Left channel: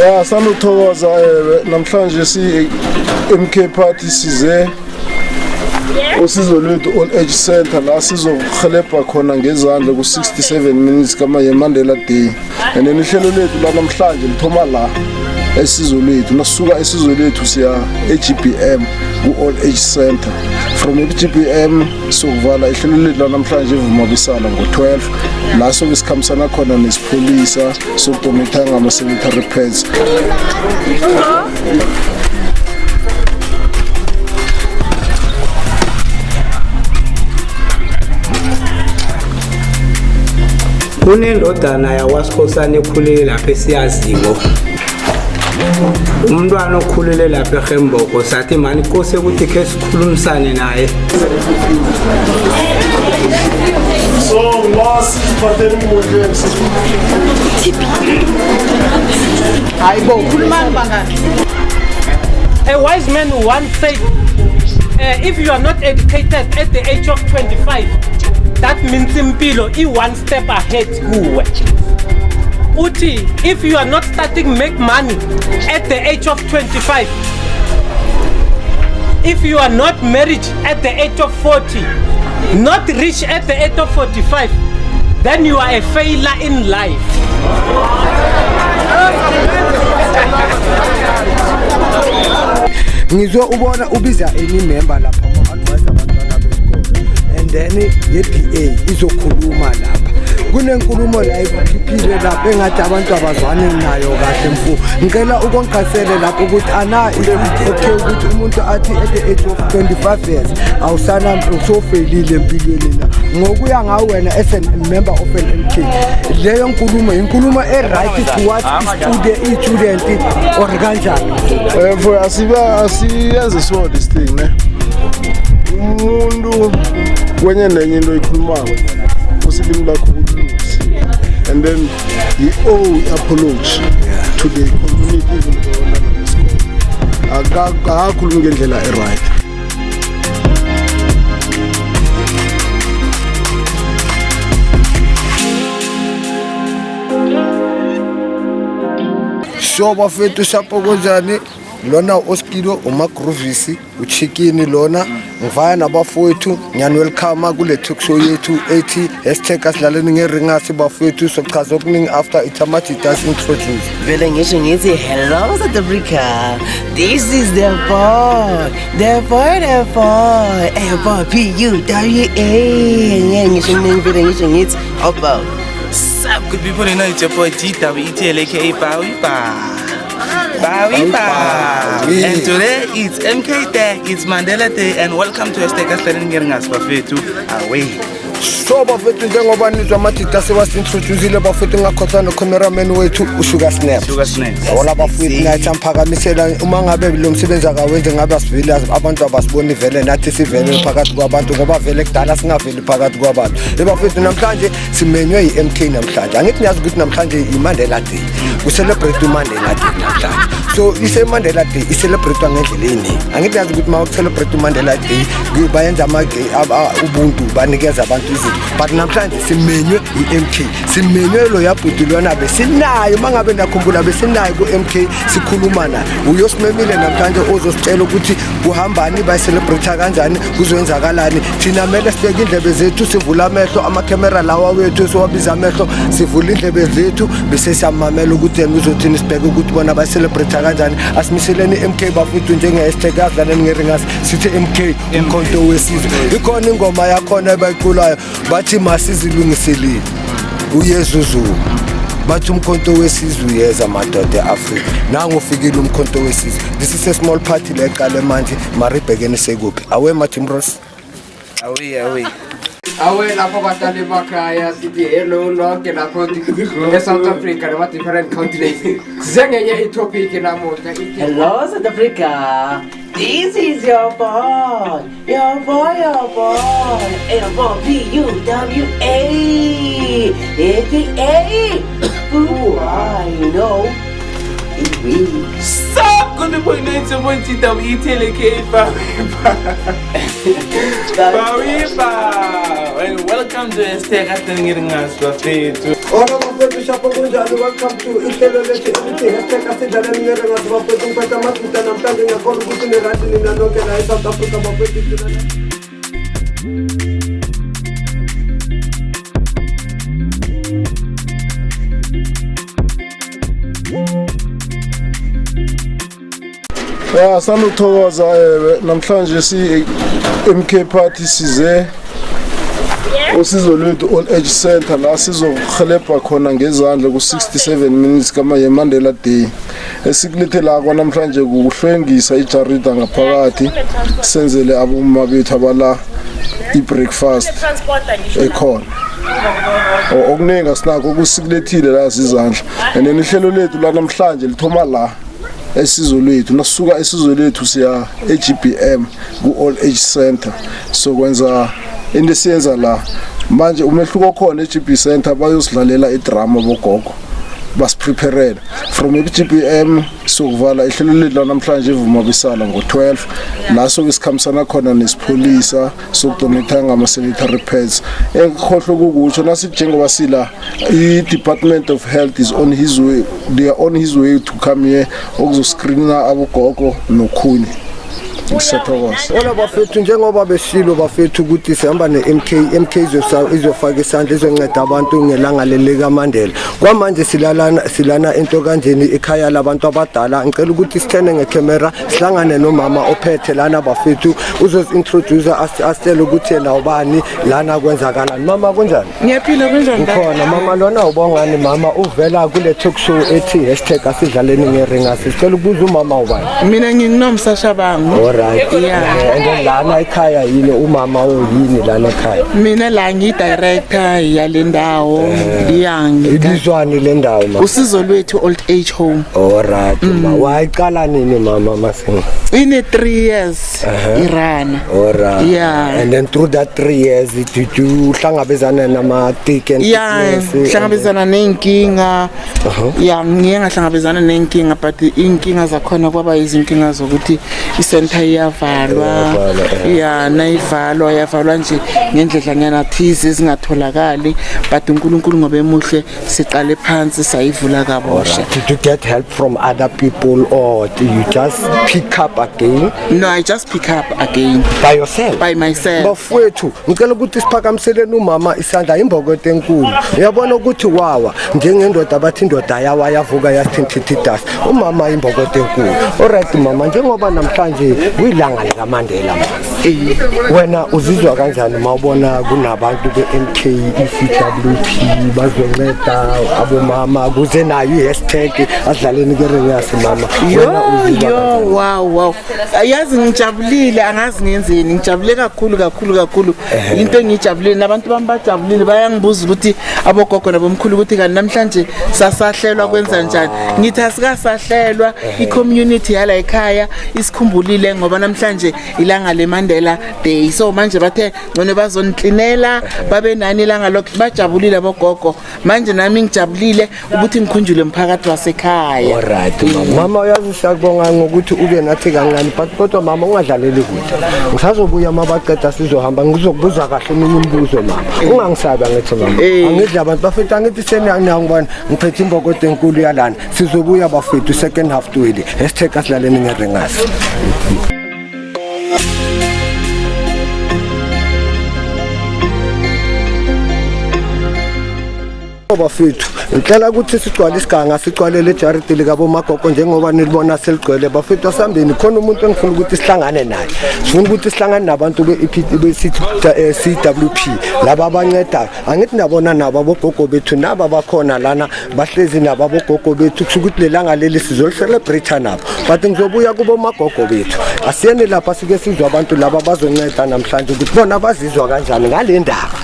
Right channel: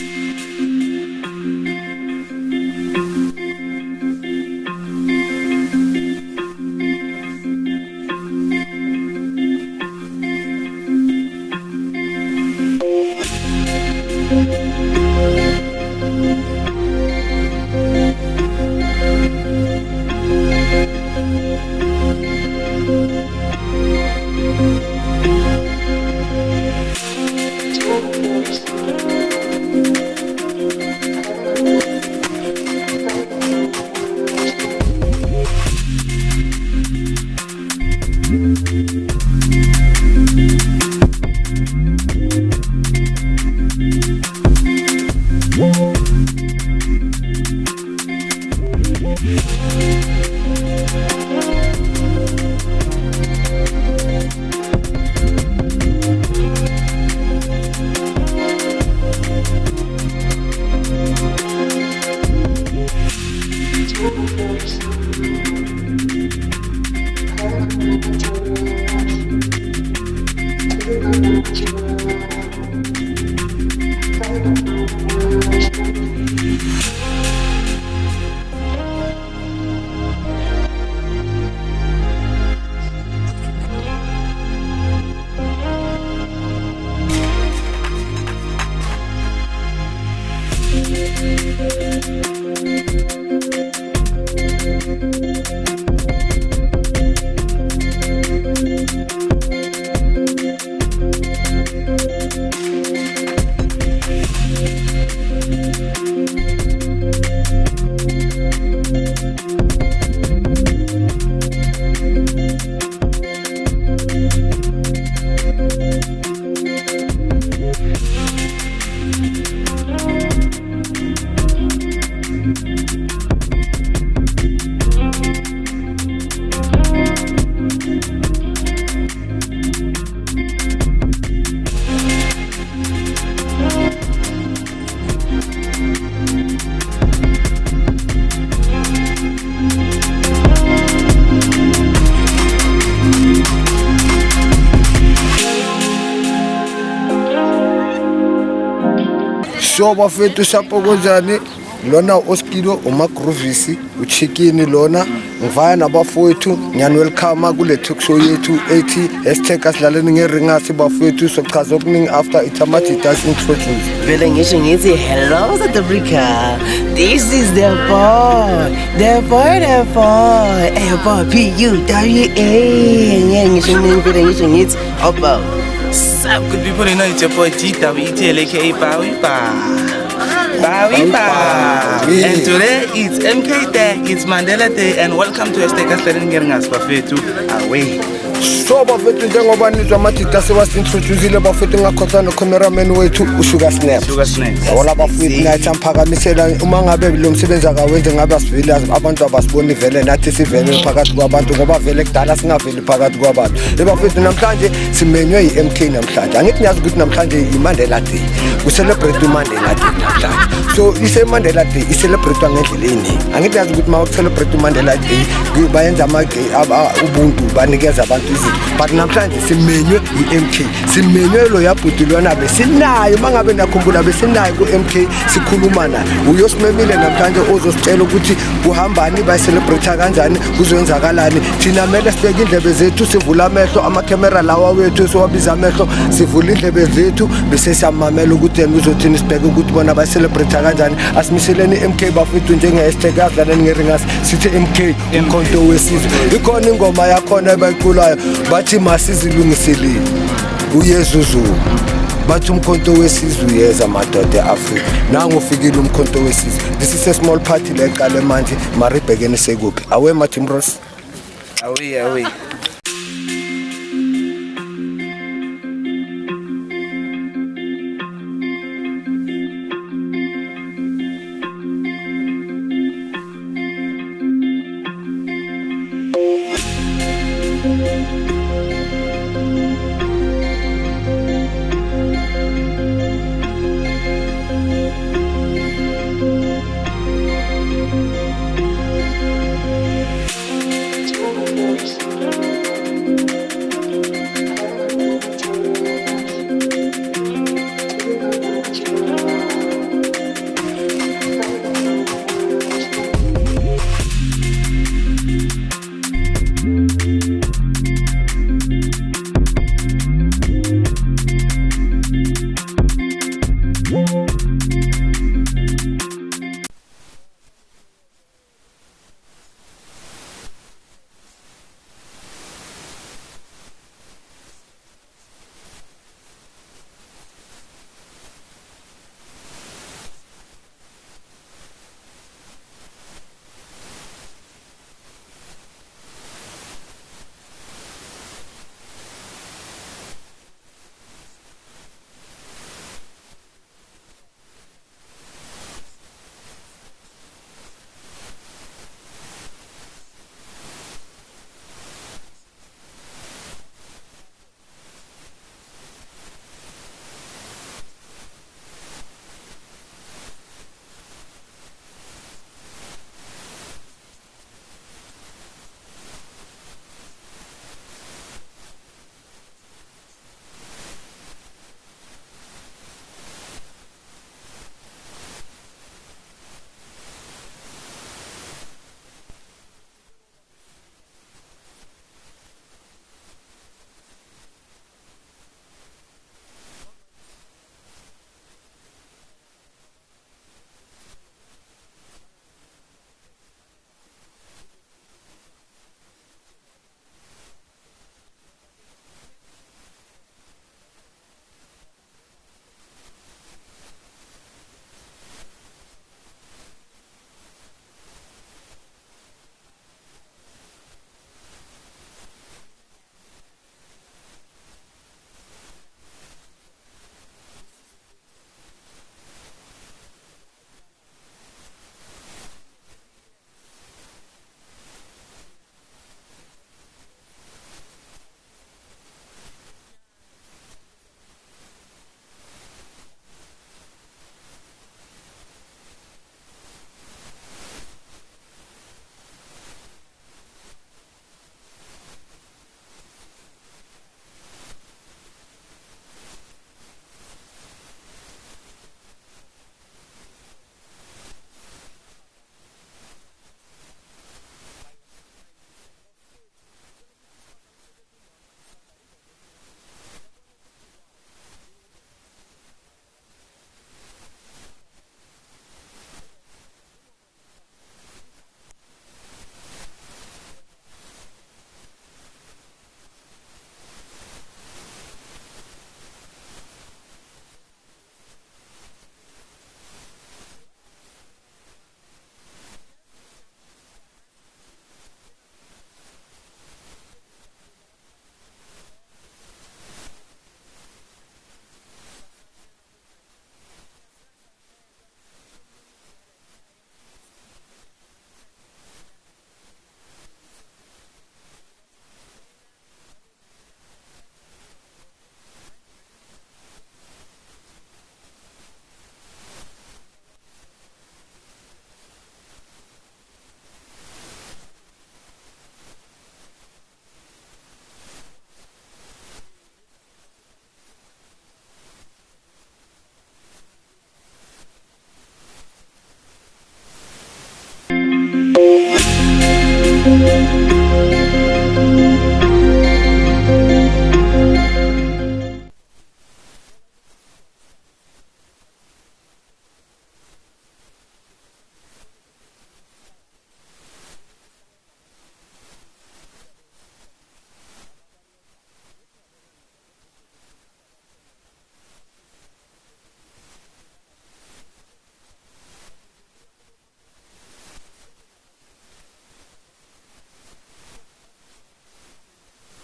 Ya sanuthokoza namhlanje si MK Party size usizo lwethu Old Age Center la sizohelebha khona ngezandla ku67 minutes kama yeMandela Day. And ihlelo lethu la namhlanje lithoma la esizo lethu nasuka esizo lethu siya eGBM ku-Old Age Center. From eGBM sokuvala ihlelo lethu la namhlanje evumabisana ngo-12 la soke sikhambisana khona nesipholisa sokudomitha ngama-sanitary pads. Unendodana yawaSikhosana ekhulele lapha esiyaziyo. Umntwana okhulele lapha eGemboko sathi mani Nkosi ukuthi ke sikhulumisane naye. So last pandemic Hayibo khulumani bangani. A wise man once said, if you are not educated at the age of 25, that means impilo one step ahead kuwe. Uti, if you are not starting make money at the age of 25, if you are not married at the age of 40, not rich at the age of 45, then you are a failure in life. Ngizwe ubona ubiza member lapho and then iPA izokhuluma lapha. Kunenkulumo la ezikhiphile lapha engathi abantu abazwane nayo kahle mfu. Ngicela ukonqasele lapho ukuthi okay ukuthi umuntu athi at the age of 25 years awusana usofelile empilweni la. Ngokuya ngawe wena as a member of an MK. Leyo inkulumo right towards student or kanjani. for asiyenze so this thing ne. Umuntu kwenye nenye into ikhulumayo usilimi lakho ukuthi and then you owe apology to the community. Akakhulumi ngendlela right. So bafethu sapokozani lona Oskido uMagrovisi uChicken lona ngivaya nabafowethu nyani welcome kule talk show yethu ethi #asilaleni ngeringasi bafethu sochaza okuningi after iThamathi does introduce. Vele ngisho ngithi hello South Africa, this is the boy PUWA. Ngisho ngithi about sup good people, you know it's your boy GWETL aka Bowie. And today it's MK Day, it's Mandela Day, and welcome to #asilaleni ngeringasi bafethu away. So bafethu njengoba nizwa amathita sewasintroduceile bafethu ngakhohlwa no-cameraman wethu uSugar Snap. Wala bafethu nathi amphakamisela uma ngabe lo msebenzi akawenze ngabe asivile abantu abasiboni vele nathi sivele phakathi kwabantu ngoba vele kudala singaveli phakathi kwabantu. Bafethu namhlanje simenywe iMK namhlanje. Angithi niyazi ukuthi namhlanje iMandela Day. Ku-celebrate uMandela Day namhlanje. So iseMandela Day i-celebrate ngendlela eningi. Angithi niyazi ukuthi mawucelebrate uMandela Day bayenza ubuntu banikeza abantu izinto. But namhlanje simenywe iMK. Simenywe lo yabhudulwana besinayo mangabe nakhumbula besinayo kuMK sikhuluma naye. Uyosimemile namhlanje ozositshela ukuthi kuhambani bayicelebrate kanjani kuzoyenzakalani. Thina mele sibeke indlebe zethu sivula amehlo ama-camera lawa wethu sowabiza amehlo sivula indlebe zethu bese siyamamela ukuthi yena uzothini sibheke ukuthi bona bayicelebrate kanjani. Asimiseleni iMK bafethu njenge-#asilaleni ngeringasi sithi iMK umkhonto wesizwe. Ikhona ingoma yakhona ebayiculayo bathi masizilungiseleni uYesuzu bathi umkhonto wesizwe uyeza madoda eAfrika nangu ufikile umkhonto wesizwe. This is a small party leqale manje maribhekene sekuphi awe Martin Ross Away awe lapho bahlali emakhaya sithi hello lonke lapho eSouth Africa nama different continents. Sizengenye itopic namuhla. hello South Africa, this is your boy PUWA, you know sup good people, you know it's your boy GWETL aka Bowie. And welcome to #asilaleni ngeringasi bafethu. Welcome to Ya sanuthokoza namhlanje si MK Party size usizo lwethu Old Age Center la sizohelebha khona ngezandla ku67 minutes kama yeMandela Day. Esikulithe la kwanamhlanje kuhlwengisa ijarida ngaphakathi senzele abomma bethu abala ibreakfast ekhona. Okuningi sinako ukusikulethile la izandla. And ihlelo lethu la namhlanje lithoma la esizo lethu nasuka esizo lethu siya eGBM ku Old Age Center sokwenza into siyenza la manje umehluko khona eGB Center bayosidlalela idrama bogogo basipreparela from eGBM sokuvala ihlelo lethu namhlanje ivuma bisala ngo12 naso isikhamisana khona nesipholisa sokudonate ngama sanitary pads ekhohlo kukutsho nasijengoba sila i-Department of Health is on his way, they are on his way to come here ukuzoscreena abogogo nokhuni. Ola bafethu njengoba besilo bafethu ukuthi sihamba neMK izofaka isandla izonceda abantu ngelanga lelika Mandela. Kwamanje silana into kanjeni ekhaya labantu abadala. Ngicela ukuthi sithene ngecamera sihlangane nomama ophethe lana bafethu uzosintroduce asitshele ukuthi yena ubani lana kwenzakalani. Mama kunjani? Ngiyaphila kunjani? Khona mama lona ubongani mama uvela kule talk show ethi #asidlaleni ngeringa. Sicela ukubuza umama ubani? Mina nginginomsasha bangu. Right. Yeah. And then lana ekhaya yini umama oyini lana ekhaya? Mina la ngidirector yalendawo Ibizwani lendawo mama. Usizo lwethu Old Age Home. Alright. Wayiqala nini mama Masinga? In 3 years irana. Alright. Yeah. And then through that 3 years did you hlangabezana nama thick and hlangabezana nenkinga. Yeah, ngiye ngahlangabezana nenkinga but inkinga zakhona kwaba izinkinga zokuthi isenta iyavalwa nayivalwa yavalwa nje ngendlela nyana thize ezingatholakali but uNkulunkulu ngoba emuhle siqale phansi sayivula kabosha. Did you get help from other people or do you just pick up again? No, I just pick up again by yourself. By myself. Bafowethu ngicela ukuthi siphakamiseleni umama isandla imbokotho enkulu. Uyabona ukuthi wawa njengendoda abathi indoda yawa yavuka yasithintithidasi umama imbokotho enkulu. Alright mama njengoba namhlanje kuyilanga lika Mandela wena uzizwa kanjani mawubona kunabantu beMK ECWP bazonceda abomama kuze nayo #asidlaleni ngeringa mama wena wow ayazi ngijabulile angazi ngenzeni ngijabule kakhulu into engijabulile nabantu bami bajabulile bayangibuza ukuthi abogogo nabomkhulu ukuthi kanti namhlanje sasahlelwa kwenza njani ngithi asikasahlelwa i-community yala ekhaya isikhumbulile ngoba namhlanje ilanga leMandela Day so manje bathe ngone bazonklinela babe nani ilanga lokho bajabulile abogogo manje nami ngijabulile ukuthi ngikhunjule umphakathi wasekhaya. Alright mama uyazi siyabonga ngokuthi ube nathi kancane but kodwa mama ungadlaleli kude ngisazobuya mabaqeda sizohamba ngizokubuza kahle eminye imibuzo mama ungangisabi angithi mama angidla abantu bafethu angithi seniyangibona ngiphethe imbokotho enkulu yalana sizobuya bafethu second half to it #asidlaleni ngeringa. Bafethu ngicela ukuthi sigcwale isiganga sigcwalele ejaridi likabo magogo njengoba nilibona seligcwele bafethu asambeni khona umuntu engifuna ukuthi sihlangane naye sifuna ukuthi sihlangane nabantu be-CWP laba abanceda angithi nabona nabo abogogo bethu naba bakhona lana bahlezi nabo abogogo bethu kusukuthi lelanga leli sizolcelebrate nabo but ngizobuya kubo magogo bethu asiyeni lapha sike sizwe abantu laba bazonceda namhlanje ukuthi bona bazizwa kanjani ngale ndaba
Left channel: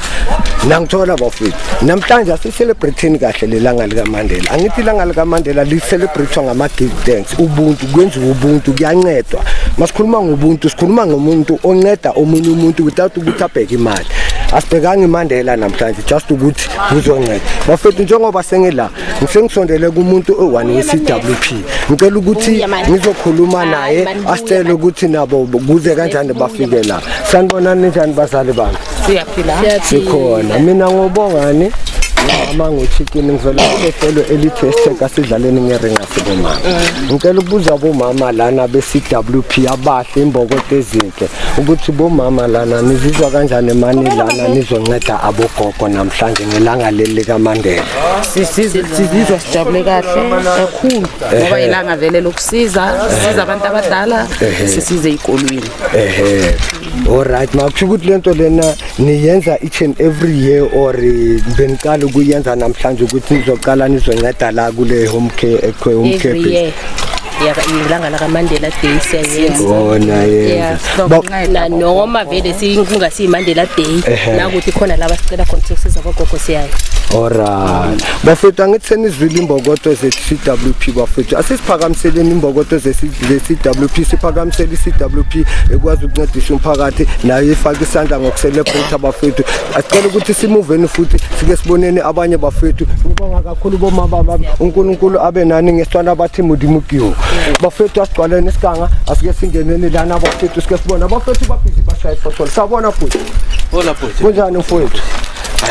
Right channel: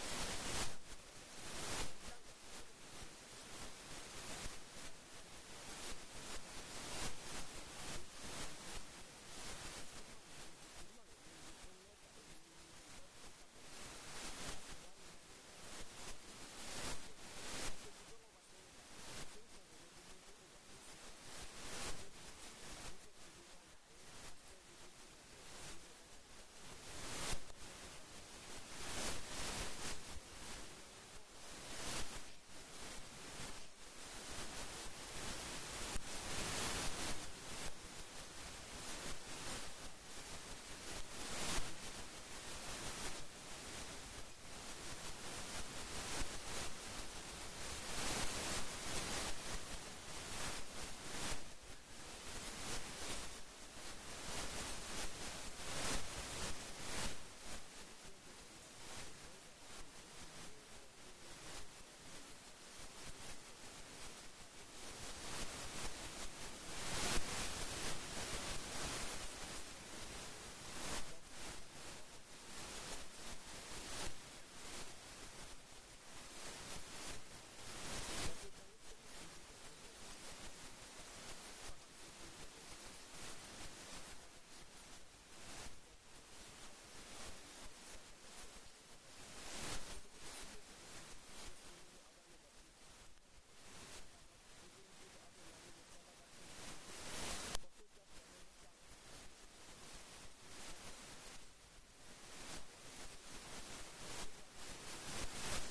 nangithola bafethu namhlanje asicelebrate kahle lelanga lika Mandela angithi ilanga lika Mandela licelebrate ngama give thanks ubuntu kwenziwa ubuntu kuyancedwa masikhuluma ngobuntu sikhuluma ngomuntu onceda omunye umuntu without ukuthi abheke imali asibhekanga iMandela namhlanje just ukuthi kuzonceda bafethu njengoba sengela ngisengisondele kumuntu o1 weCWP ngicela ukuthi ngizokhuluma naye asitshele ukuthi nabo kuze kanjani bafike la sanibonani njani bazali bami siyaphila sikhona mina ngobongani Mama ngochicken ngivela kuhlelo elithi Esteka sidlaleni ngeringa sibomama. Ngicela ukubuza bomama lana be-CWP abahle imbokodo ezinhle ukuthi bomama lana nizizwa kanjani mani lana nizonceda abogogo namhlanje ngelanga leli likaMandela. Sizizwa sijabule kahle kakhulu ngoba ilanga vele lokusiza abantu abadala sisize ikolweni. Alright, makusho ukuthi lento lena niyenza each and every year or beniqala ukuyenza namhlanje ukuthi nizoqala nizonceda la kule home care every year. Ilanga lakaMandela Day siyayenza. Yes. Noma vele singasi Mandela Day nakuthi khona laba sicela khona ukusiza abogogo siyayo. Alright. Bafethu angithi senizwile imbokodo ze-CWP bafethu. Asisiphakamiseleni imbokodo ze-CWP, siphakamisela i-CWP ekwazi ukuncedisa umphakathi nayo ifaka isandla ngokucelebrate abafethu. Asicela ukuthi simuveni futhi sike siboneni abanye bafethu. Ngibonga kakhulu bomama uNkulunkulu abe nani ngesitwana bathi mudimukiyo. Bafethu asigcwaleni isiganga asike singeneni lana bafethu sike sibona bafethu babhizi bashaya ifoto. Sabona futhi. Hola futhi. Kunjani mfowethu?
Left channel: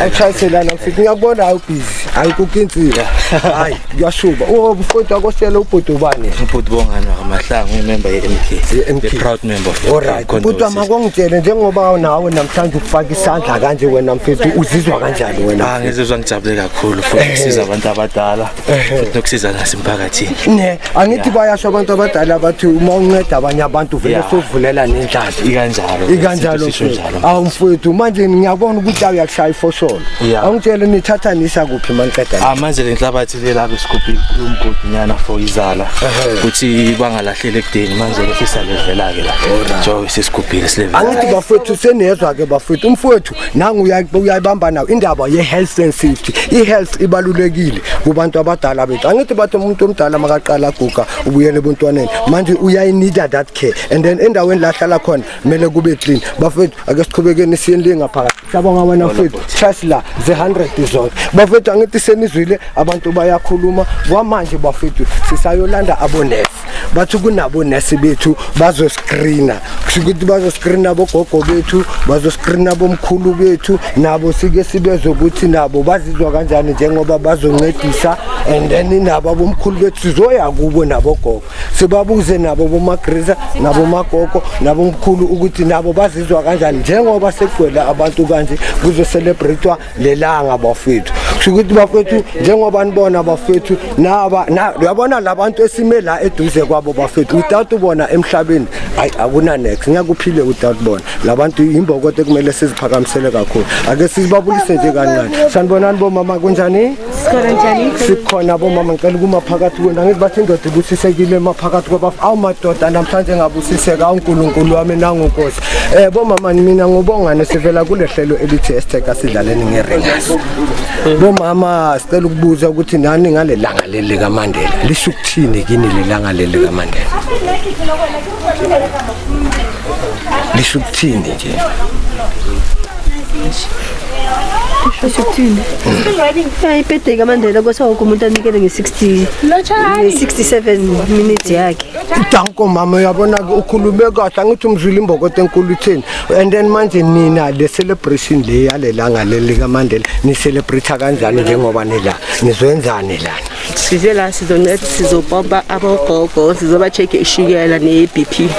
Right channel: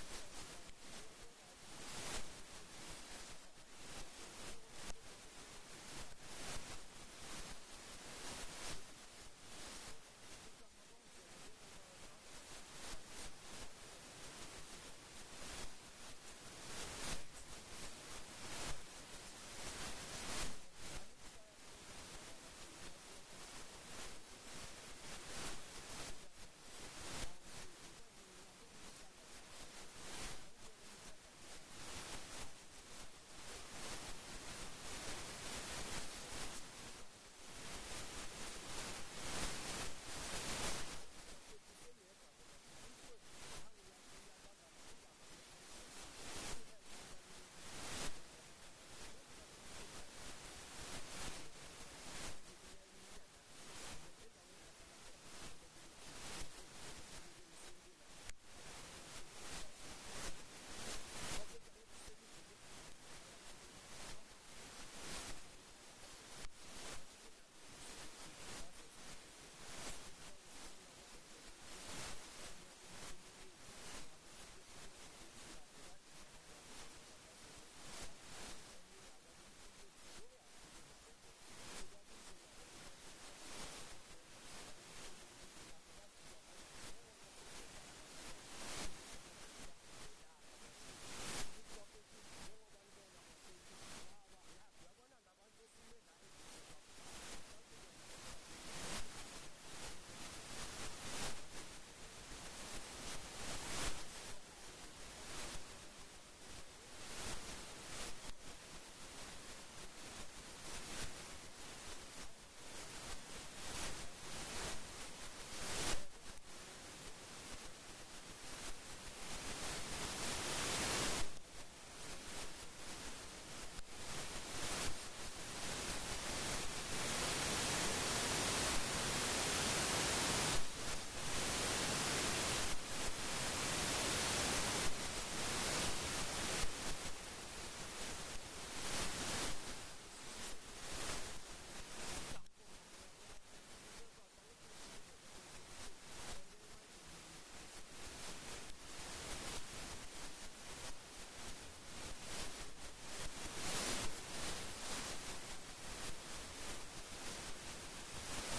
Ayichayiselana mfethu ngiyakubona awubhizi ayikukinsila hayi kuyashuba mfowethu akosela ubhuti ubani ubhuti bongani waMahlangu imember ye-MK the proud member of alright ubhuti amakongitshele njengoba nawe namhlanje ukufaka isandla kanje wena mfethu uzizwa kanjani wena ngizizwa ngijabule kakhulu futhi ukusiza abantu abadala futhi nokusiza nasemphakathini ne angithi bayasho abantu abadala bathi uma unceda abanye abantu vele sovulela nendlala ikanjalo awu mfethu manje ngiyabona ukuthi awuyakushaya ifosholo angitshele nithathanisa kuphi maniqeda manje le nhlabathi lelabe sikhuphi umgodinyana for izala ukuthi bangalahlele ekudeni manje lesisalevel ke la jo sesikhuphile silevel angithi bafethu senezwa ke bafethu umfowethu nangu uyayibamba nawo indaba ye-health and safety i-health ibalulekile kubantu abadala bethu angithi bathi umuntu omdala makaqala aguga ubuyele ebuntwaneni manje uyayinida that care and then endaweni la hlala khona kumele kube clean bafethu ake siqhubekeni siyeni ngaphakathi sabonga wena mfethu trust la ze100 zonke bafethu angithi senizwile abantu bayakhuluma kwamanje bafethu sisayolanda abonesi bathi kunabonesi bethu bazoscreena kushukuthi bazoscreena abogogo bethu bazoscreena bomkhulu bethu nabo sike sibezwe ukuthi nabo bazizwa kanjani njengoba bazoncedisa and then nabo bomkhulu bethu sizoya kubo nabogogo sibabuze nabo bomagriza nabo magogo nabo mkhulu ukuthi nabo bazizwa kanjani njengoba sekugcwele abantu kanje kuzo celebratewa lelanga bafethu kushukuthi bafethu njengoba nibona bafethu naba uyabona labantu esime la eduze kwabo bafethu without ubona emhlabeni hayi akuna next ngiyakuphile without bona labantu imbokodo kumele siziphakamisele kakhulu ake sizibabulise nje kancane sanibonani bomama kunjani sikhona bomama ngicela kumaphakathi kwena ngithi bathi indoda ibusisekile emaphakathi kwabafu awumadoda namhlanje ngabusiseka uNkulunkulu wami nangonkosi bomama mina ngubongane sivela kulehlelo elithi Esteka sidlaleni ngeringasi bomama sicela ukubuza ukuthi nani ngale langa leli likaMandela lisho ukuthini kini lelanga leli likaMandela lisho ukuthini nje Ishuthini. Ayiphethe kaMandela kwasawonke umuntu anikele nge67 minutes yakhe. Danko mama uyabona ukhulume kahle angithi umzwile imbokodo enkulu itheni and then manje nina le celebration le yalelanga leli kaMandela ni celebrate kanjani njengoba nila nizwenzani lana Size la sizonceda sizopompa abogogo sizoba check ishukela neBP.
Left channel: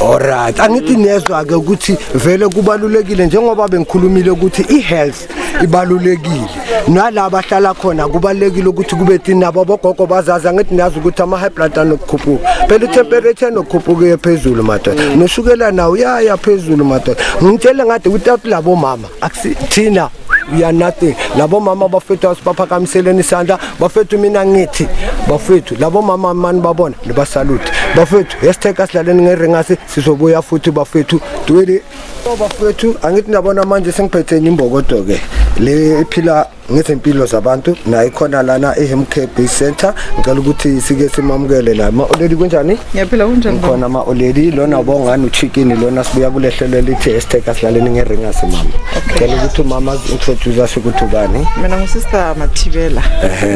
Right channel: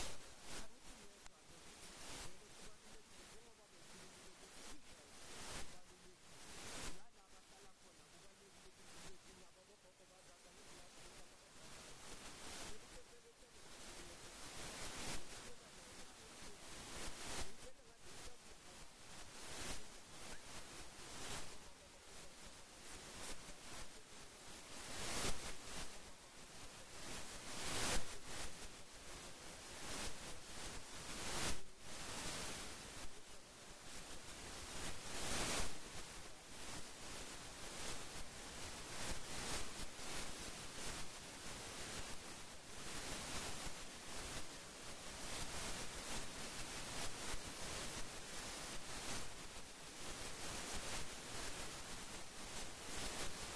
Alright angithi nezwa ke ukuthi vele kubalulekile njengoba bengikhulumile ukuthi ihealth ibalulekile nalabo abahlala khona kubalekile ukuthi kube thina abogogo bazaza ngithi niyazi ukuthi ama high blood anokukhuphuka phela temperature nokukhuphuka phezulu madoda noshukela nawo yaya phezulu madoda ngitshela ngade without labo mama akusithina we are nothing labo mama bafethu asibaphakamiseleni isandla bafethu mina ngithi bafethu labo mama mani babona libasalute bafethu Esteka sidlaleni ngeringasi sizobuya futhi bafethu duwele bafethu angithi nabona manje sengiphethe imbokodo ke le iphila ngezempilo zabantu na ikhona lana eHemcare Base Center ngicela ukuthi sike simamukele la ma-oledi kunjani ngiyaphila kunjani khona ma-oledi lona bongani uchicken lona sibuya kulehlelo lithi #asilaleni ngeringasi mama ngicela ukuthi umama introduce us ukuthi ubani mina ngusister Mathibela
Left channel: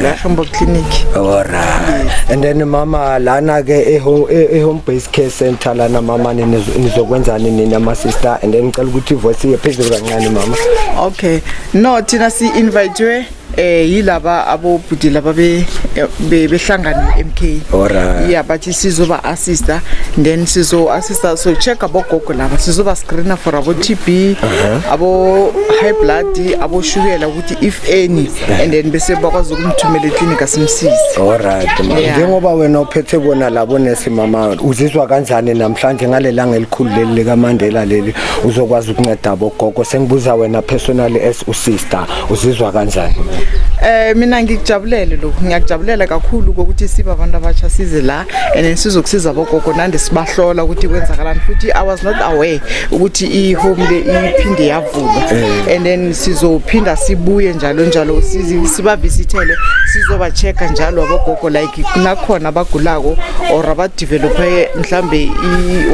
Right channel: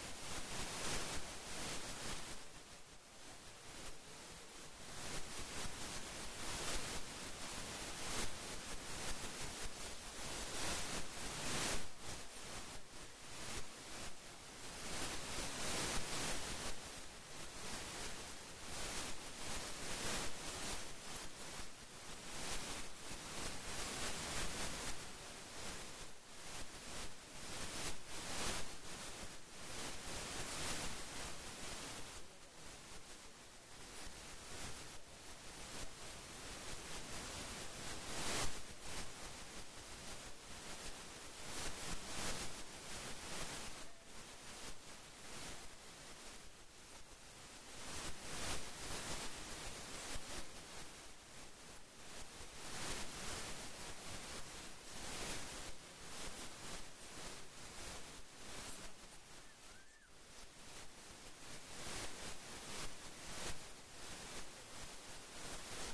la Hamburg Clinic. Alright. And then mama lana ke eHome Base Care Center lana mama nizokwenzani nina ama sister and then ngicela ukuthi voice yephezulu kancane mama. Okay, no thina si invite yilaba abobhuti laba behlangana MK. Alright. Yeah, but sizoba assista then sizo assista so check abogogo laba sizoba screener for abo TB abo high blood abo shukela ukuthi if any and then bese bakwazi ukumthumela eclinic asimsize. Alright. Njengoba wena uphethe bona labo nesi mama uzizwa kanjani namhlanje ngalelanga elikhulu leli lika Mandela leli uzokwazi ukunceda abogogo sengibuza wena personally as usister uzizwa kanjani? Mina ngikujabulele lokho ngiyakujabulela kakhulu ukuthi sibe abantu abatsha size la and sizokusiza abogogo nande sibahlola ukuthi kwenzakalani futhi I was not aware ukuthi ihome le iphinde yavulwa and then sizophinda sibuye njalo siba visitele sizoba checka njalo abogogo like kunakhona abagulako or abadevelope mhlambe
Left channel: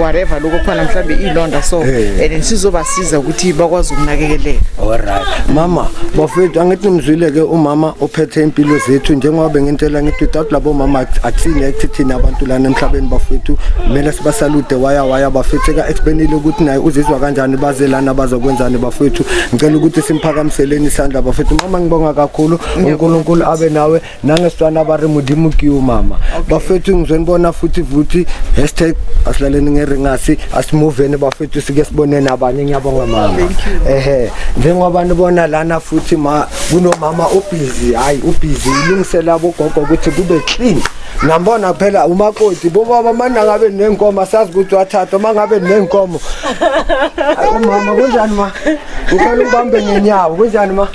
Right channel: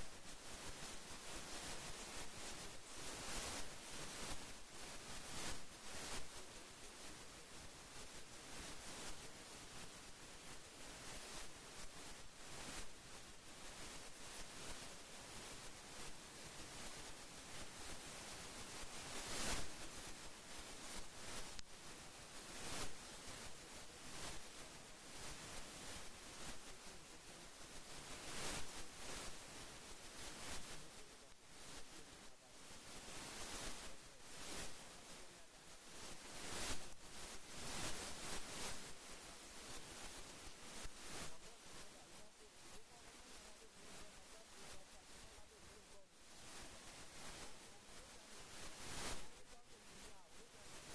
whatever lokho khona mhlambe ilonda so and then sizobasiza ukuthi bakwazi ukunakekeleka. Alright mama bafethu angithi nimzwile ke umama ophethe impilo zethu njengoba bengintela ngithi without labo mama akusini ekthithini abantu lana emhlabeni bafethu kumele sibasalute waya bafethu ka explainile ukuthi naye uzizwa kanjani baze lana bazokwenzani bafethu ngicela ukuthi simphakamiseleni isandla bafethu mama ngibonga kakhulu uNkulunkulu abe nawe nangesitwana bari mudimukiyo mama bafethu ngizonibona futhi #asilaleni ngeringasi asimuveni bafethu sike sibone nabanye ngiyabonga mama njengoba nibona lana futhi kunomama ubusy ubusy ilungisela abogogo ukuthi kube clean ngambona phela umakoti bobaba manje ngabe nenkomo sazi ukuthi wathatha mangabe nenkomo umama kunjani ma ukhona ubambe ngenyawo kunjani ma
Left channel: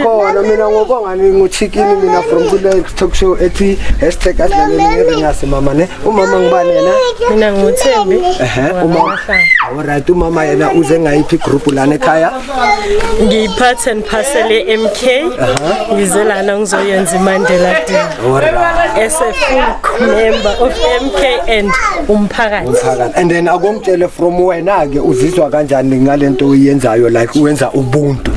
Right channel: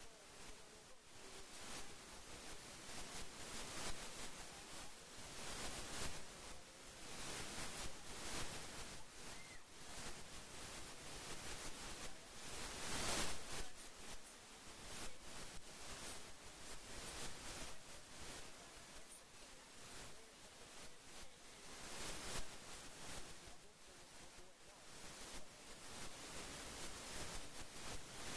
ukhona mina ngobonga nguchicken mina from kule talk show ethi #asilaleni ngeringasi mama ne umama ngibani yena mina nguThembi umama alright umama yena uze ngayiphi group lana ekhaya ngiyipart and parcel MK ngizelana ngizoyenza iMandela Day as a full member of MK and umphakathi and then akomtshele from wena ke uzizwa kanjani ngalento oyenzayo like uwenza ubuntu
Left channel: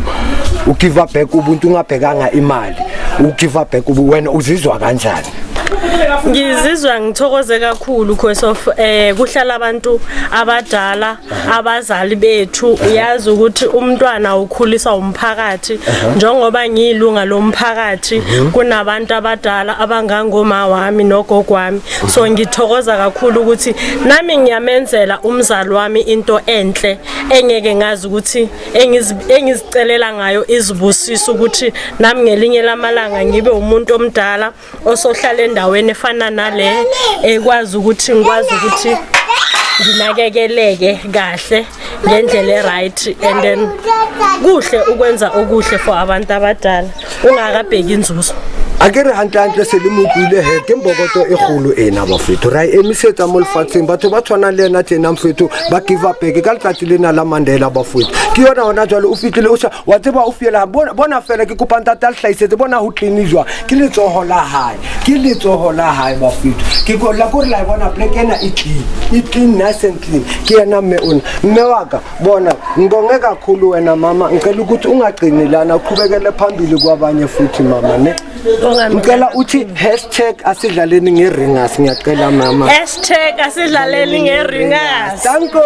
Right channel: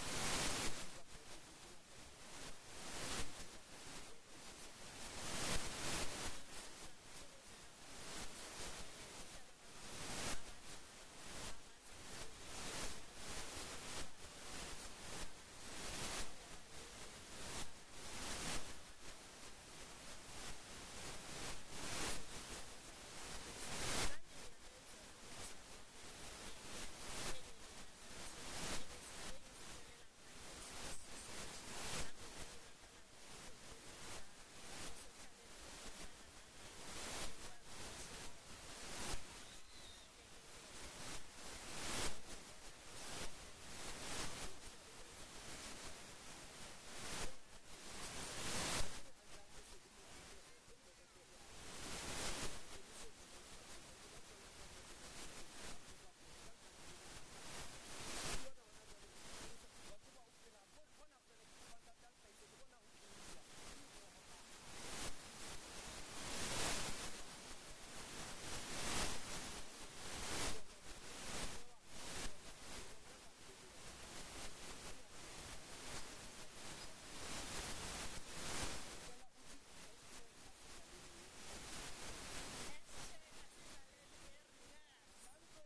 ugive back ubuntu ungabhekanga imali ugive back wena uzizwa kanjani? Ngizizwa ngithokoze kakhulu because of kuhlala abantu abadala abazali bethu uyazi ukuthi umntwana ukhulisa umphakathi njengoba ngiyilunga lomphakathi kunabantu abadala abangangoma wami nogogo wami so ngithokoza kakhulu ukuthi nami ngiyamenzela umzali wami into enhle engeke ngazi ukuthi engizicelela ngayo izibusiso ukuthi nami ngelinye lamalanga ngibe umuntu omdala osohlala endaweni efana nale ekwazi ukuthi nginakekeleke kahle ngendlela right and then kuhle ukwenza okuhle for abantu abadala ungakabheki inzuzo akere hantle selimukile he ke mbokoto egolo ena bafethu ra emisetsa mo lefatsheng batho ba tshwana le ena tena mfethu ba give up ke ka letsatsi lena la Mandela bafethu ke yona ona jwale o fitlile o wa tseba o fiela bona fela ke kopanta ta hlaisetse bona ho cleanizwa ke letsoho la hae bafethu ke go la gore la bona plek ena e clean nice and clean ke yena mme waka bona ngibonge kakhulu wena mama ngicela ukuthi ungagcini lana uqhubekele phambili kwabanye futhi mama ne ngicela uthi #asidlaleni ngeringasi ngiyacela mama #asidlaleni ngeringasi danko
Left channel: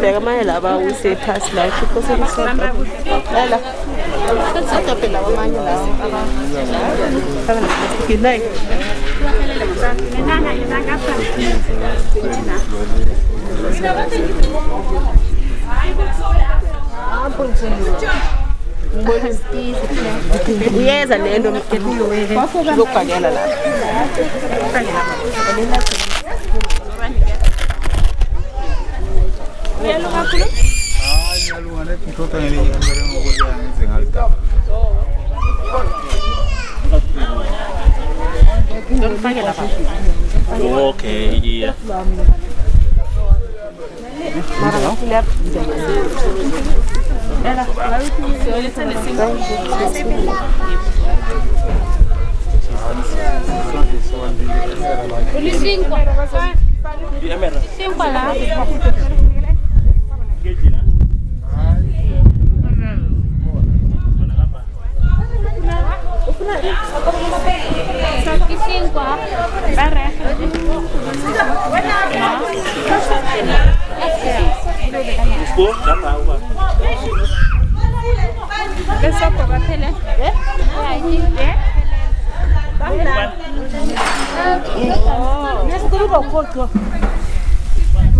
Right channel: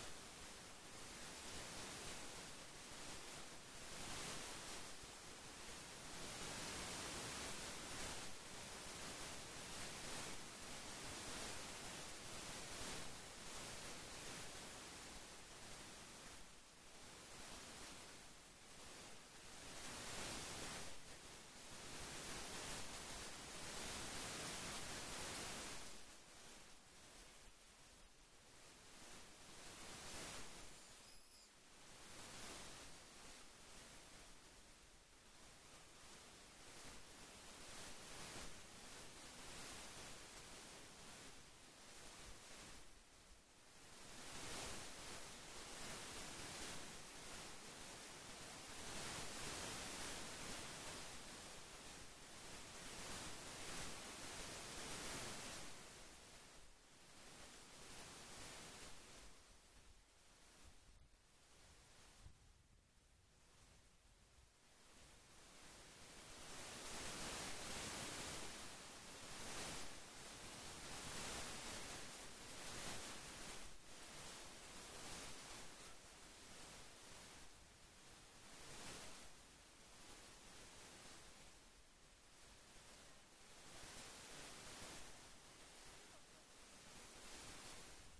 Beka manje laba usephasi la ukhosi lisaba. Ela. Satha phela amanye lawo aba. Kinai. Uyeza lento lokubhakela la. Okay, iya.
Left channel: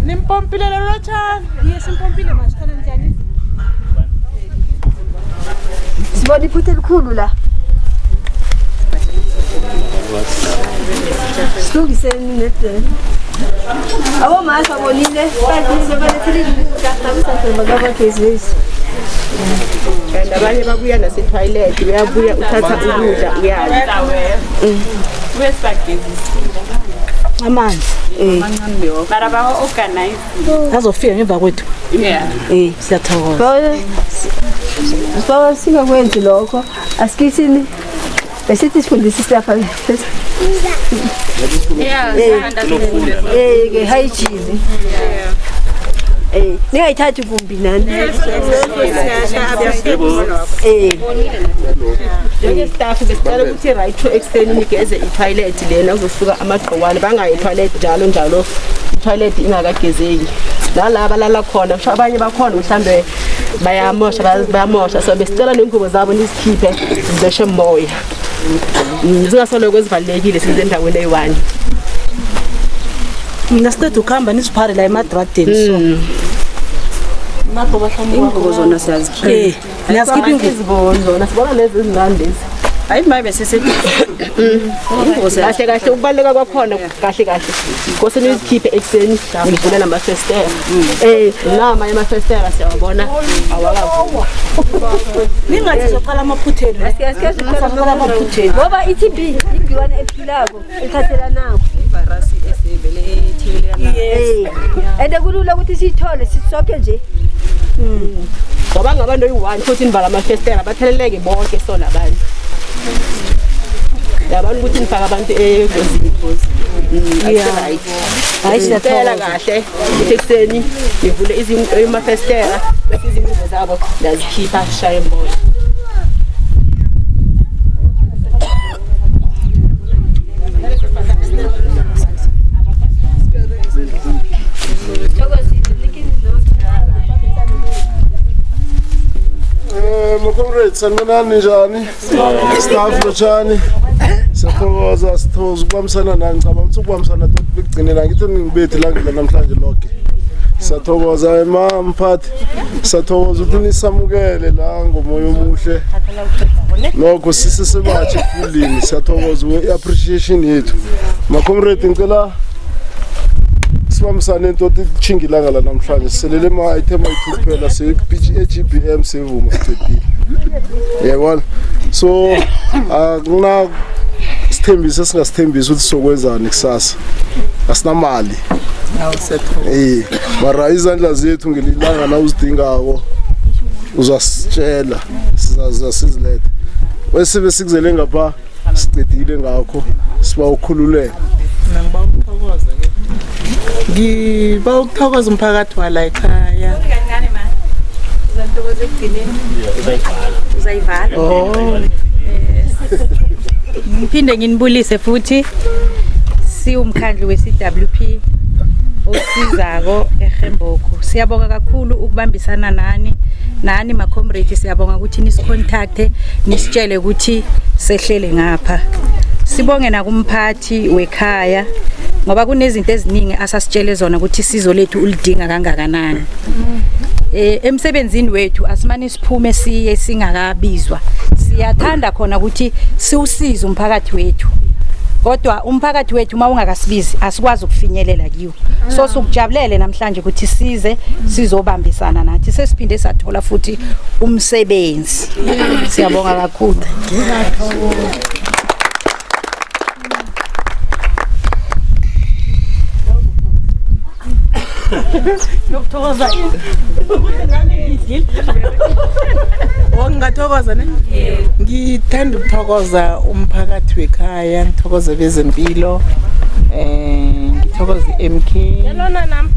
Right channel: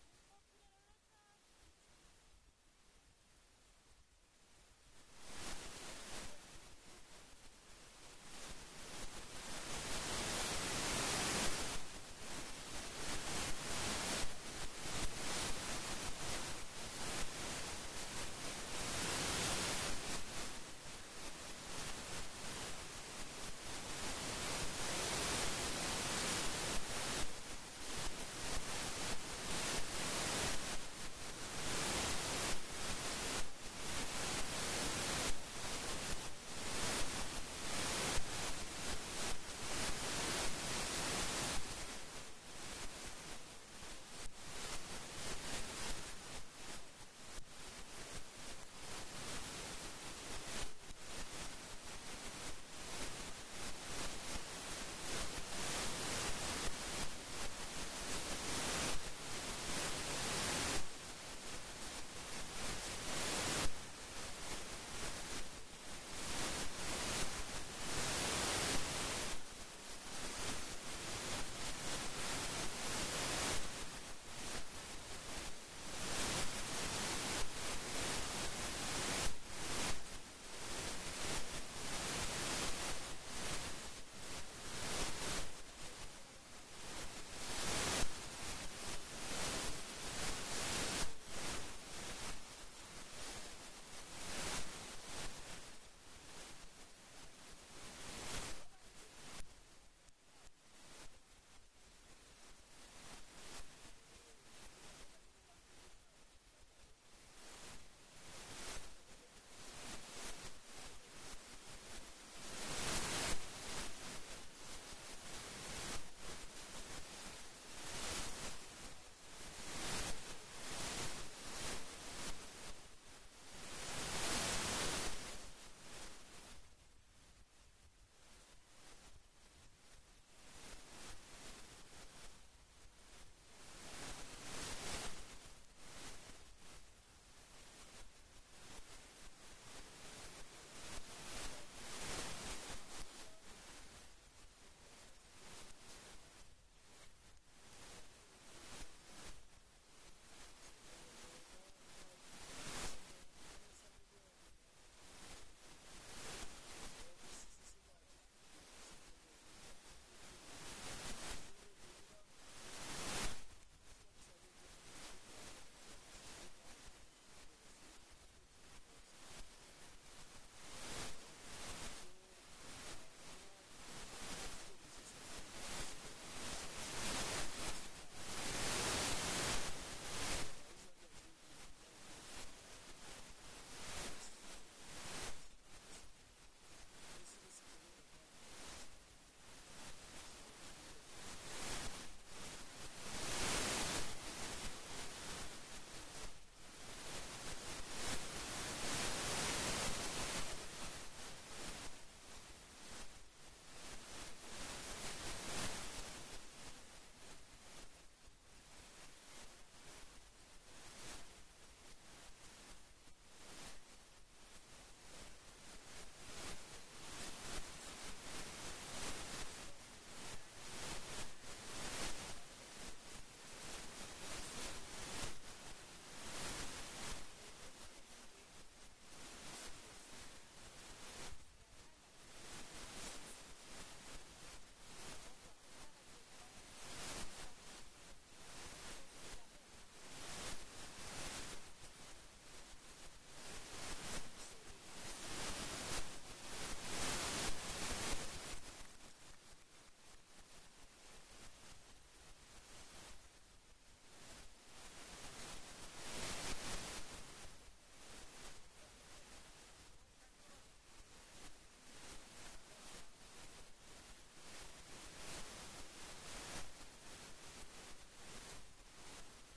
Nimpompile lelo chana. Yes, nimpompile mashikhala njani? Sibona iphutha elikhulu la. Silungiseni nedeni. Abo masa bonile, bathi sebalethile ukuthatha magabagezisi. Abanye babuya nase-toilet uyabuya uthatha ukudla uyala. Amanzi. Mara ba organize. Azofika ngemva kwethu. Siyathokoza. Bawa singakwenzi lokho. Asikithini besithi sifundisise lapha. Ke hygiene. Ningayithathi kumbi nani. Njenge-staff besicela ukuthi right to extend nigeze i-toilet lena kuzosuka amagqokwane bangayi i-toilet njalo i-toilet ingakagezeki nalaba lala khona kusho abanye bakhona mhlambe bayamosha so besicela nengubo zabo nizikhiphe zibeshe moya zingasoloko ezivalekile size endaweni eyi-1 mina siceda ukuhamba nisiphare la emadradeni so Ingubo zona siyazikhipha. niyazikhipha ingubo zona sibona lezi ezingandezi Hayi mabe sesithi kahle kahle ukubaleka kwakhona kahle kose nizikhiphe ekseni ngivule namafestera nama yamafestera siyabona awakavuka ningathi soqala amaphutheni soqala amaphutheni ngoba i-TB igciwane ephilako ithathela nako ivirus esevele ethelelana ende kulula ukuthi siyithole sisonke nje ngoba ngabantu oyi-1 futhi nivala amafestera batheleleke bonke so labanye yabona ukuthi nifaka abantu engozini hayi siyacela kahle ukuthi ekseni nivule amafestera bese izingubo zabo ndazikhipha shaye embola Comrades, sanibonani njani? Staff lotshani. Siyathokoza ukubambisana nani ngicabanga ukuthi ukubambisana bekugcinela ngithi ngibethi la ngila namhlanje lonke. Siyathokoza mphathi. Siyathokoza ukuthi nisamukele la ngomoya omuhle. Lokho sisesebatshe fulini siyathokoza i-appreciation yethu. Comrades ngicela sibambisane into ethingilanga la namhlanje selele ama-item ayi-2 kuphela se-GBM sevuma sicedile yabona so akuna sithembiso esingasithembisa ukuthi sokwenzani kusasa asinamali mara izandla zethu ngelilanga na uzidingako uzasitshela sizazisizilethe wesibe sikuzele ngapha sicedile ngakho siba ukhululeka ngiba ukuthokoza umphakathi wala ekhaya uzayivala Ngiphinde nginibulise futhi siwumkhandlu we-CWP osizako eGemboko. Siyabonga kakhulu ukubambisana nani ma comrade, siyabonga ukuthi nisicontacte nisitshele ukuthi sehlele ngapha. Sibonge nakumphathi wekhaya ngoba kunezinto eziningi asasitshele zona ukuthi sizo lethu ulidinga kangakanani. Emsebenzini wethu asimane siphume siye singakabizwa. Siyathanda khona ukuthi siwusize umphakathi wethu. Kodwa umphakathi wethu mawungakasibizi asikwazi ukufinyelela kiwo. So sukujabulele namhlanje ukuthi size sizobambisana nathi. Sesiphinde sathola futhi umsebenzi. Siyabonga kakhulu. Ngokuthokoza ngingathokoza ne? Ngithanda ukuthokoza umphakathi wekhaya, ngithokoze bezempilo, ngithokoze MK. Yalona nami.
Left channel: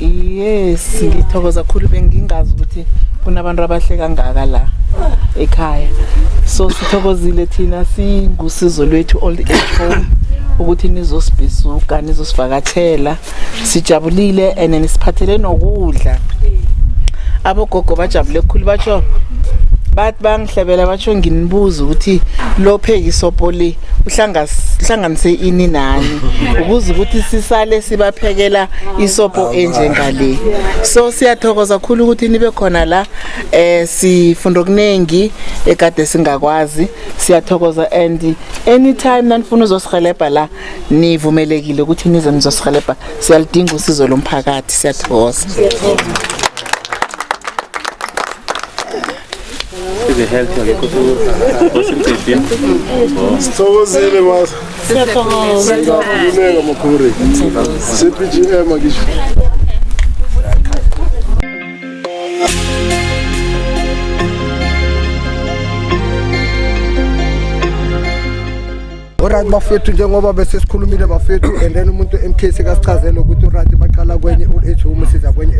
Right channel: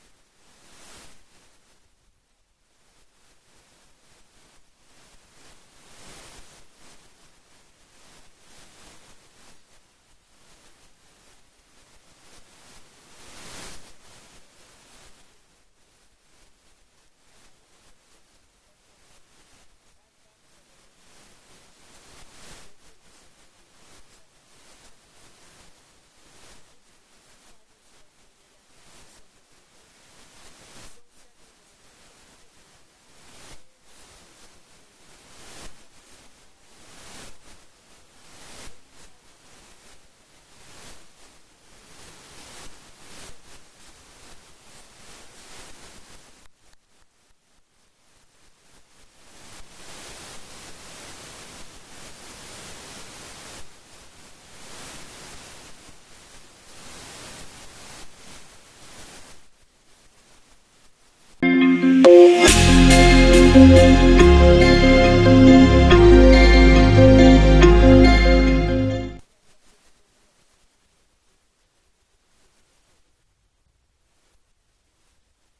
Yes, ngithokoza kakhulu bengingazi ukuthi kunabantu abahle kangaka la ekhaya. So sithokozile thina singusizo lwethu old age home ukuthi nizosibisuka nizosivakathela. Sijabulile and nisiphathele nokudla. Abogogo bajabule kakhulu batsho bathi bangihlebela batsho nginibuza ukuthi lo phekisopo le uhlanganise ini nani ukuze ukuthi sisale sibaphekela isopo enjengale. So siyathokoza kakhulu ukuthi nibe khona la sifunda okuningi ekade singakwazi. Siyathokoza and anytime nanifuna uzosihelebha la nivumelekile ukuthi nize nizosihelebha. Siyalidinga usizo lomphakathi. Siyathokoza. Sithokozile mas. Siyabonga makhulu. CPGM ngisho. Alright bafethu njengoba bese sikhulumile bafethu and then umuntu MK sekasichazela ukuthi alright baqala kwenye old age home siza kwenye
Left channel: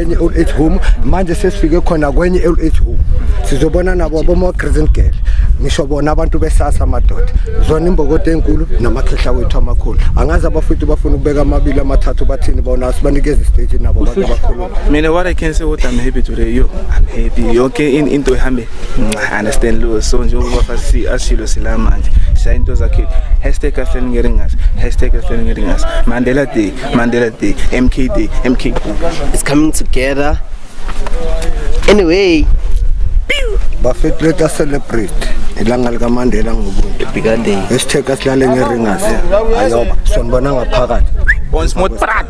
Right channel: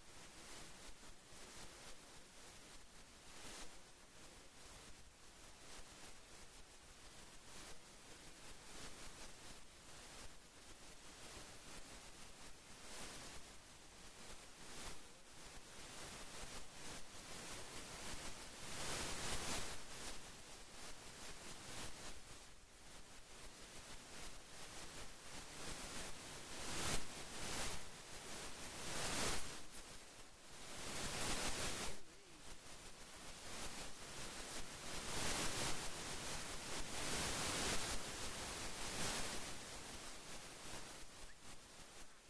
enye old age home manje sesifike khona kwenye old age home sizobona nabo abomo Crescent Girl ngisho bona abantu besasa amadoda zona imbokodo enkulu namakhehla wethu amakhulu angazi abafethu bafuna ukubeka amabili amathathu bathini bona sibanikeze stage nabo abantu abakhulu. Mina what I can say what I'm happy today I'm happy okay into ehambe I understand lo so njengoba fasi ashilo sila manje into zakhe #afeningeringas Mandela Day MK Day it's coming together anyway bafethu let us celebrate ilanga lika Mandela ngobuntu bigger day #asilale ngeringas ayoba sonibona ngaphakathi on smart prat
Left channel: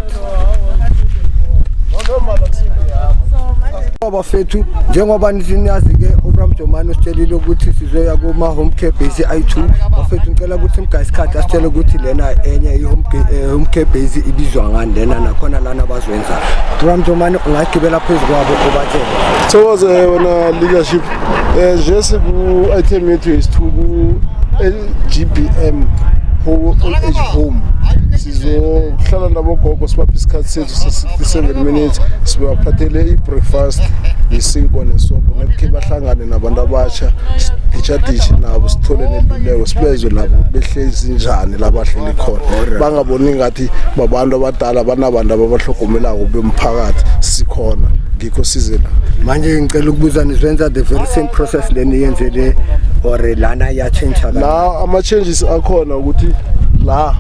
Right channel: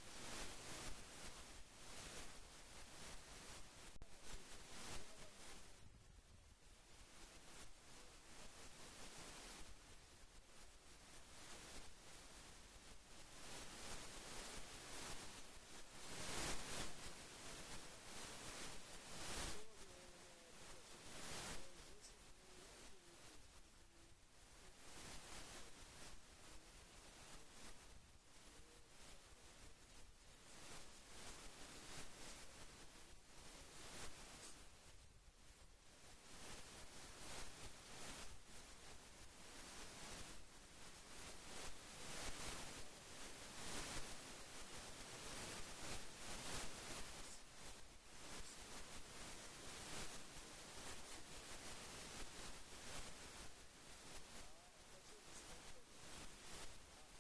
bafethu njengoba nisiyazi ke uBram Jomani usitshelile ukuthi sizoya kuma home care base i2 bafethu ngicela ukuthi mgayisikhathi asitshele ukuthi lena enye i-home care base ibizwa ngani lena nakhona lana bazwenza. uBram Jomani ungagibela phezulu kwabo obatshela Thokoze wena leadership nje siku item yethu isithuku LGBM old age home sizohlala nabogogo sibapha isikhathi sethu 67 minutes sibaphathele i-breakfast isinko nesopo nekhe bahlangane nabantu abasha dichadishi nabo sithole neluleko sibezwe nabo behlezi njani labahleli khona bangaboni ngathi babantu abadala banabantu ababahlogomelako bemphakathi sikhona ngikho sizela manje ngicela ukubuza nizwenza the very same process leni yenzele or lana ya change la ama changes akhona ukuthi la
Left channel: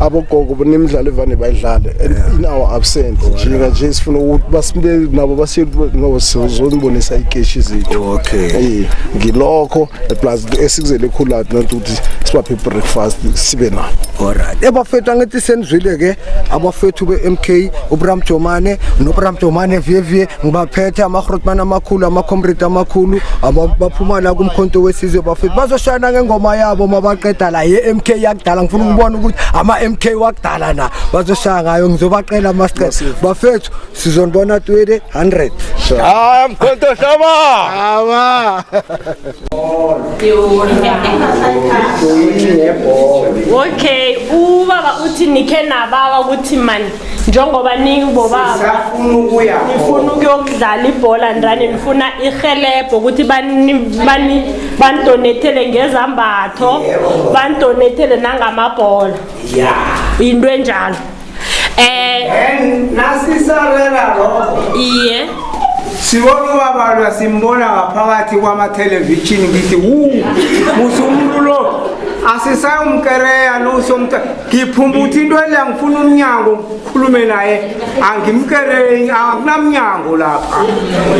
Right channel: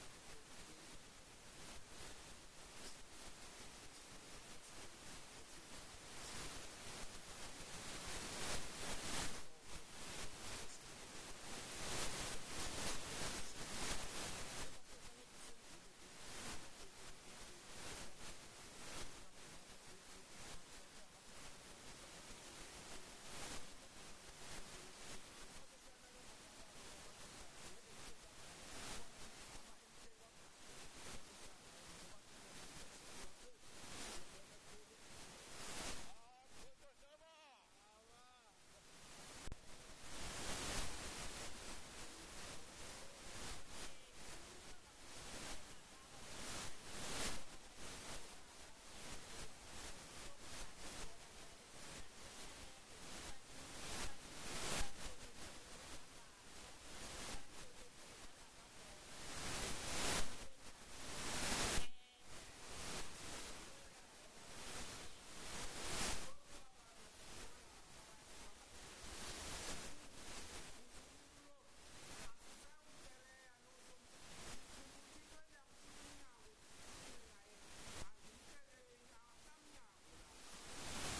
abogogo bonemidlalo evane bayidlale in our absent njinga nje sifuna ukuthi basimbe nabo basiye ngoba sizonibonisa ikeshi zethu. Okay ngilokho plus esikuzele khulathi nantuthi sibaphe breakfast sibe na. Alright ebafethu angithi senizwile ke abafethu beMK uBram Jomani noBram Jomani VV ngibaphethe amaGrootman amakhulu amaComrade amakhulu abaphuma la kumkhonto wesizwe bafethu bazoshana ngengoma yabo mabaqeda la yeMK yakudala ngifuna ukubona ukuthi MK wakudala na bazoshaya ngayo ngizobaqela masiqeda bafethu sizonibona 100 mkhonto shaba Okay, uba ubaba uthi nikhe nabaka ukuthi man njengoba ningibobaba nifuna ukuyokudlala ibhola ndani nifuna ihelebho ukuthi bandonethele ngezambatho bandonethele nangamabhola into enjalo nasisarela lokho iye sibona ubaba simbona ngaphakathi kwama-television ngithi musumuntu lo asisayomkereya nosomta ngiphumba ukuthi into ele ngifuna umnyango ngikhulume naye angimkereyi akunamnyango lapha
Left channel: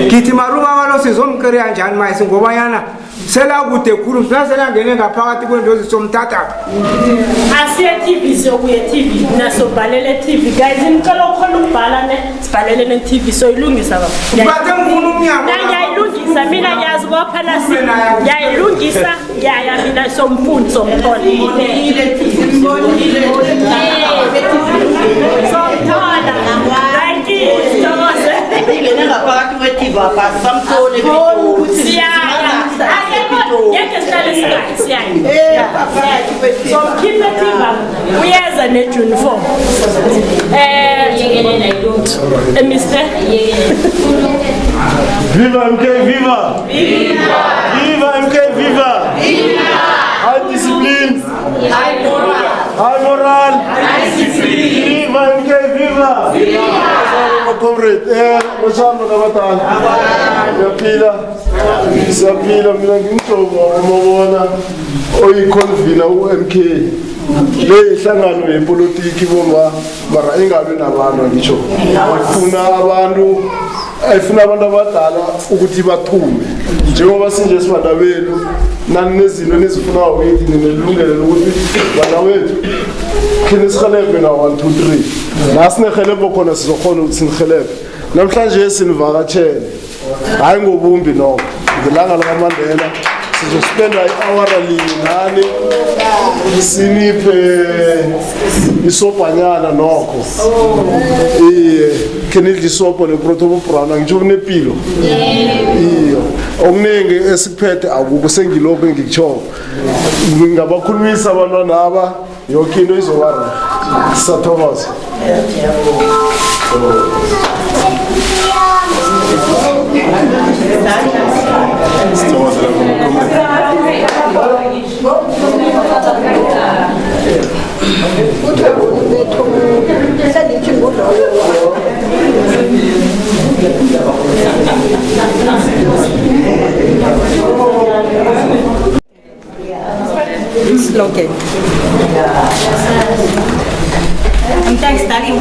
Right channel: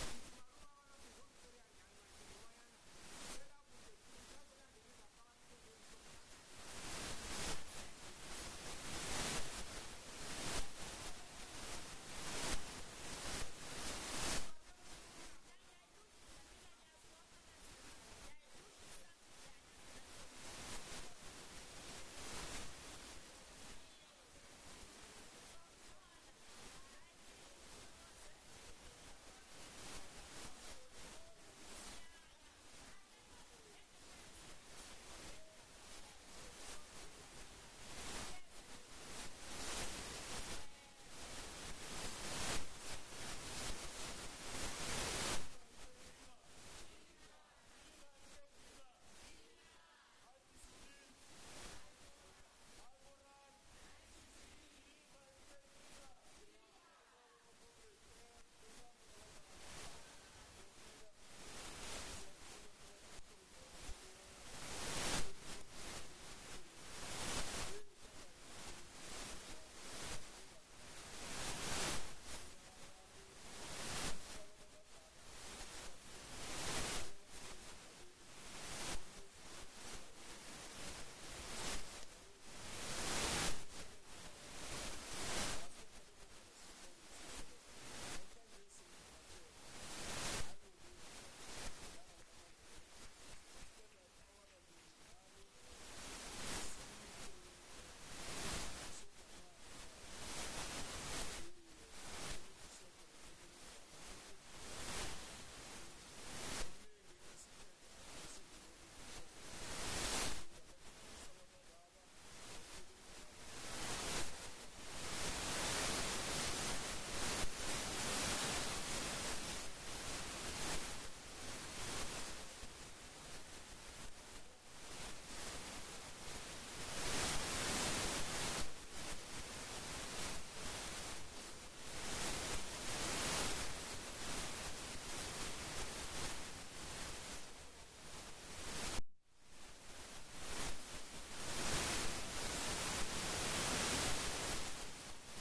ngithi marubaba lo sizomkereya njani mayesi ngobayana selakude khulu mhlaselangene ngaphakathi kwento zisomthatha asiye-TV siyokuye TV nasobhalele TV guys nicela ukhona ukubhala sibhalele ne-TV soyilungisa bathe ngifuna umnyango ngiyayilungisa mina ngiyazi kophana ngiyayilungisa ngiyaya mina somfundi somthola ngaphakathi kwe-TV apha samthole so mkhiphe TV uyeza ne-uniform Mr. Viva MK, viva! Viva! Viva MK, viva! Viva! High discipline! High moral! High moral! High discipline! Viva MK, viva! Viva! Comrade, mashamba kabatana. Siyaphila mina ngimhlobo umabona oyiconvener uMK. Le ihlangano yepolitiki bomba mara ingabe nabantu ngisho. Ayifuna abantu abadala ukuthi bathume. Njengoba sinje sibandabelu nani nezinto nezifuna ukuthi ninelungelo lokuthi bana wethu khini sikhelebe na 1 2 3 nasinehelebo khona sizokhona ukuthi sinihelebe namhlanje sinivakatshele hayi ngobumbi nokho ngelanga lakaMandela sizospenda i-hour nani siniphe isobhanyana nokho kenidla isobho neprotobo brown ngitsho kunepilo iyo okuningi esikuphethe akukho sengilokho engikutsho ngabakhulumisa abantwana aba yonke into izobara sathokoza slogan. I'm studying.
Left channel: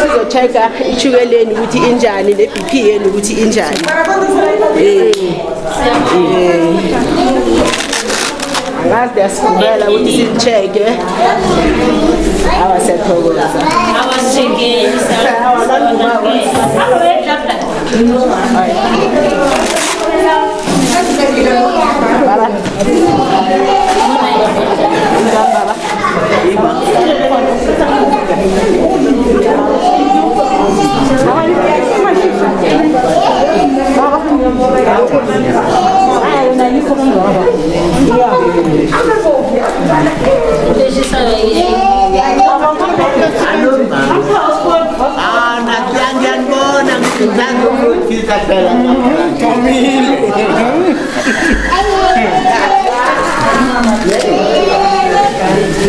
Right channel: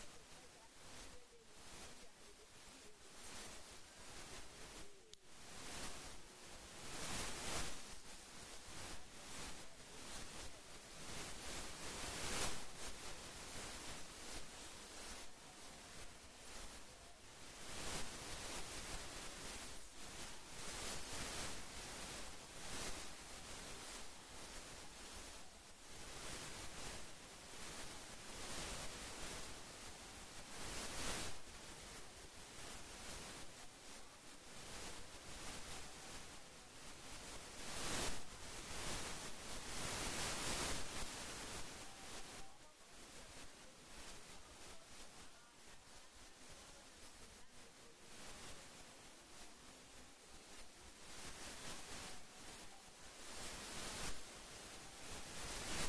Sizocheck ichukela ukuthi injani le BP yenu ukuthi injani ngazi yasikubela ukuthi sicheke awasathokoza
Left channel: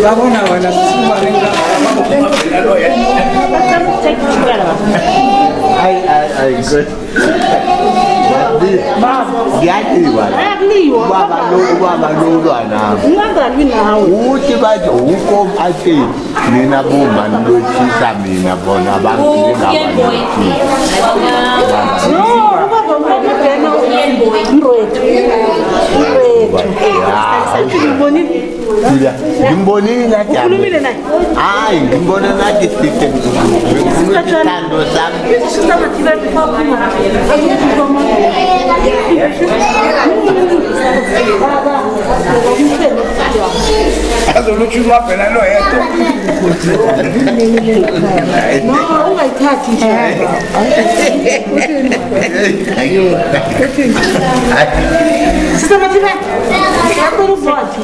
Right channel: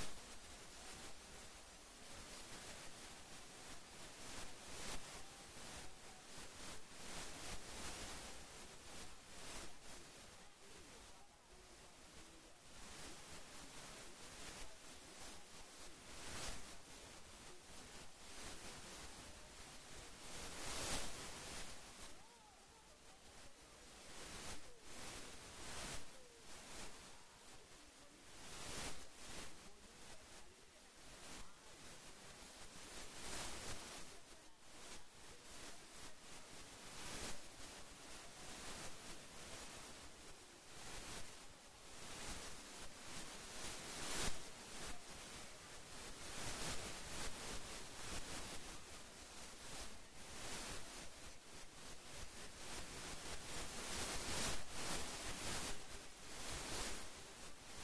Babona wena simaringa I good. ngiyaliwa ubaba lolwana uthi bathi uko athi mina bomba nilothisa mina bona bangile ngimbonile hayi ngimbona nathi system ngikuthando sami azoluchuma phela lo yedwa no ungayithathi nje sisabathibe yakho uzothi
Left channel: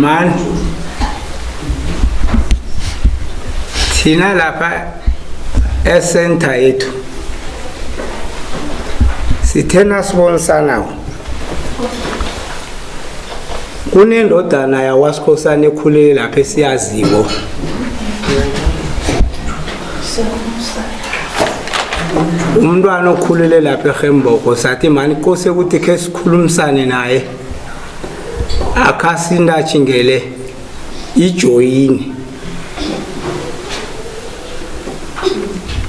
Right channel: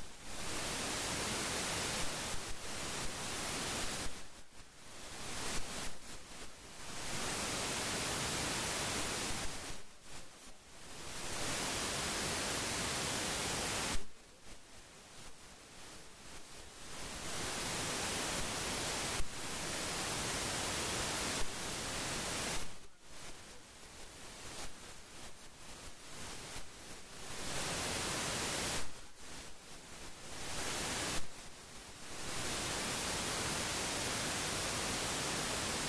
man thina lapha esenta yethu sithena sibonisana kunendodana yawaSikhosana ekhulele lapha esiyaziwo umntwana okhulele lapha eGemboko sathi mani kose ukuthi ke sikhulumisane naye akasindachingele ijoyini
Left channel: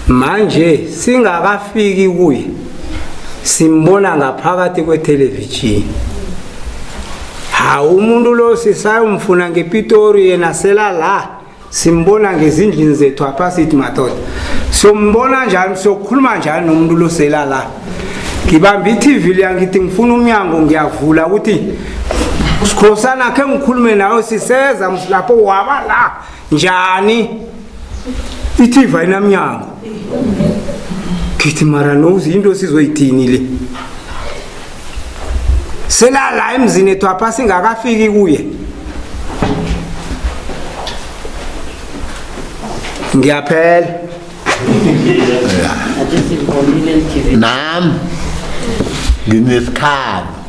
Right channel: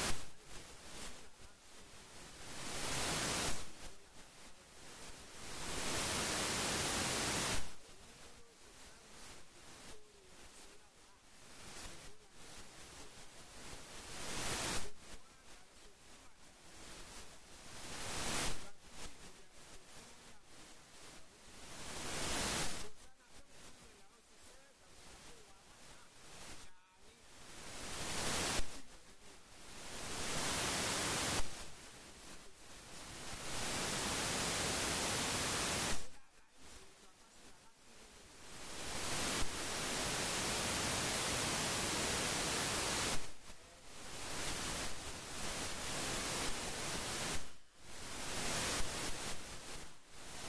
manje singakafiki kuye simbona ngaphakathi kwetelevision ha umuntu lo sisayumfuna ngePitori yena sela la simbona ngezindlini zethu apha sithi madoda sombona njani sokhuluma njani nomuntu lo sela la ngibamba iTV liyangithi ngifuna umnyango ngiyavula ukuthi Sikhosana ke ngikhulume nawe siseza msilapho waba la njani iTV ayinamnyango kithi mara nozi into sizoyithini le sela la emzini ethu apha singakafiki kuye ngiyaphela nam nginesikhathi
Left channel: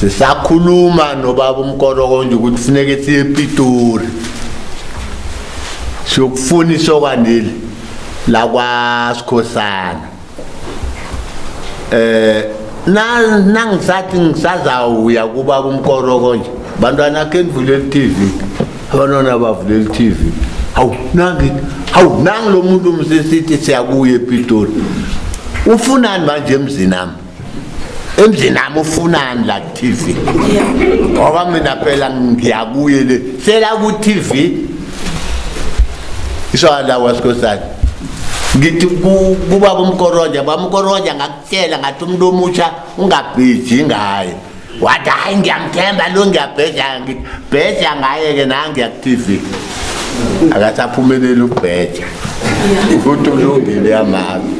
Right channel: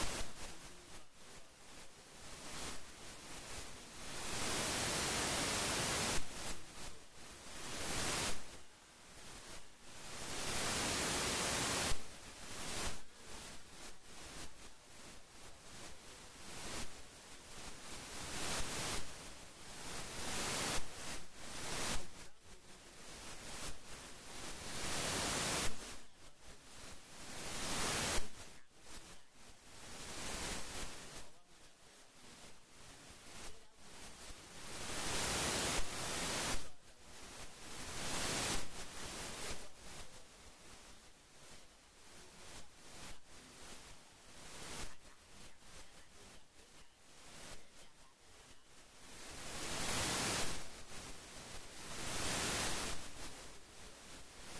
sisakhuluma nobaba uMkoro nje ukuthi kufuneke siye ePitori siyokufuna isokwanile la kwaSikhosana nangisathi ngisazawuya kubaba uMkoro nje bantwana ke nivulela iTV abantwana bavulela iTV hawu nangi lo muntu umsisithi siyakuya ePitori ufunani manje emzini nami ufunani la TV ngoba mina phela ngiyakuye le sela ku TV iswala waSikhosana ngithi kubaba uMkoroja bamkoroja ngakutshela ngathi umuntu omutsha ungabheji ngaye wathi hayi ngiyamthemba lo ngiyabheja ngaye ke nangi ya TV akasaphumeleli ukubheja ukuthi ulungile yamami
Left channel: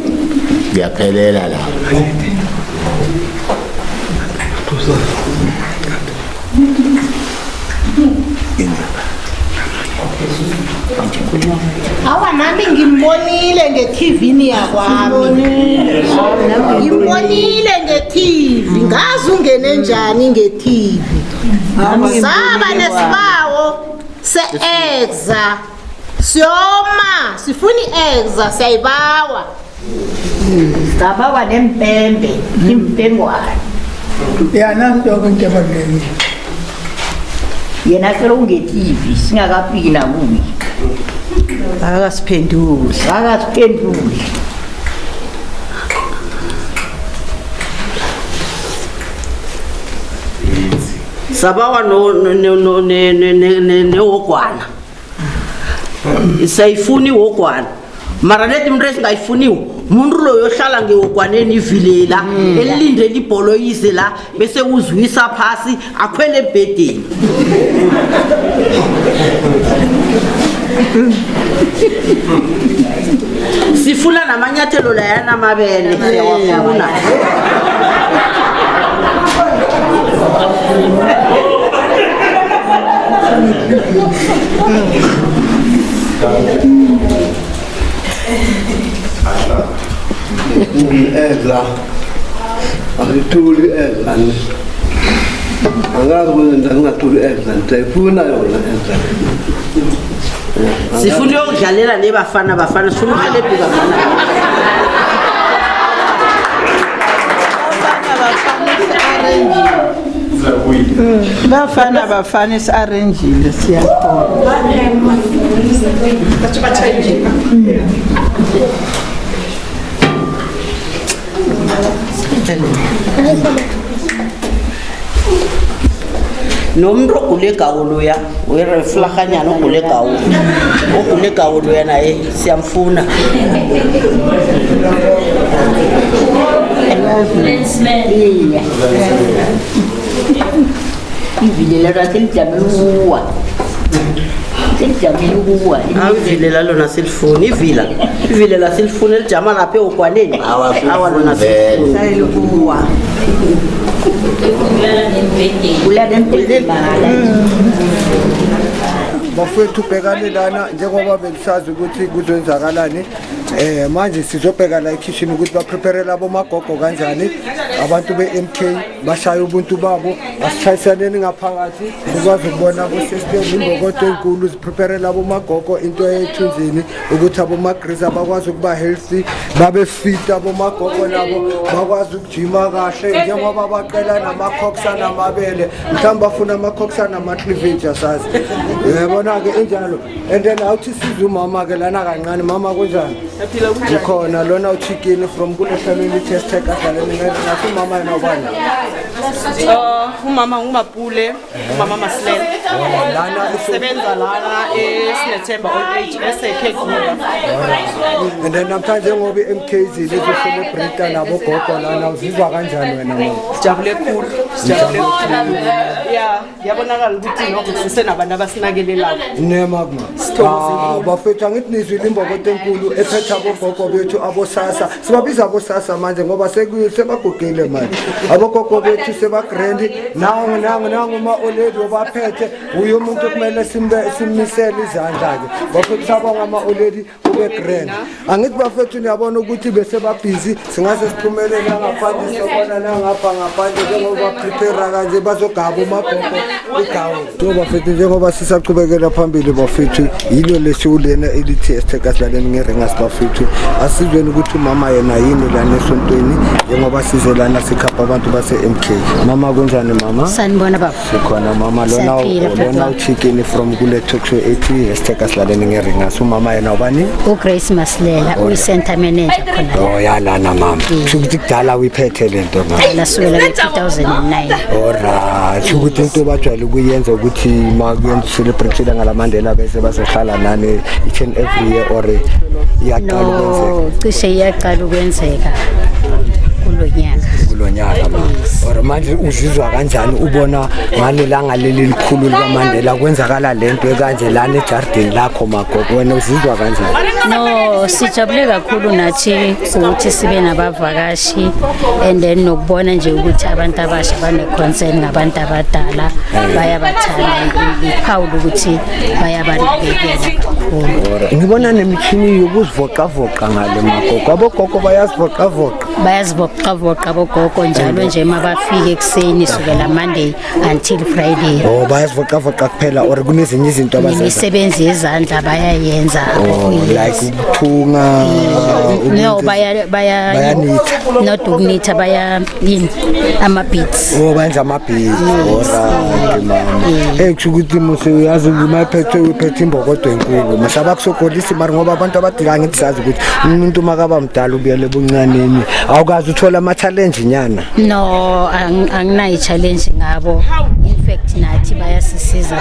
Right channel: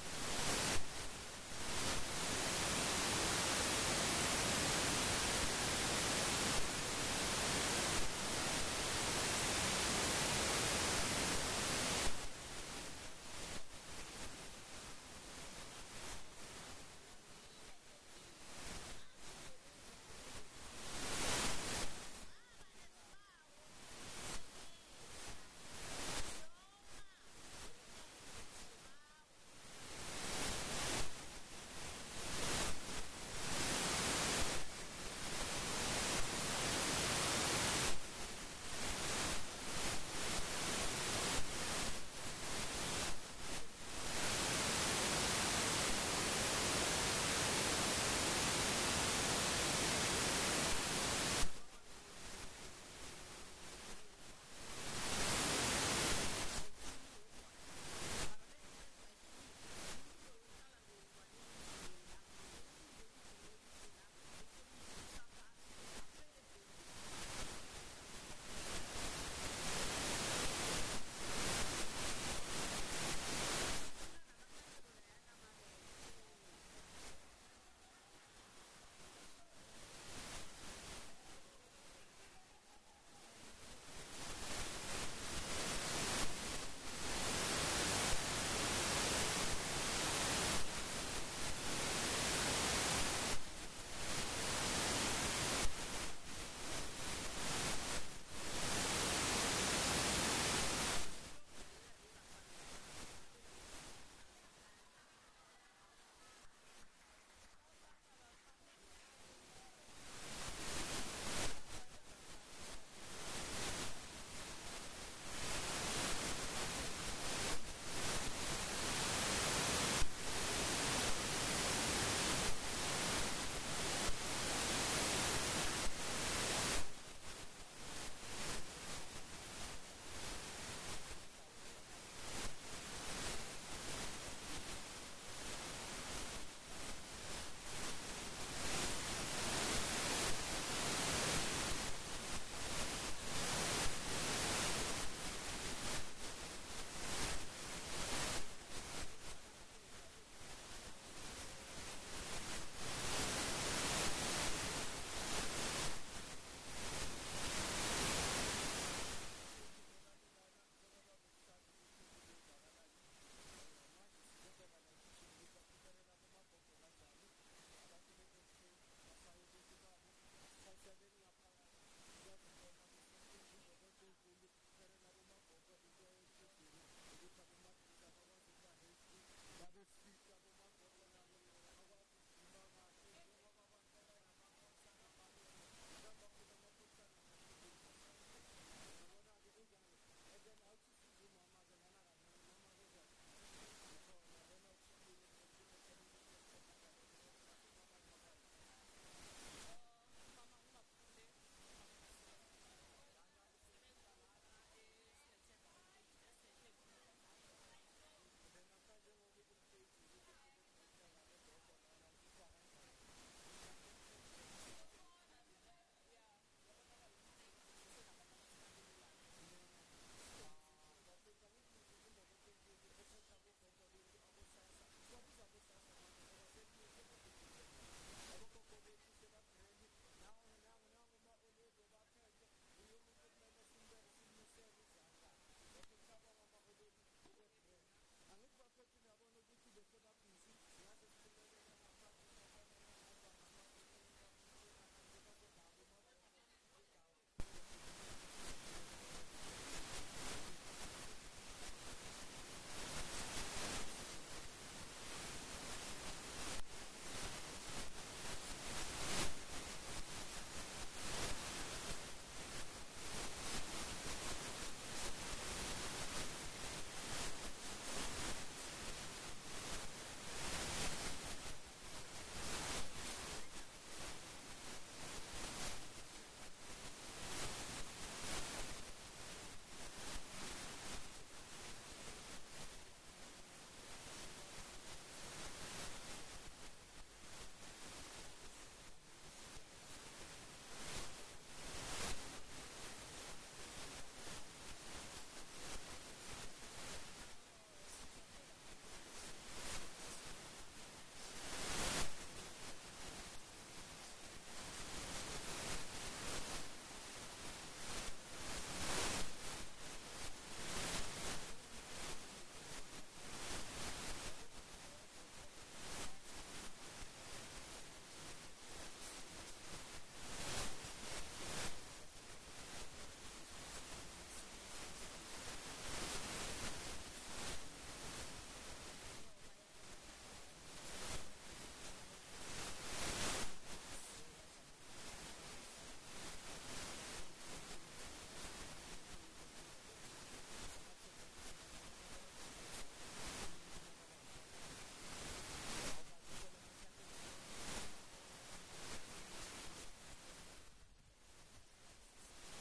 ngiyaphelela la Awa nami ngimbonile nge-TV yakwami. Ngimbonile nge-TV nge-TV ngazi ungene njani nge-TV saba nesibawo se-exa siyoma sifuna i-exa siyayibawa sabawa nempembe impengwane yanantoko into ebalulekile yena phela unge-TV singakafiki nakuye akasiphenduli sabawa newogwana sayifuni wogwana mara leti mntu esingayifuniwo umuntu loyo ohlala ngewogwaneni ivilela elilindele ibholo yize la bese uzwisa phasi akhwele ebhedeni sifuna namanyathelo layana amabele siyawafuna Ezra akutuli Ezra angazi ukuthi ngingatuli Ezra ndayifuna yona Ezra sifuna ukudlalela nebafana sifuna uhelebhi bafana bafana isi-arrangile siyakhona nomuntu ogule gawu loya wereflahanyana ogule gawu loya naye siyamfuna ivilela raselijamele ukuwa awivilela lona silifuni ivilela silifuni elijama lapha ewogwaneni awa lona silifuni bafethu ubhekane lana njengoba belisazi ukuthi kuzoyenzakalani manje sizobheka la ekhishini ukuthi baprepare labo magogo kanjani abantu be-MK bashaya ubuntu babo asishayisaneni ngaphakathi sikwazi ukubona kusystem imbokodo enkulu ziprepare labo magogo into ethunzini ukuthi abomagrisa bakwazi ukuba healthy babe fit abomagogo nabo bakwazi ukujima kahle njengoba baqela namakhokusa namabele mhlawumbe bafuna amakhokusa nama-cleavage asazi yabona-ke enjalo and then awuthi siza umama-ke lana kancane mama kunjani ukhona lona uchikini from kule family test adlaleni ngathi umama yena ubani umama ngumapule umama Masilela sebenza lana eSinethemba old age eseKeguba and then namhlanje ngoba i-MK izile izocelebrate nabo gogo lana uzizwa kanjani wena mama sijabule khulu yabonakala ukuthi nokho sisenabantu abasinakelelayo nemagma bafethu angithi nizwile imbokodo enkulu ephethe abogogo bethu abosasa sibabiza abosasa manje ngoba sebagugile manje abogogo bethu sebagrandi nangu ma-oledi obaphethe uye umuntu kumele simmisele izandla-ke bafethu sabonga ama-oledi ube grand angithi bafethu niyabona ukuthi besebabhizi singase siphumelele ngaphandle sobona nangapha ngaphandle njengoba prepare kanje bazogaba umagogo igawu so bafethu njengoba sisachubekela phambili bafethu yilo lesiwulena elithi esithekasilaleni ngeringas bafethu asizweni ukuthi umama yena yini lana esontweni njengoba size lana sikhapha abantu base-MK mama kunjani mama sanibona baba sikhona mama lona uchikini from kule talk show ethi esithekasilaleni ngeringas umama yena ubani uGrace Masilela uyi-center manager khona yalana mama ukuthi kudala uyiphethe lento lasukela nge-2009 alright ukuthi into bajwayele ukuyenza ukuthi makuyenza celebrate ngalamandela bese bazohlala nani each and every year or iyaqala ukwenzeka cishe iyaqala ukwenzeka kulo nyaka or manje uzizwa kanjani ubona ngalelanga leli likhulu likaMandela kwenzakala lento ekanje lana ejardini lakho magogo wena uzizwa kanjani no sijabule kakhulu nathi ukuthi sibe nabavakashi and then nokubona nje ukuthi abantu abasha bane-concern ngabantu abadala bayabathanda iphawula ukuthi bayabanakekela kakhulu ngibona nemithini yokuzivoqavoqa ngale magogo abogogo bayazivoqavoqa bayazivoqavoqa bogogo njalo nje mabafika ekuseni sukela Monday until Friday. Oh bayazivoqavoqa kuphela or kunezinye izinto abazenza. Imisebenzi yezandla bayayenza. Like ukuthunga. No bayanitha. Not ukunitha baya yini ama-beats. Oh benza ama-beats. Alright mama. Kuthi muse uyazi uphethe imbokodo enkulu. Masaba kusokolisa mara ngoba abantu abadila ngithi sazi ukuthi umuntu makaba mdala ubuyele buncaneni. Awukazi uthola ama-challenge nyana? No, anginayo challenge ngabo. In fact nathi bayasisiza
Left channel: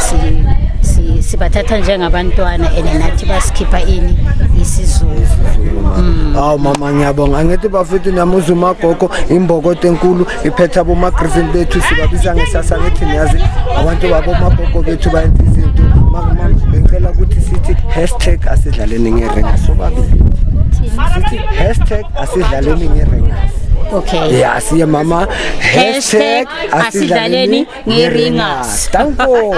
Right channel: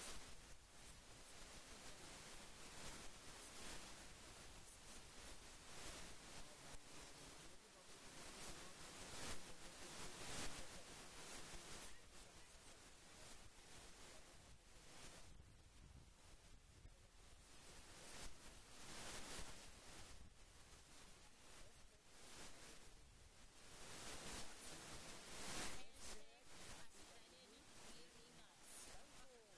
sibathatha njengabantwana and nathi basikhipha ini isiZulu. Awu mama ngiyabonga. Angithi bafethu namuzuma gogo imbokodo enkulu iphethe abo magriffin bethu sibabiza ngesasa ngithi niyazi abantu babo magogo bethu bayenza izinto. Mama ngicela ukuthi sithi #asidlaleni ngerenga sobabili. Sithi #asidlaleni ngerenga. Okay. Yeah, siya mama #asidlaleni ngerenga. Tanko.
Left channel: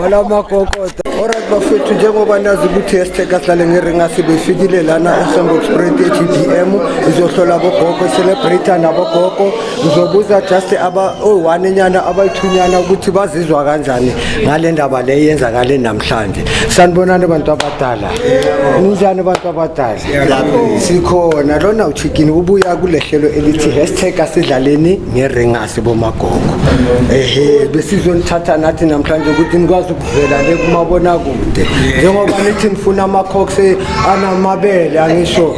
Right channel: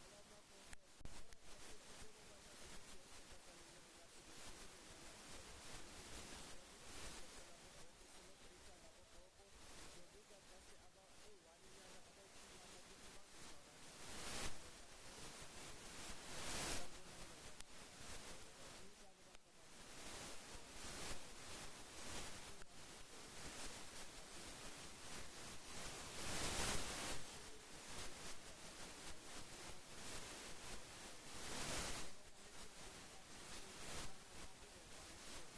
Wala makokota. Alright bafethu njengoba nazi ukuthi #asidlaleni ngerenga sibefikile lana eShambo Express eGBM izohlola bogogo celebrate nabogogo uzobuza just one nyana abayithunyana ukuthi bazizwa kanjani ngale ndaba le yenzakale namhlanje. Sanibonani abantu abadala. Ninjani abantu abadala? Sikhona lona uchicken ubuya kulehlelo elithi #asidlaleni ngerenga sibomagogo. Besizonithatha nathi namhlanje ukuthi nikwazi ukuvela le kumabona kude. Njengoba nithi nifuna ama-cocks anamabele angisho.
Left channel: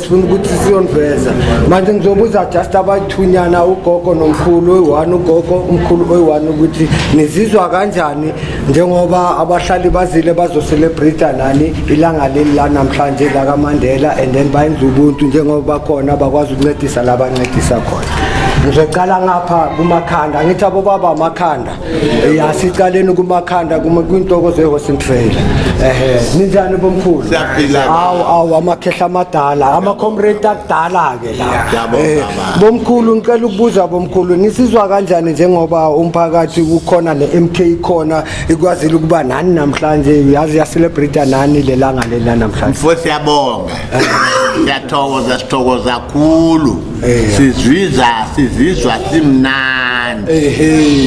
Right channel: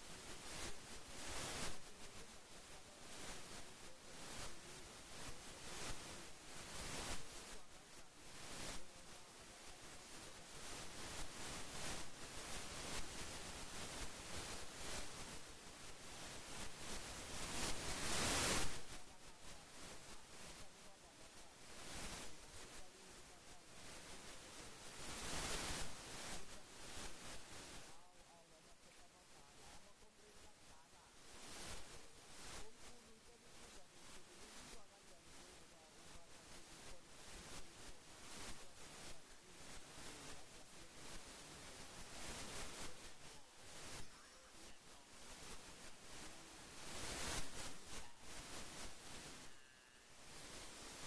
Sifuna ukuthi siyoniveza. Manje ngizobuza just abayithunyana ugogo nomkhulu oyi-1 ugogo umkhulu oyi-1 ukuthi nizizwa kanjani njengoba abahlali bazile bazocelebrate nani ilanga leli la namhlanje la kaMandela and then bayenza ubuntu njengoba khona bakwazi ukuncedisa labancedisa khona. Ngizocala ngapha kumakhanda ngithi abo baba amakhanda sicaleni kumakhanda kwintoko zeHorsing Trail. Ninjani bomkhulu? Awu amakhehla amadala ama-comrade akudala ke la. Bomkhulu ngicela ukubuza bomkhulu nisizwa kanjani njengoba umphakathi ukhona ne-MK khona ikwazile ukuba nani namhlanje yazi yacelebrate nani lelanga leli namhlanje? Mfo siyabonga. Sithokoza kakhulu. Sizizwa simnandi.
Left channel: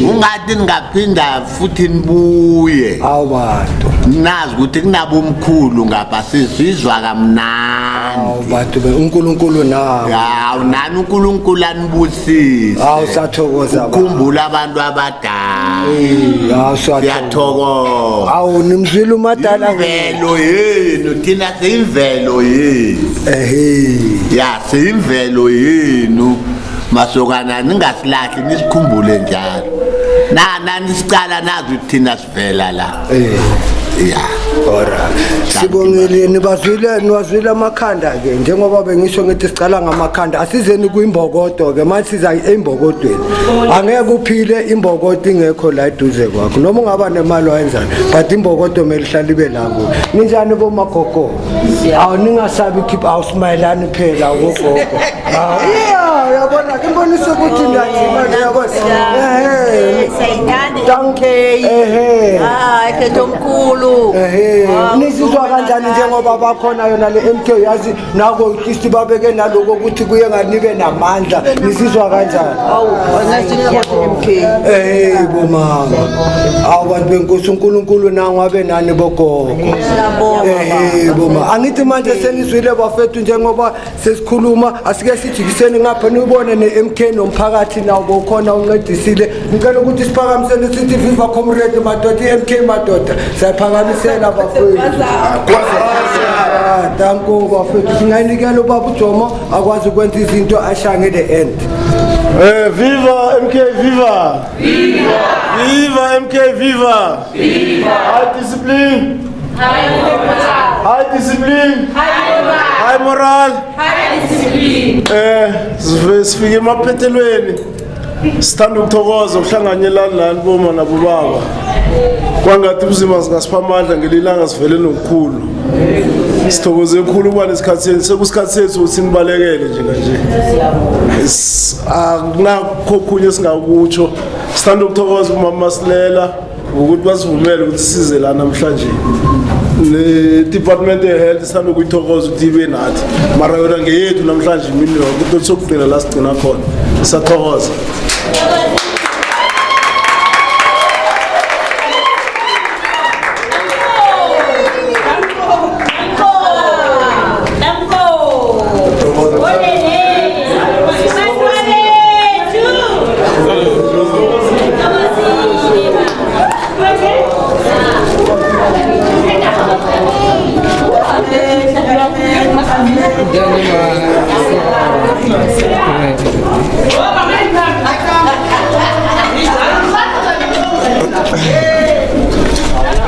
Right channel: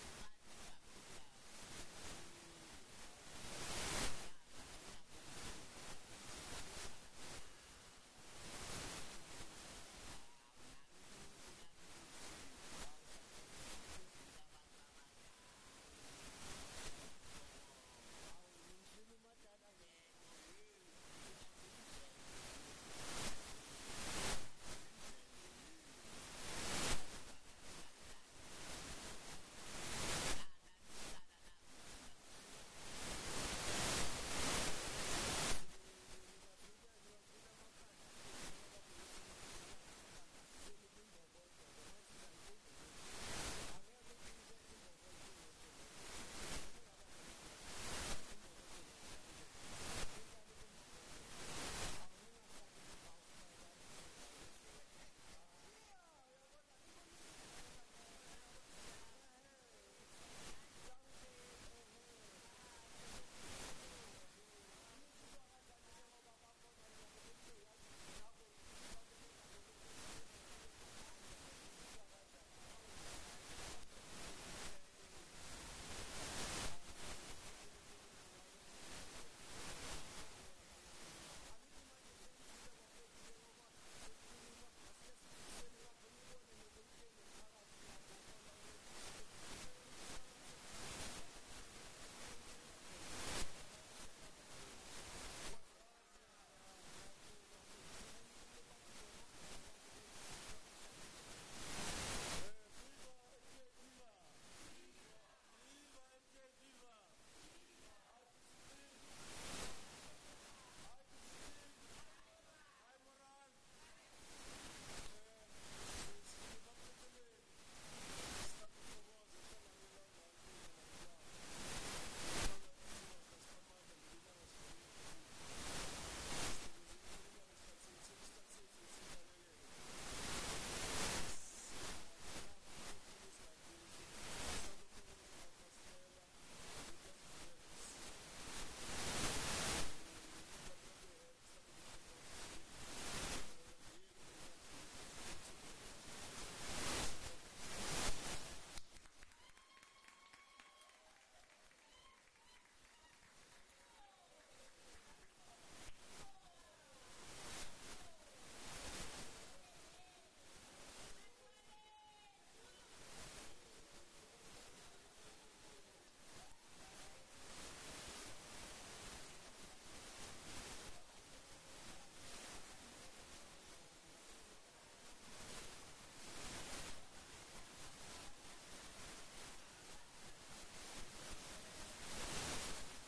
Ungathi ngaphinda futhi nibuye. Awabantu. Nazi ukuthi kunabo umkhulu ngapha sizizwa kamnandi. Awabantu uNkulunkulu nawo. Hawu nani uNkulunkulu anibusise. Hawu sathokoza. Ukukhumbula abantu abadala. Hawu siyathokoza. Hawu nimzwile umadala imvelo yenu thina siyimvelo yenu. Ya siyimvelo yenu. Masokana ningasilahli nisikhumbule njalo. Nani sicala nazi ukuthi thina sivela la. Yeah. Ora. Sibongile niwazwile amakhanda ke njengoba bengisho ngithi sicala ngamakhanda asizeni kuimbokodo ke manje siza eimbokodweni. Angeke uphile imbokodo ingekho la eduze kwakho noma ungaba nemali wayenzana but imbokodo melihlala ibe labo. Ninjani bomagogo? Awu ningasabi keep awusmayelani phela ugogo. Yeah, uyabona imboniso ukuthi ndiyazima uyabona. Sayithanda Donkey. Ekhetho omkhulu. Nisizwa kanjani njengoba bakhona yona le MK yazi nako isti babeke naloko ukuthi kuye nganibe namandla nisizwa kanjani? Awu ngasinikho MK. Bomama. Abantu benkosi uNkulunkulu nangabe nani bogogo. Boma angithi manje senizwile bafethu njengoba sesikhuluma asike sijikiseni ngapha nibone ne-MK nomphakathi nawo bokhona uncedisile ngicela ukuthi siphakamisele sithi viva comrade madoda i-MK madoda siyaphakamisela bafethu. Danko bafethu singayinikela ubaba uJomo akwazi ukwenza izinto ashange the end. Viva MK viva! Viva! Viva MK viva! Viva! High discipline! High discipline! High moral! High discipline! Sifike emaphethelweni. Sithanda ukuthokoza ukuhlanganyelana lani boma nabobaba. Kwangathi ubuzima singasipha amandla ngelilanga sivele nokukhulu. Sithokoze kakhulu kuba nesikhathi sekusikhathi sethu ukuthi nibalekele nje kanje. Akunakho khunye singakutsho. Sithanda ukuthokoza umama Masilela ukuthi basivumele ukuthi size la namhlanje. ne-department ye-health sithanda ukuyithokoza ukuthi ibe nathi mara yona ngeyethu namhlanje imini ukuthi sokugcina la sigcina khona siyathokoza.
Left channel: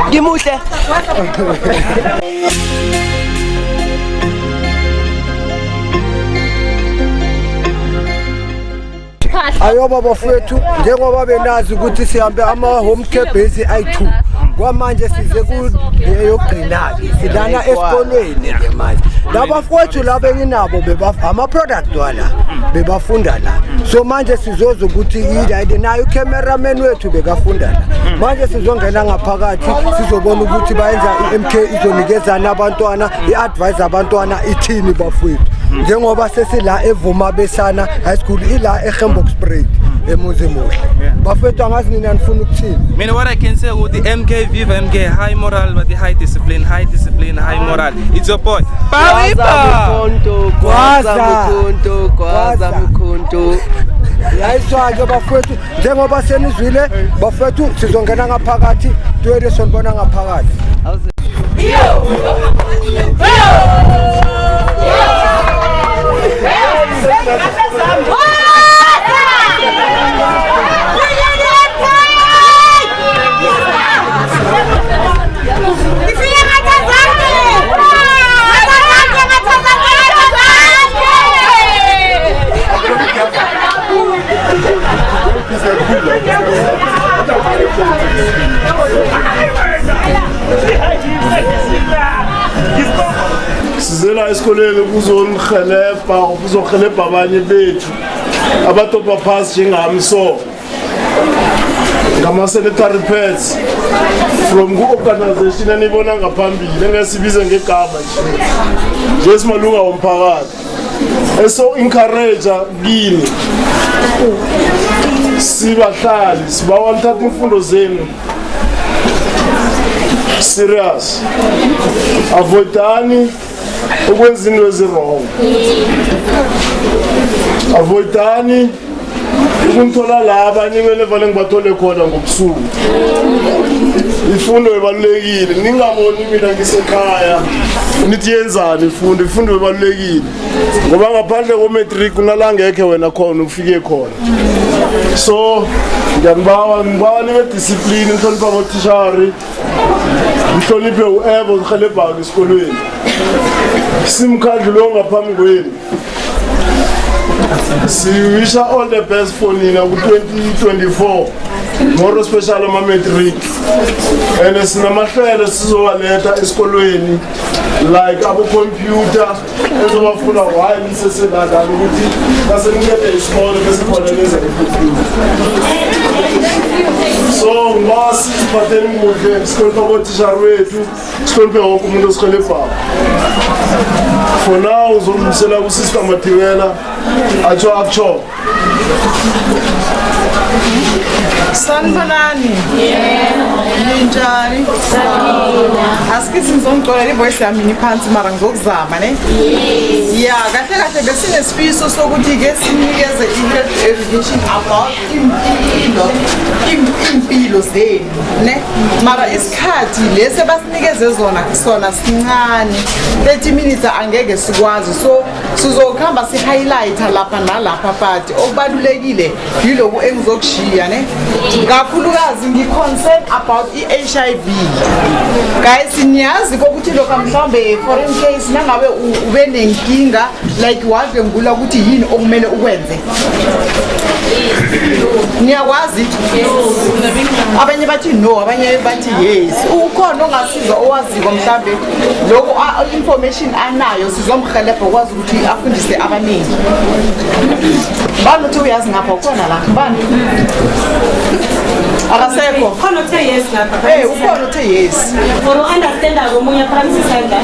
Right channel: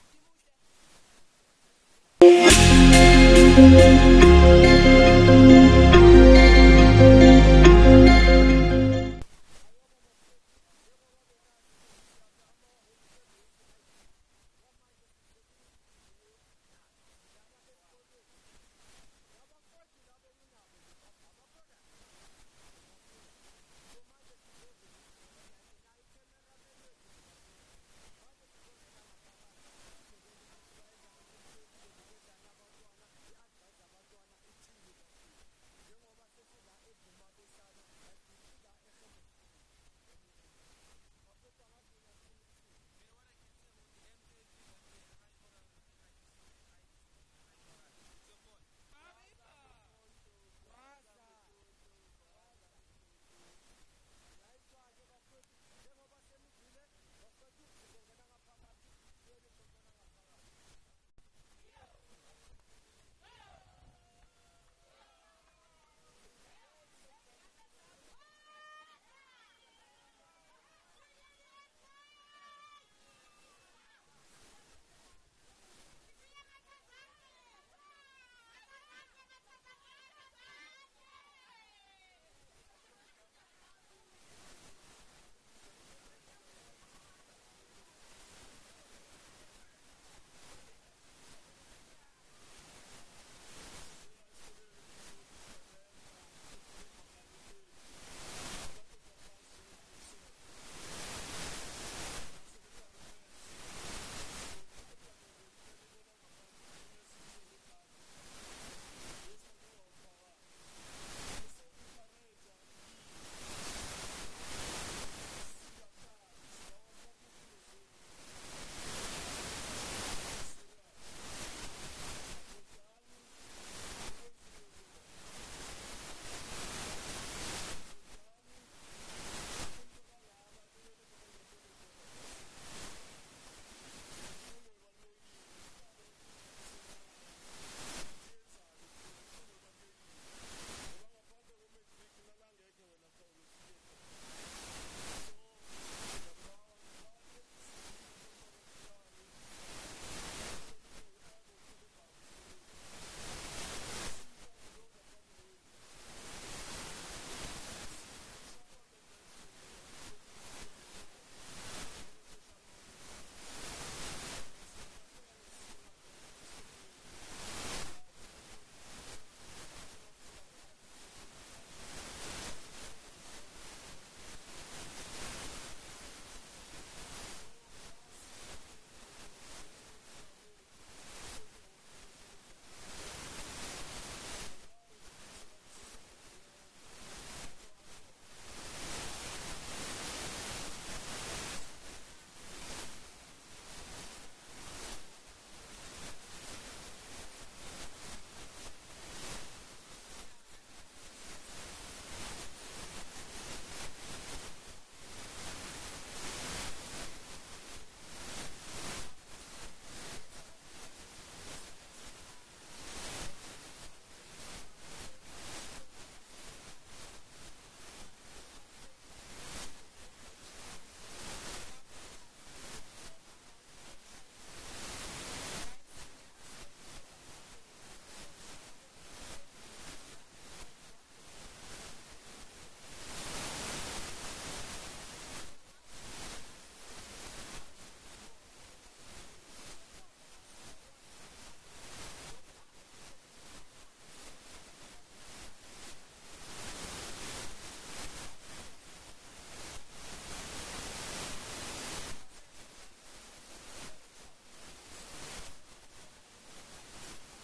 Ngimuhle. Ayoba bafethu njengoba benazi ukuthi sihambe ama home care base ayi2 kwamanje size kuyogcina sidana esikolweni ke manje labafowethu laba enginabo ama product wala bebafunda la so manje sizoza ukuthi yile nayo cameraman wethu bekafunda la manje sizongena ngaphakathi sizobona ukuthi bayenza iMK izonikezana abantwana iadvise abantwana ithini bafowethu njengoba sesila evuma besana high school ila eGembox Spray emuzi muhle bafethu angazi nina nifuna ukuthini. Mina what I can say ukuthi MK Viva MK high moral but the high discipline high moral. It's your boy Kwaza mkhonto yayiswa ke bafethu njengoba senizwile bafethu sizongena ngaphakathi twele sonibona ngaphakathi. Sizela esikoleni kuzohelebha abanye bethu abatopa phasi njengami so ngama-sanitary pads from ku-organization enibona ngaphambili engesibize ngegama nje simalunga womphakathi eso-encourage kini sibahlali sibawa nithatha imfundo zenu serious avoidani ukwenza into ezirong avoidani ukunithola la abanye kumele vale ngibathole khona ngobusuku ifundo ebalulekile ningaboni mina ngisekhaya nithi yenzani ifundo ebalulekile ngoba ngaphandle ko-matric kunala ngekhe wena khona ufike khona so ngibawa nibe discipline nihlonipha abotishari nihloniphe u-ebo zihelebhayo esikolweni simkhandlu lo ngaphambi kwenu siwisha all the best for nina ku-2024 moro special ama-matric and sinamahlelo sizowaletha esikolweni like abo-computer ezobafuna why nisesenadani ukuthi basenikede isikolo besikhona lezekhompyuter so ngoba siziphatheni kuhle sihloniphe abotishari wethu sihloniphe wonke umuntu osihelebhayo for now uzomdlulisela kusister Matiwela atsho Sanibonani. Ninjani? Asikithi ngizongixolela ivoice yami ngiphansi mara ngizokuzama ne. Ya, kahle besinesifiso sokuthi ke sinikeze i-health education about impilo zenu ne. Mara isikhathi lese basinikeze sona sincane 30 minutes angeke sikwazi so sizokhamba si-highlight lapha nalapha but okubalulekile yiloku engizokushiya ne. Kakhulukazi ngi-concern about i-HIV guys niyazi ukuthi lokho mhlawumbe foreign case nangabe ube nenkinga like wave ngula ukuthi yini okumele ukwenze niyakwazi abanye bathi no abanye bathi yes ukhona ongasiza owaziko mhlambe lokho information anayo sizomhelebha ukwazi ukuthi afundise abaningi bani uthi uyazi ngapha ukhona la bani akasekho khona uthe yes lapha ukhona uthe yes for understand akomunye phamsisanda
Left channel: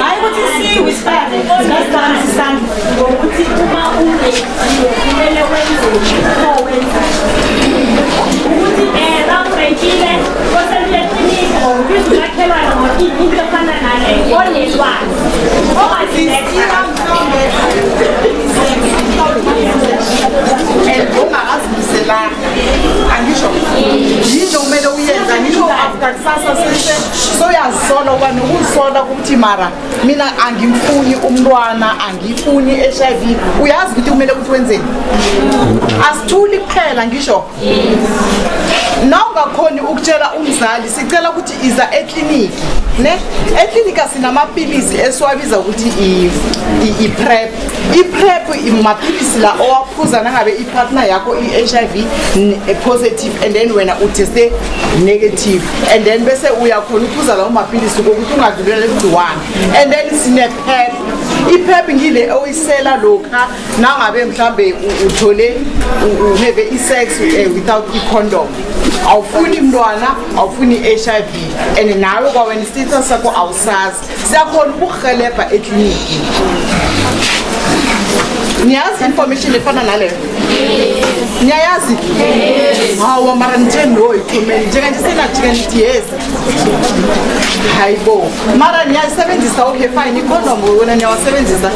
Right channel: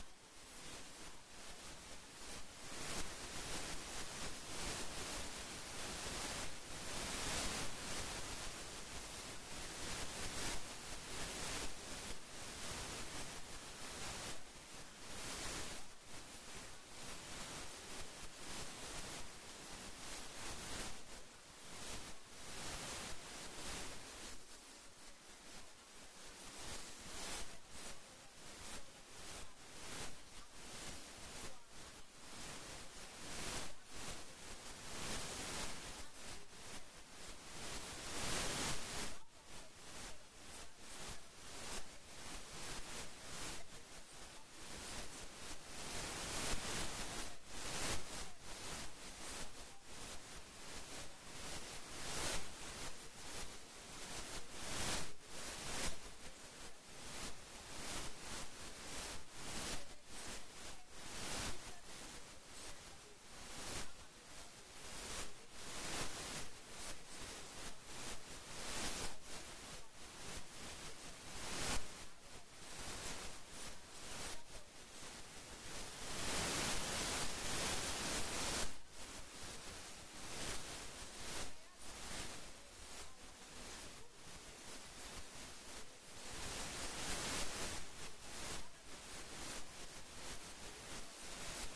hayi ukuthi siwisifane nasiphamsisanda ngokuthi uma kumele wenze wenza ukuthi rawurekile koseluyekliniki ngokuthi makhelwane ngokuthi into efana nale onelwazi ungakazibiselanga angisho yinto kumele uyenza ngisho after kusasa sese soyazisola uba nokuzisola ukuthi mara mina angimfuni umntwana angifuni i-HIV uyazi ukuthi kumele ukuthi wenzeni asithuli kuphela ngisho na ungakhoni ukutshela umzali sicela ukuthi iza ekliniki ne ekliniki asinamapilisi esiwabiza ukuthi i-PrEP i-PrEP imaphilisi la owaphuza nangabe ipartner yakho i-HIV positive and then wena uteste negative and then bese uyakhona ukuphuza lawo maphilisi kokuthi ungadlulela igciwane and then sine-PrEP i-PrEP ngile oyisela lokha nangabe mhlambe uthole uhave i-sex without i-condom awufuni umntwana awufuni i-HIV and nawe kwawena status sakho awusazi siyakhona ukuhelebha ekliniki niyazi information efana naleyo niyayazi hawa mara nithe no ikhomeni njenganje senajika nithi yes hayibo mara niyayisebenzisa okay fine ikhondom wena niyawasebenzisa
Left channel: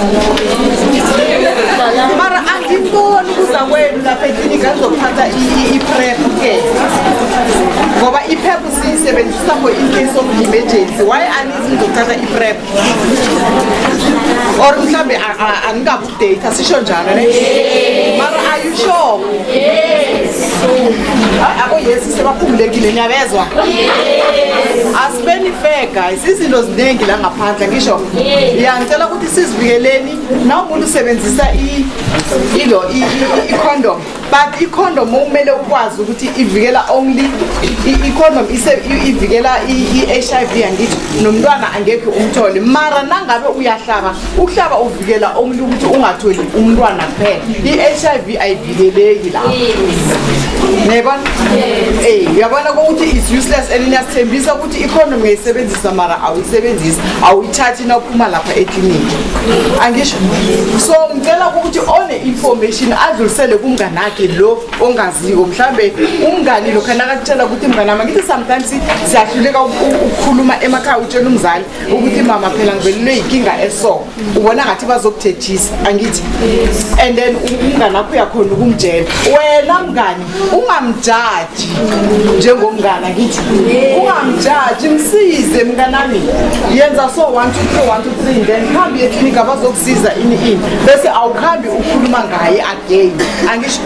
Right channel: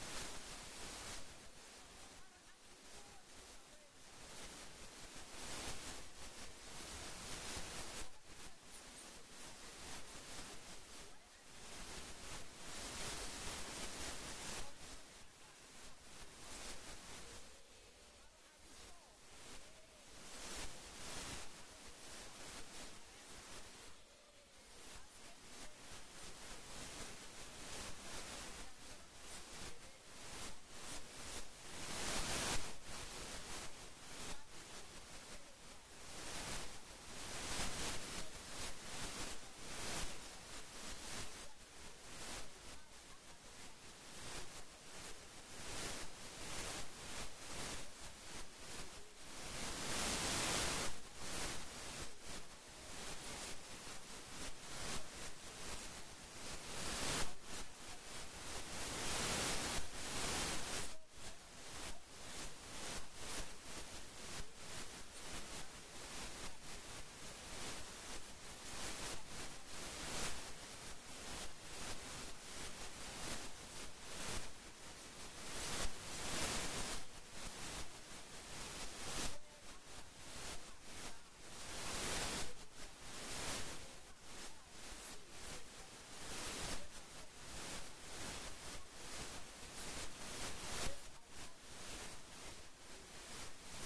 mara angiboni ukuza kwenu lapha eklinika nizokuthatha i-PrEP ke ngoba i-PrEP siyisebenzisa for in case of emergency why anizi nizokuthatha i-PrEP or mhlambe angikabudate sisho njalo ne mara are you sure abo yes sebaphumulekile niyabezwa asibeni fair guys izinto ziningi la ngaphandle ngisho ngiyangicela ukuthi sizivikeleni na umuntu usebenzisa i-condom but i-condom kumele ukwazi ukuthi ivikela only i-condom ivikela i-HIV angithi nomntwana angeke umthole mara nangabe uyahlaba ukuhlaba uvikela only ukuthi ungatholi umntwana kuphela i-HIV ayivikeleki la nebona uyabona ukuthi is useless and niyasithembisa ukuthi i-condom ngiyayisebenzisa mara awuyisebenzisi awuyithathi na uphuma lapha ekliniki angisho so ngicela ukuthi one-information adlulisele kumngane akhe lo ongaziko mhlambe umngani lo khana akutshela ukuthi mnganami ngithi sometimes siyahluleka ukukhuluma emakhaya utshela umzali ukuthi mama phela ngivelelwe yinkinga eso ubona ngathi bazokuthethisa angithi and then umngane akho uyakhona ukumtshela wena mngani ungamjaji njengomngane ngithi ungamjaji msize mnganami yenza so 1 2 3 1 2 3 then khambi eklinika abazokusiza ini bese awukhambi ukhuluma ngaye again angisho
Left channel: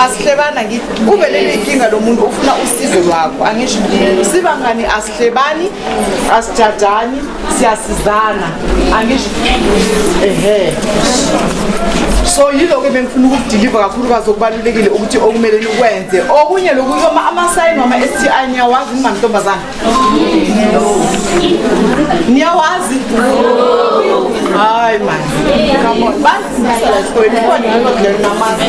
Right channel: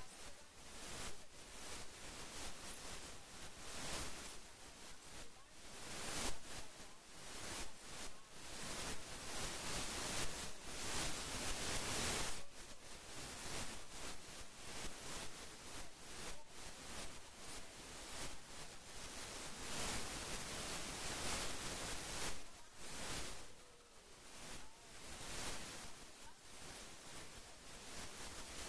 asihlebana ngithi ubelele inkinga lo muntu ufuna usizo lwakho angisho sibangani asihlebani asijajani siyasizana angisho so yilo ke bengifuna ukudeliver kakhulukazi okubalulekile ukuthi okumele nikwenze okunye lokho ama-sign wama-STI niyawazi ningamantombazana niyawazi hayi man come on basisala esikoleni khona ngalodlela namazi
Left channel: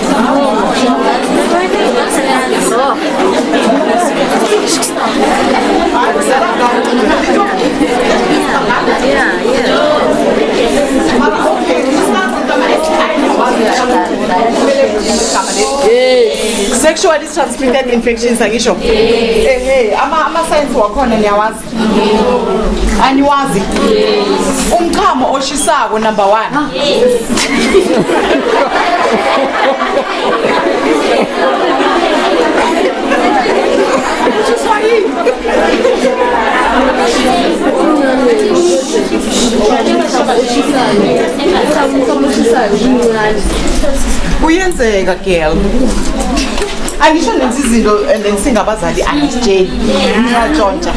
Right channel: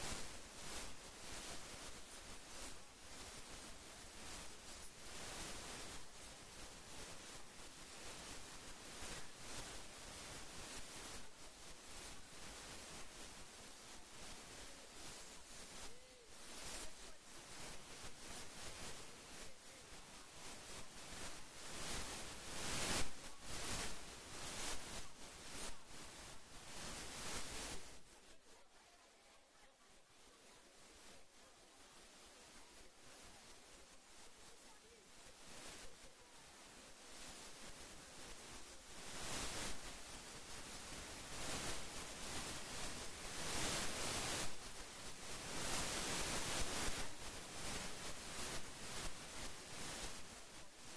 sexually transmitted infections angisho ama-signs wakhona niyawazi aniwazi umchamo oshisako number 1 kuyenzeka girl angisho nenza izinto and then singabazali angisitsheli ngiyatshontsha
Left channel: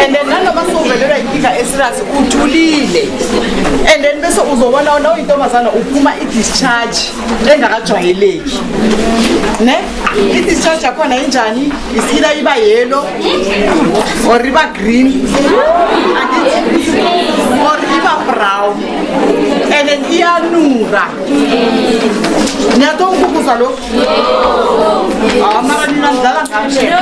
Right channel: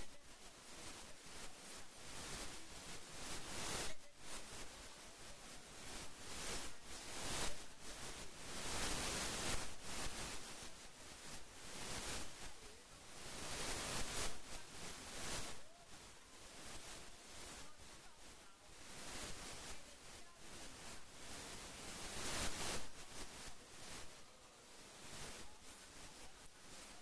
and then nanoma sovelelwa inkinga eserious uthulile and then bese uzobona nawe intombazana uphuma i-discharge engakajwayeleki ne i-discharge yakhona injani isila iba yellow or iba green or iba brown and then iyanuka niyatonkukuza lo mara nina ndala ngamshe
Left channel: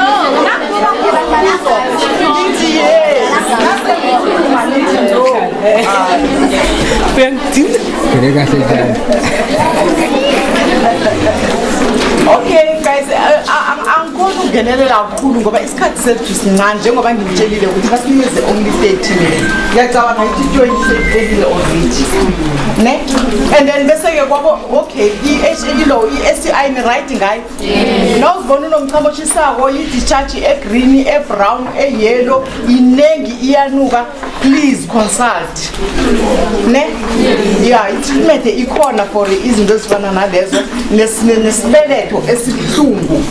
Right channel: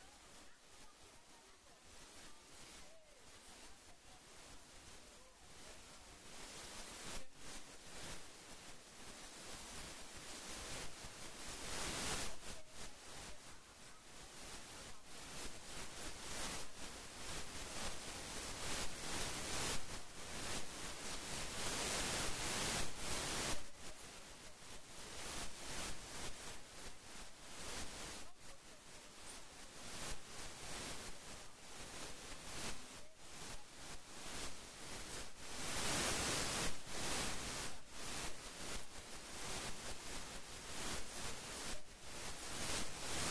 Okay guys, angikona ukungenelela kakhulu ngoba isikhathi sethu sincane njengoba ngimtshelile ukuthi basimeze only 30 minutes. Ngiyacabanga ukuthi 20 sekuphelile already. Ne? And then bese ke kwabo okay, i-HA lo i-STI ni right ngayo. Nawuzibona unomchamo oshisako i-discharge e-green, e-brown, e-yellow, inengi iyanuka, please consult. Ne? Yeah, i-treatment ikhona for izinto ezifana nalezo nesibeletho esibuhlungu.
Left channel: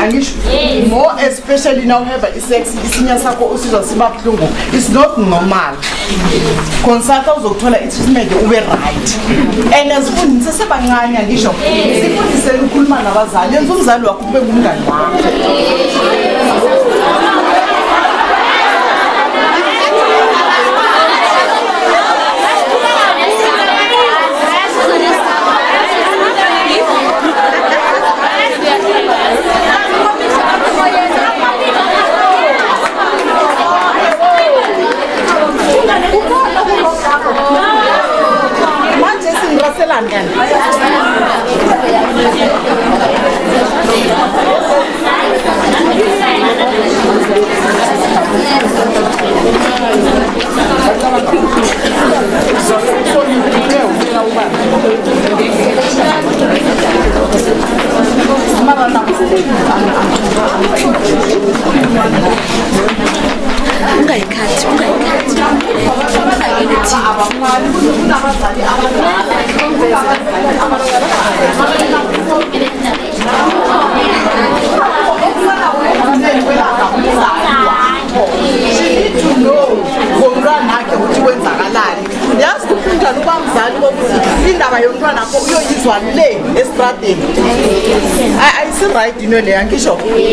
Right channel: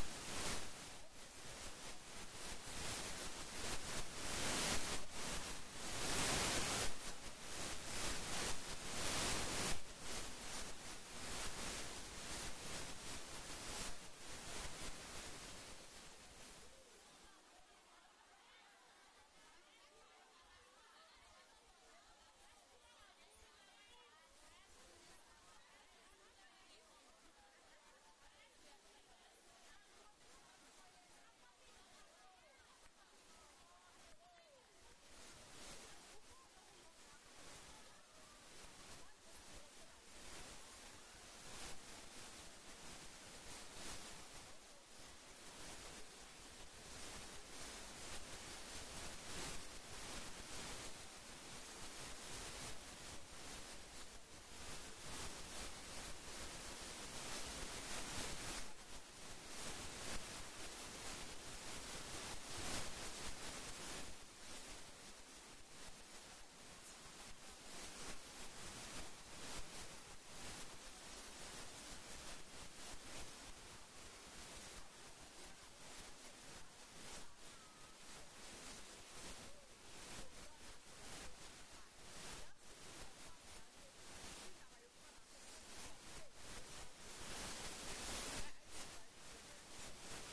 Angisho more especially now have i-sex isinya sakho usizwa siba buhlungu. It's not normal. Consult uzokuthola i-treatment ube right. And asifundise sebancane angisho sifundise ukukhuluma nabazali yenza umzali wakho ube ngumngane wakho.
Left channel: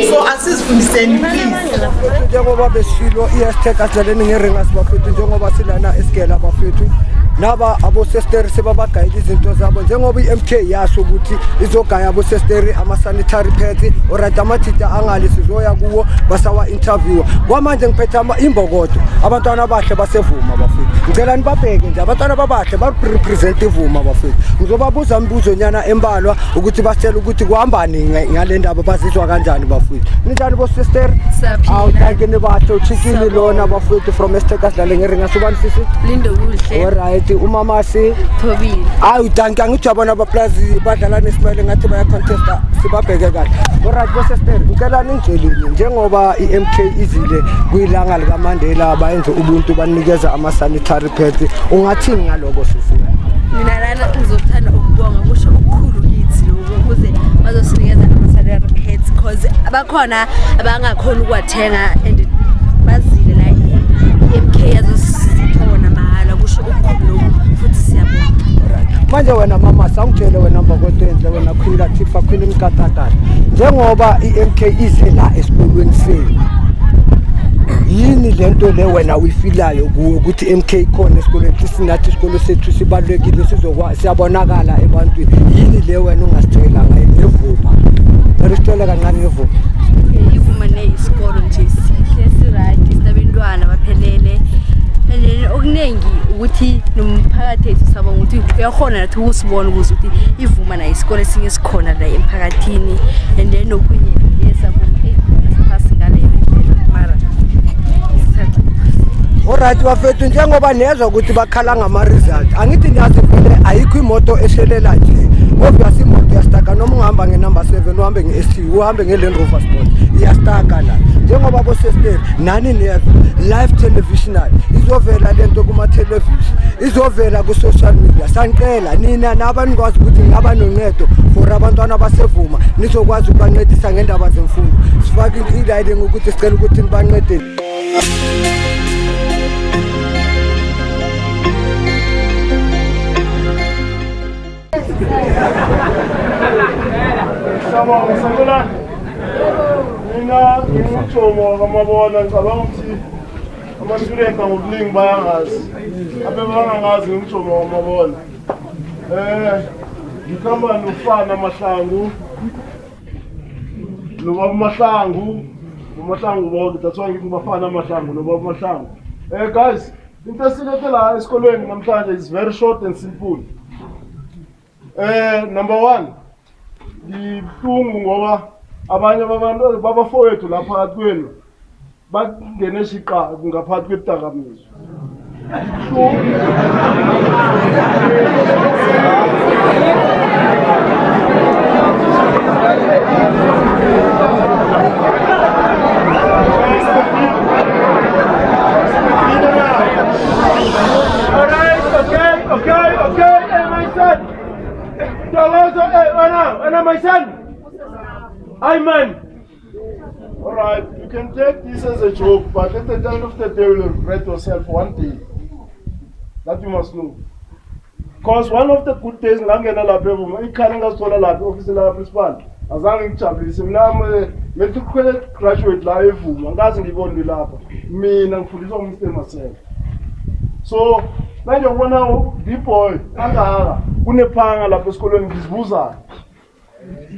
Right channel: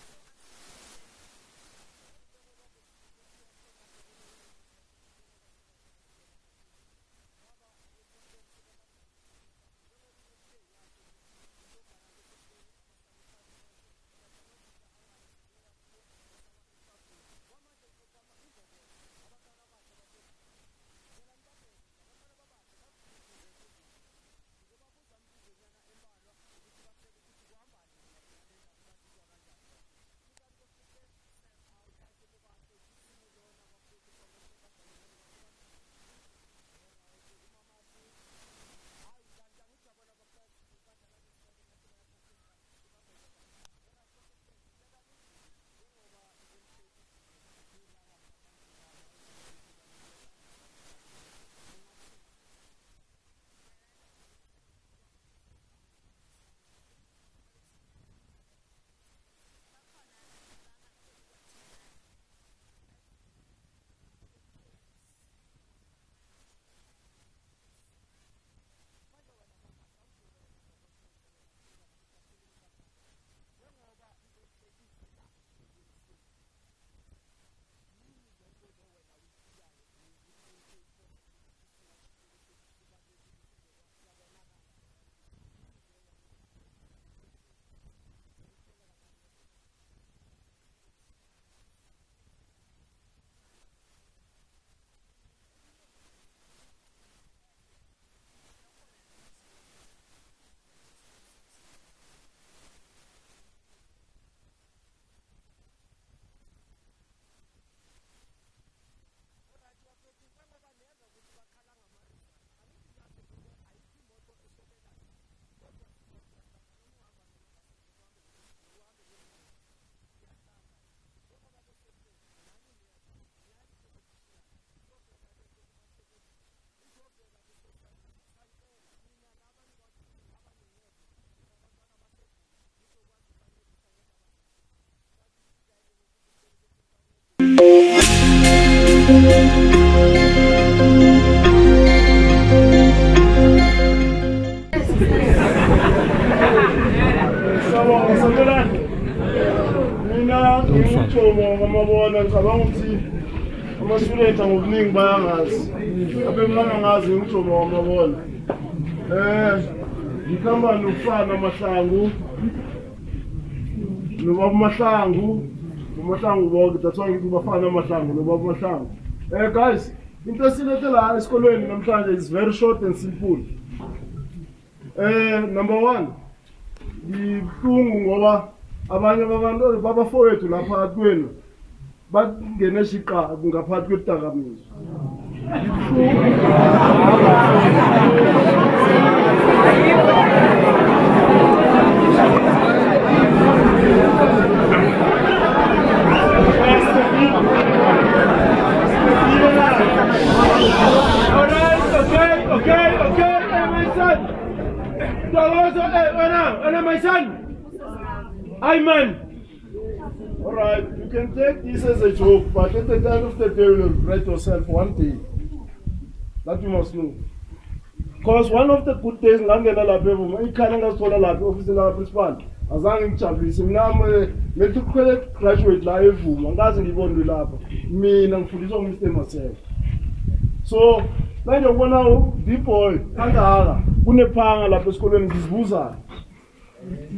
So asisifundiseni please njengoba besilo iyasitheka asidlaleni ngeringa sibafethu njengoba silana esigela abafethu naba abosesteri sebabagayile izinto zabo njengoba i-MK yasho ukuthi izogaya abosesteri ama-sanitary pads orayt amathita angali sizoya kuwo basawa interview kwamanje ngiphethe imbokodo abantwana abahle basevuma bafethu ngicela nibabheke nje abantwana babahle barepresent ivuma bafethu ngizobabuza imibuzo nyana embalwa ukuthi basitshela ukuthi kuhambani ngale ndaba bazizwa kanjani bafethu ninjani bosesteri awuthanke nibahle uchikile lona bafethu from esitheka sidlale ngeringa sobani sisi Lindo kuhle alright umama si Thobile ayi udanke angithi yabona abaplazi badlala nesimele ngathi baya contesta sibabheke kahle alright bosesteri ngicela ningitshelile njengoba i-MK izile kuyilanga lika Mandela bayenze ubuntu banikeza ama-sanitary pads ungathini ngaloko sisi mina lana ngizothanda ukubonga kusho okukhulu kithi lokho ukuze bazosinikeza ama-sanitary pads because abakhona abangakhona ukuwathenga and bazile la i-MK yazosithona mahala kusho okukhulu lokho futhi siyabonga manje wena mama sangitshele wena mbokotenhle wena Queen Latifah Queen Mkatatana njengoba i-MK ize la esikolweni senu yini lento le wena uyifilayo kuwe ukuthi MK ikhona esikolweni sinathi isikolo sethu sibalekile sizokwazi siyabonakala ebantwini yini le wena ungasitshela ngayo nevuma Aristela kancane nevuma ivuma neyisikolo nje sihle siright isabantwana baphelele and then okunengi ukuthi nomphakathi ethu sabona ukuthi uyakhona nathi ukusibona ukuthi ivuma nayo isikole sinye sikhona la emphakathini and then okunye yesabona asiphasi ngale mara alright bafethu njengoba nezwa ukuthi bakhala ngama result angithi niyazi vele ayikho imoto eshelela nje obviously imoto yastaka noma ungahamba ngenumber 7 uhambe nge-ST uhambe nge-Land Rover Sport iyastaka la njengoba bosesteri nani neva live televisional izovela lento kuma-television izovela ku-social media sanicela nina nabantu nikwazi ukuthi ngaba noncedo for abantwana abasevuma nizokwazi ukubancedisa ngendaba zemfundo sifake ilayile ngokuthi sicela ukuthi nibancedele. Mina ngithobo ngamabona ngicabanga ukuthi ama-students ngokuningi bayangazi abebangangazi ngithobo ngamabona ngikhamba nofana Mahlangu nobaba Mahlangu bonke that's why ngithi bafana Mahlangu nobaba Mahlangu. Guys, into esilethe la esikolweni namhlanje is very short and simple. Number 1 ngibhlungu ngoba abanye babantu babafowethu lapha phakathi kwenu bangene shiqa ngaphakathi kwedakamizwa. My son, Ayman. All right, you can take this as a joke, but at the end of the day, you will regret yourself one day. That you must know. Because one of the good days, Langena Labe, you can't go to the lab, officer of principal. As long as you have a graduate life, and that's the one we love. Me and for this one, Mr. myself. So, when you want to deploy, Unepanga la Pescolo in this buza.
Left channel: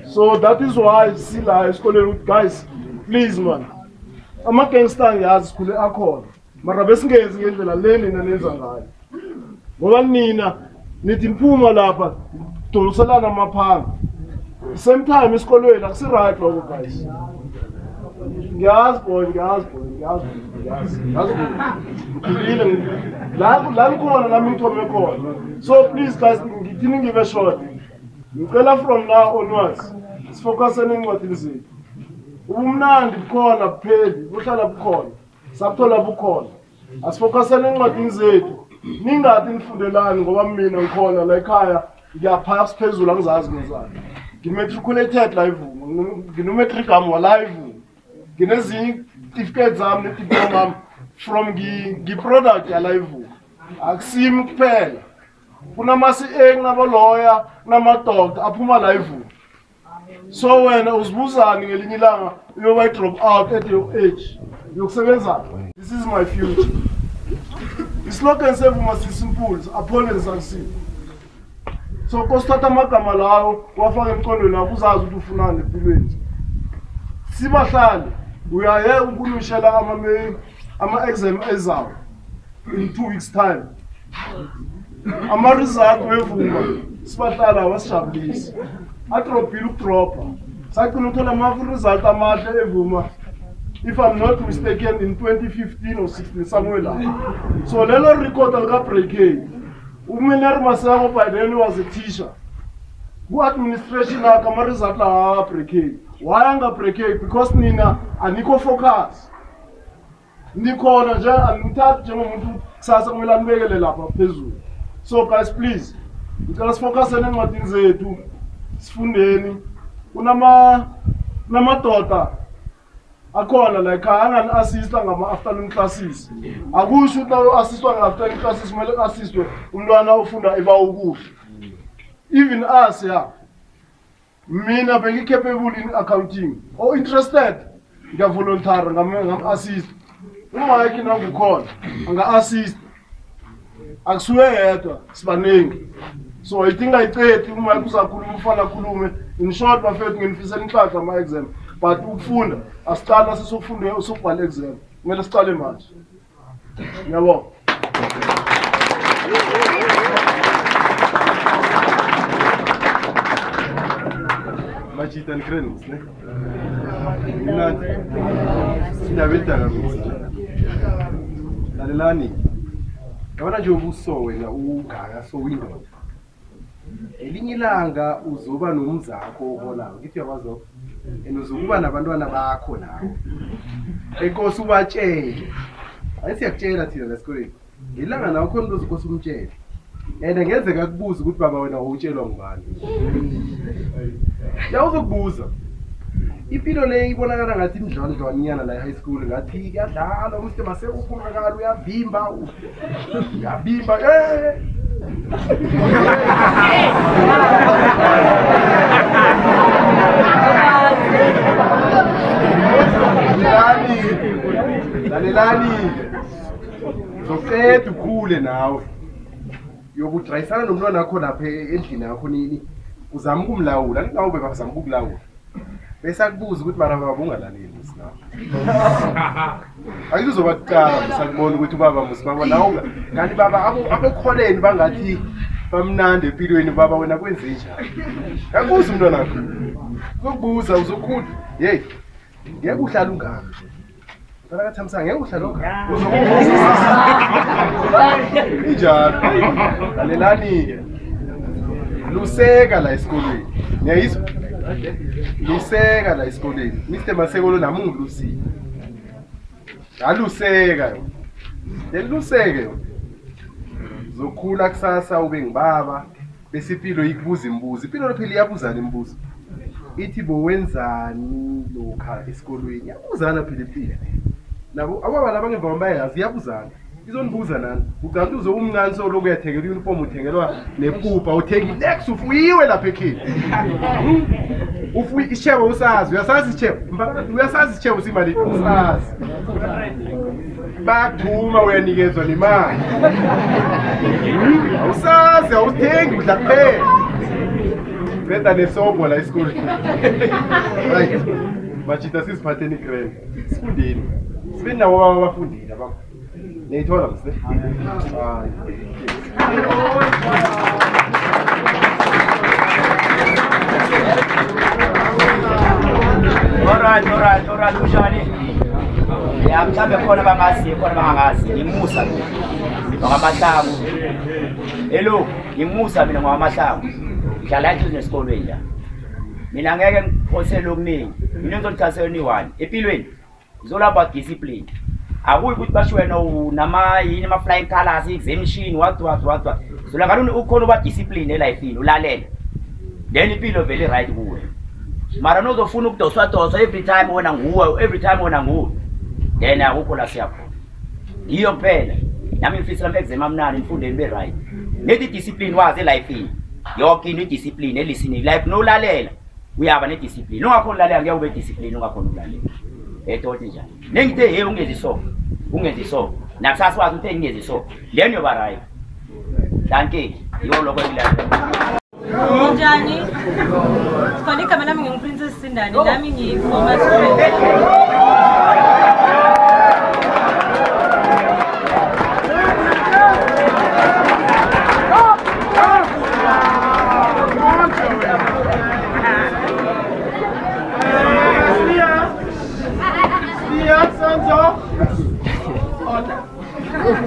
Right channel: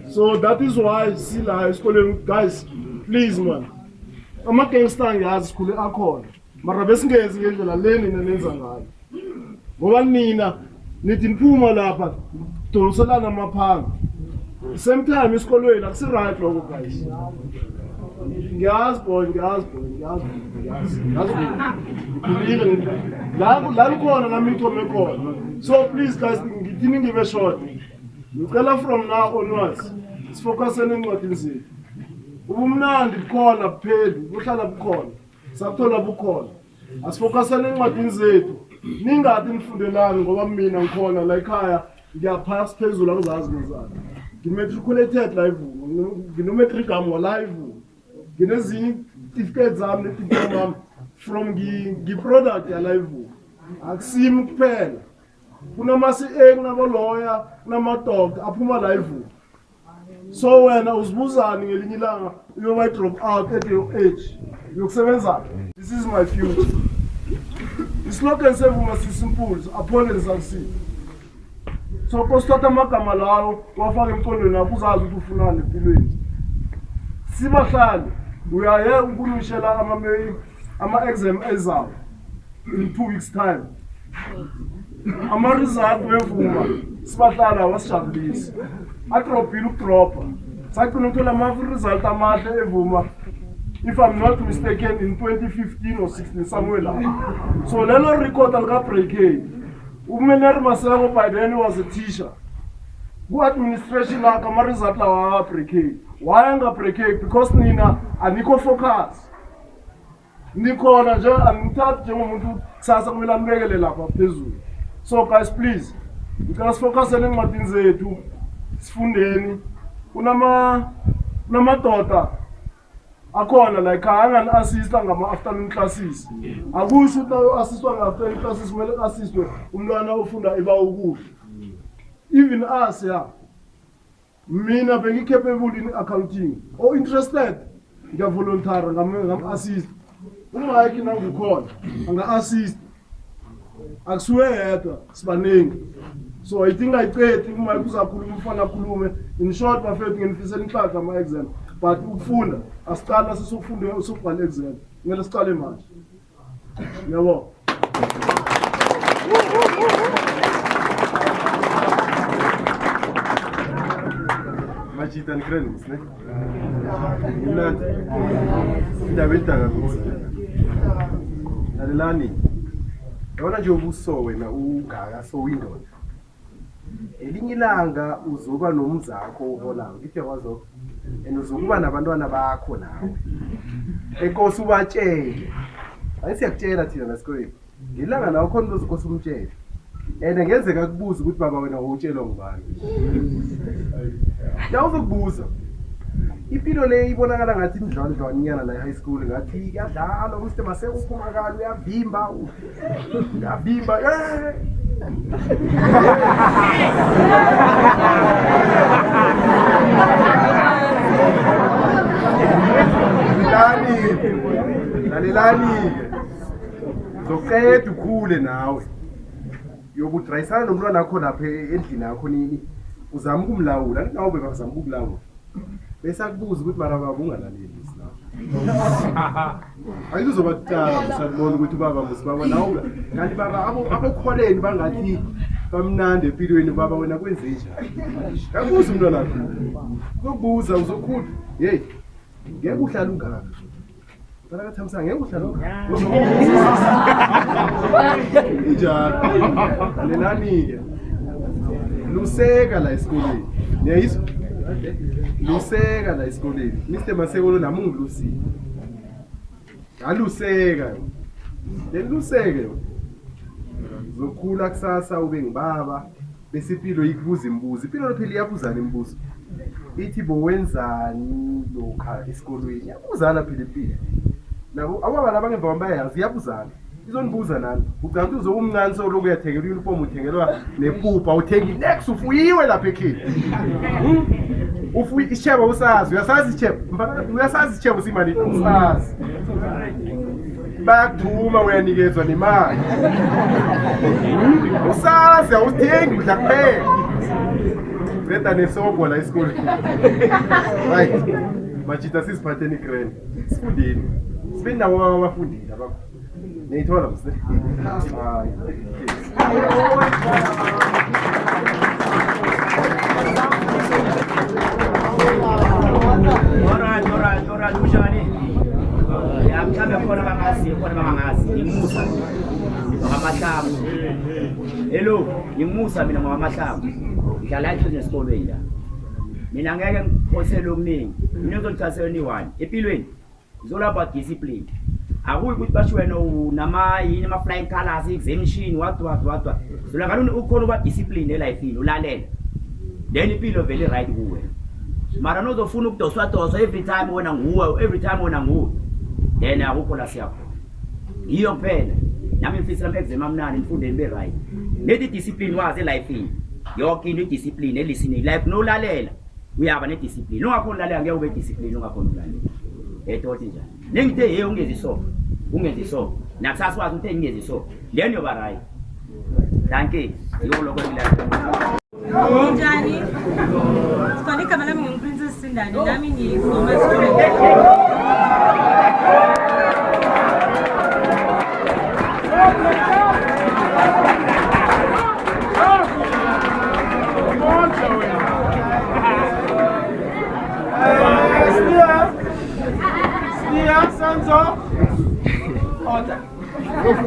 So that is why Sila is calling guys, please man. I'm not going to stand here as school accord. Marabesing is getting the lane in the Nezangai. One Nina, Nitin Puma Lapa, Tolsalana Mapang. Same time is calling like right, guys. Gas boy. So please guys, didn't give a shot. From now onwards, it's focusing on what is it. Umnandi bukhona pheli, buhlala bukhona. Sabuthola bukhona. Asifocusing on what is it. Ningathi nifundelani ngoba mina ngikhona la ekhaya ngiyaphaya siphezulu angizazi ngezani. Ngimatriculated live, nginometric am live. Nginezinye certificates zami nediploma from product ya live. Akusimi kuphela. Kunamasi kunama-lawyer, kunama-doctor aphuma live. So wena uzibuzani ngelinye ilanga uyoba drop out at your age. Yokusebenza. This is my future. Islogan sevuma simple, upon and succeed. So kosithatha amagama lawo wafaka emqondweni wakho uzazi ukuthi ufunani empilweni. Sibahlali uyaye ukunishela ama-exam ezayo in 2 weeks time. Ama-result wevuma sibahlala wasijabulisa adropile ukudropa sagcina ukuthola ama-result amahle evuma, if I'm not mistaken, in 2015 or 16 somewhere lapho. So lelo record alika-break uMeneri Maseko by then was a teacher. Ku-administration yakhe ama-result lawa break. Why anga-break? Because nina anikho focus. Nikhona nje anithathi njengomuntu kusasa kumele anibekele lapha phezulu. So guys, please, ngicela sifocuseni encwadini zethu, sifundeni. Kunamadoda akhona la ekhaya angani-assista ngama-afternoon classes. Akusho ukuthi nayo-assistwa ngama-afternoon classes kumele ku-assistwe umntwana ofunda eba ukudla. Even us, yeah. Mina bengi-capable in accounting or interested, ngiyavolonteer ngam-assist. Umayiki nangukhona anga-assist. Akusuke yedwa sibaningi. So I think ayiqedi umayiki uzakhuluma ufana akhulume. In short bafethu nginifisela inhlanhla ama-exam, but ukufunda asiqala sesokufunda usokubhala exam. Kumele siqale manje. Ngiyabonga. Machita and credits, ne? Not David. Lalelani. I want to so when I so window. elinye ilanga uzoba nomzakho oholayo ngithi yakwazo and uzokuba nabantwana bakho nawe enkosi ubatshele ayisiyakutshela thina lesikoleni ngilanga nawe khona uzokhosa umtshele and ngenzeka kubuza ukuthi baba wena utshelwa ngubani ya uzokubuza impilo le ibonakala ngathi imdlondlwanyana la high school ngathi kuyadlala umste maseko uphumakala uyavimba lalelani zoqeda ukhule nawe yobudrayisana nomntwana wakho lapha endlini yakho nini uzama ukumlawula nawe bebazama ukukulawula bese akubuza ukuthi mara baba ungalaleli sina akuzoba kuqala musakubona ukuthi ubaba musibaba nawe kanti baba abokholeni bangathi bamnandi empilweni baba wena kwenze njani akubuza umntwana wakho uzokubuza uzokhula hey ngeke uhlala ungaphi Para thamsa ngeke uhlala ungaphi injalo lalelani luseka la esikolweni niyayizwa luseka la esikoleni Mr Maseko lo nami ngilusile aluseka yo luseke yo zokhula kusasa ube ngibaba bese impilo ikubuza imibuzo impilo lo phela iyabuzana imibuzo ithi bo wenzani lokha esikolweni yabuzana phela impilo nabo ababa labangemva kwambayazi yabuzana izonibuza nani ucanti uzomncane so lokho uyathengela uniform uthengelwa nepupha uthengi next ufuyiwe lapha ekhini ufuyi icheba usazi uyasazi icheba uyasazi icheba usimali usazi bakuthuma uyanikezwa nemali awusazi awuthengi udla kuphela benda nesobho la esikoleni right machita sisiphatheni grand sifundeni sibe nawo abafundile abakho neyithola mse hayi alright ujani ya mhlambe khona bangazi khona bangangazi ngimusa ngokamahlangu hello ngimusa mina ngokamahlangu ngidlala into nesikolweni la mina ngeke ngiphosele okuningi mina ngizothathela ni1 empilweni ngizolapha discipline akuyi ukuthi basho wena unama yini ama flying colors exemption what zola ngalona ukhona uba discipline elifeini ulalela then impilo vele right kuwe mara nozofuna ukudoswa every time wena nguwe then akukho la siyapho iyo kuphela nami ngifisela ama-exam amnani ngifundeni be right nethi discipline wazi elifeini yonke into idiscipline elisini life nolalela uyaba nediscipline ungakhona ulalela ngeke ube discipline ungakhona ulalela etothi njani nengithe hey ungenzi so nakusasa wazi ukuthi ngingezi so then yoba right danke yiwo lokho engilala Njani? Sikhona igama lami nginguPrincess Sindani nami ngiyi-former student. Order. Thank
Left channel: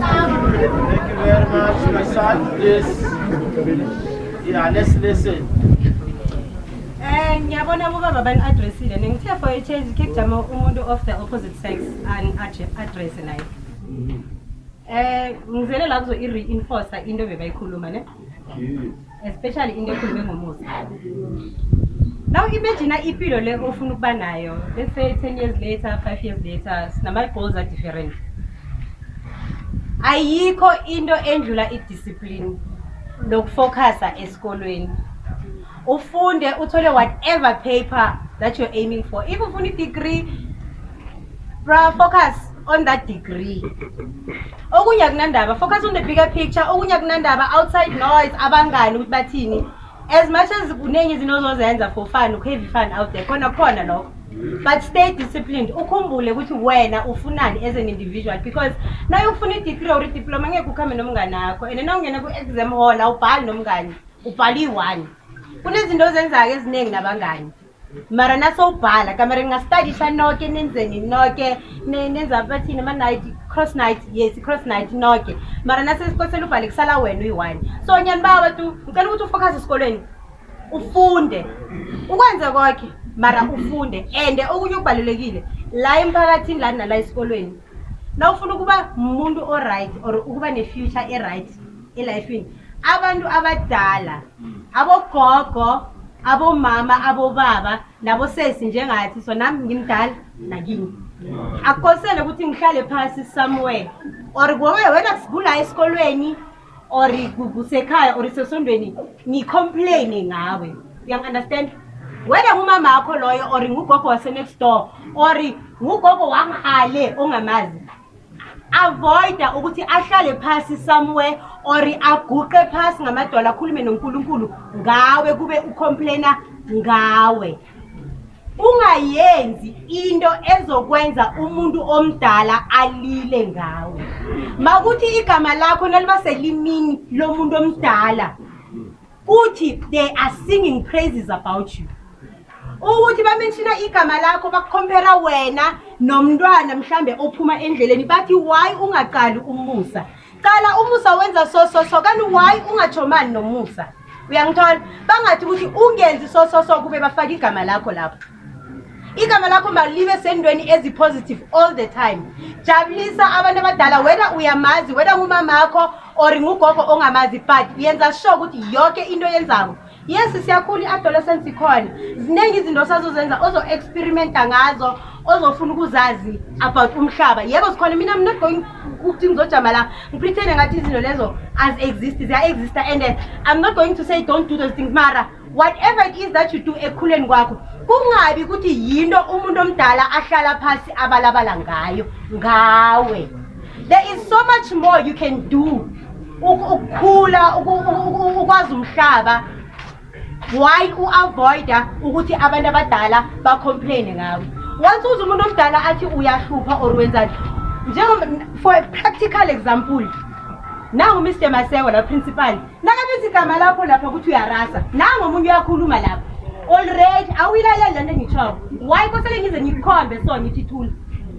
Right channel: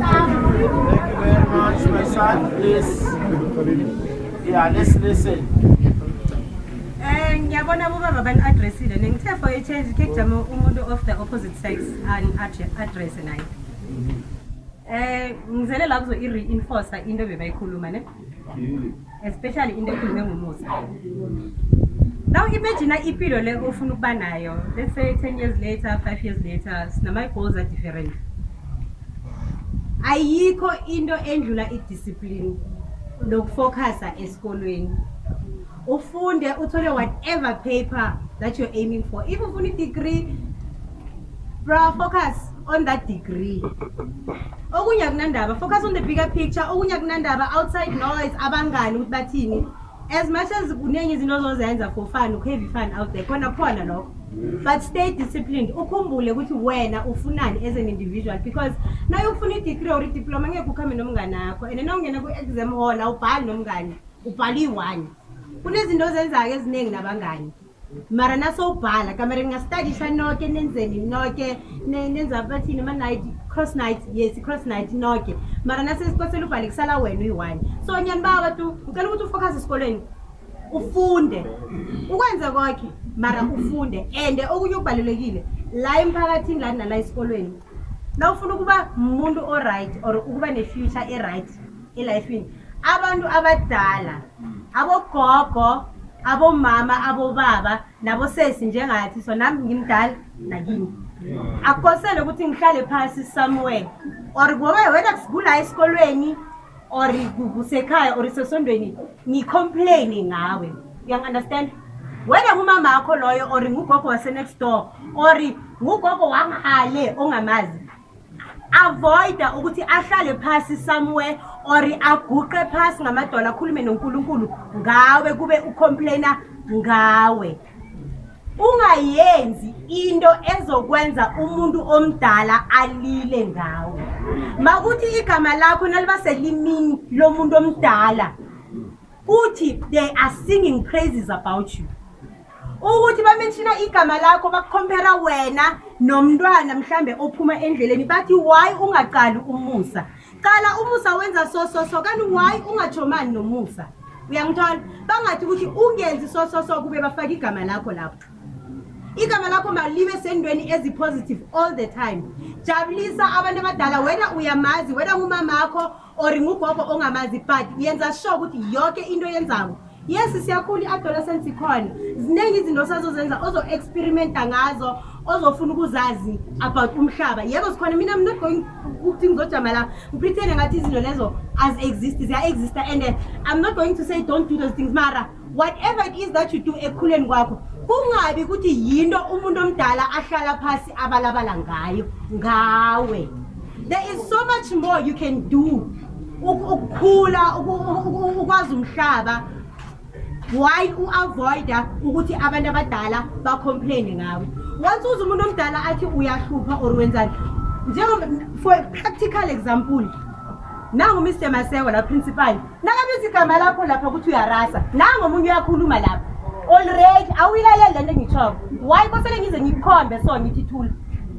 you very much, my son. Please. Yeah, let's listen. Ngiyabona ubaba bani addressile ngithe for a change ke kujama umuntu of the opposite sex an address naye. Ngizele la kuzo i-reinforce into bebayikhuluma ne. Especially into ekhulume ngomusa. Now imagine impilo le ofuna ukuba nayo. Let's say 10 years later, 5 years later, my goals are different. Ayikho into endlula i-discipline lokufocusa esikolweni. Ufunde uthole whatever paper that you're aiming for. If ufuna i-degree, focus on that degree. Okunye akunandaba, focus on the bigger picture. Okunye akunandaba outside noise abangani ukuthi bathini. As much as kunenye izinto ozozenza for fun, heavy fun out there, khona lokho. But stay disciplined. Ukhumbule ukuthi wena ufunani as an individual, because now ufuna i-degree or i-diploma ngeke ukhambe nomngane wakho and now ungena ku-exam hall awubhali nomngane, ubhala i-1. Kunezinto ozenza-ke eziningi nabangani. Mara nasowubhala kamera ngastudisha noke nenzeni noke nenza bathini ama-night cross night yes cross night noke mara nasesikosela ubhale kusala wena uyi1 so nyani baba tu ngicela ukuthi ufocus esikolweni ufunde ukwenze konke mara ufunde and okunye okubalulekile la emphakathini la nala esikolweni la ufuna ukuba umuntu o right or ukuba ne future e right elifini abantu abadala abogogo abomama abobaba nabo sesi njengathi so nami ngimdala nakini akukosele ukuthi ngihlale phansi somewhere or ngoba wena kusibula esikolweni or kusekhaya or sesondweni ni complain ngawe you understand whether ngumama wakho loyo or ngugogo wase next door or ngugogo wangale ongamazi avoid ukuthi ahlale phansi somewhere or aguqe phansi ngamadola akhulume noNkulunkulu ngawe kube ucomplaina ngawe ungayenzi into ezokwenza umuntu omdala alile ngawe makuthi igama lakho naliba selimini lomuntu omdala uthi they are singing praises about you ukuthi bamenshina igama lakho bakucompare wena nomntwana mhlambe ophuma endleleni bathi why ungaqali umusa qala umusa wenza so kanti why ungachomani nomusa uyangithola bangathi ukuthi ungenzi so kube bafaka igama lakho lapho igama lakho malibe sendweni ezi positive all the time jabulisa abantu abadala wena uyamazi wena ngumama wakho or ngugogo ongamazi but yenza sure ukuthi yonke into yenzako yes siyakhula iadolescence ikhona zinengi izinto sazozenza ozo experimenta ngazo ozofuna ukuzazi about umhlaba yebo sikhona mina I'm not going ukuthi ngizojama la ngipretend ngathi izinto lezo as exist they exist and I'm not going to say don't do those things mara whatever it is that you do ekhuleni kwakho kungabi ukuthi yinto umuntu omdala ahlala phansi abalabala ngawe there is so much more you can do ukukhula ukwazi umhlaba why uavoida ukuthi abantu abadala bacomplain ngawe once uze umuntu omdala athi uyahlupha or wenzani njengoba for a practical example nangu Mr Masewa la principal nakabizi igama lapho lapha ukuthi uyarasa nangu omunye uyakhuluma lapha already awilalela lento ngitshoko why kosele ngize ngikhombe so ngithi thula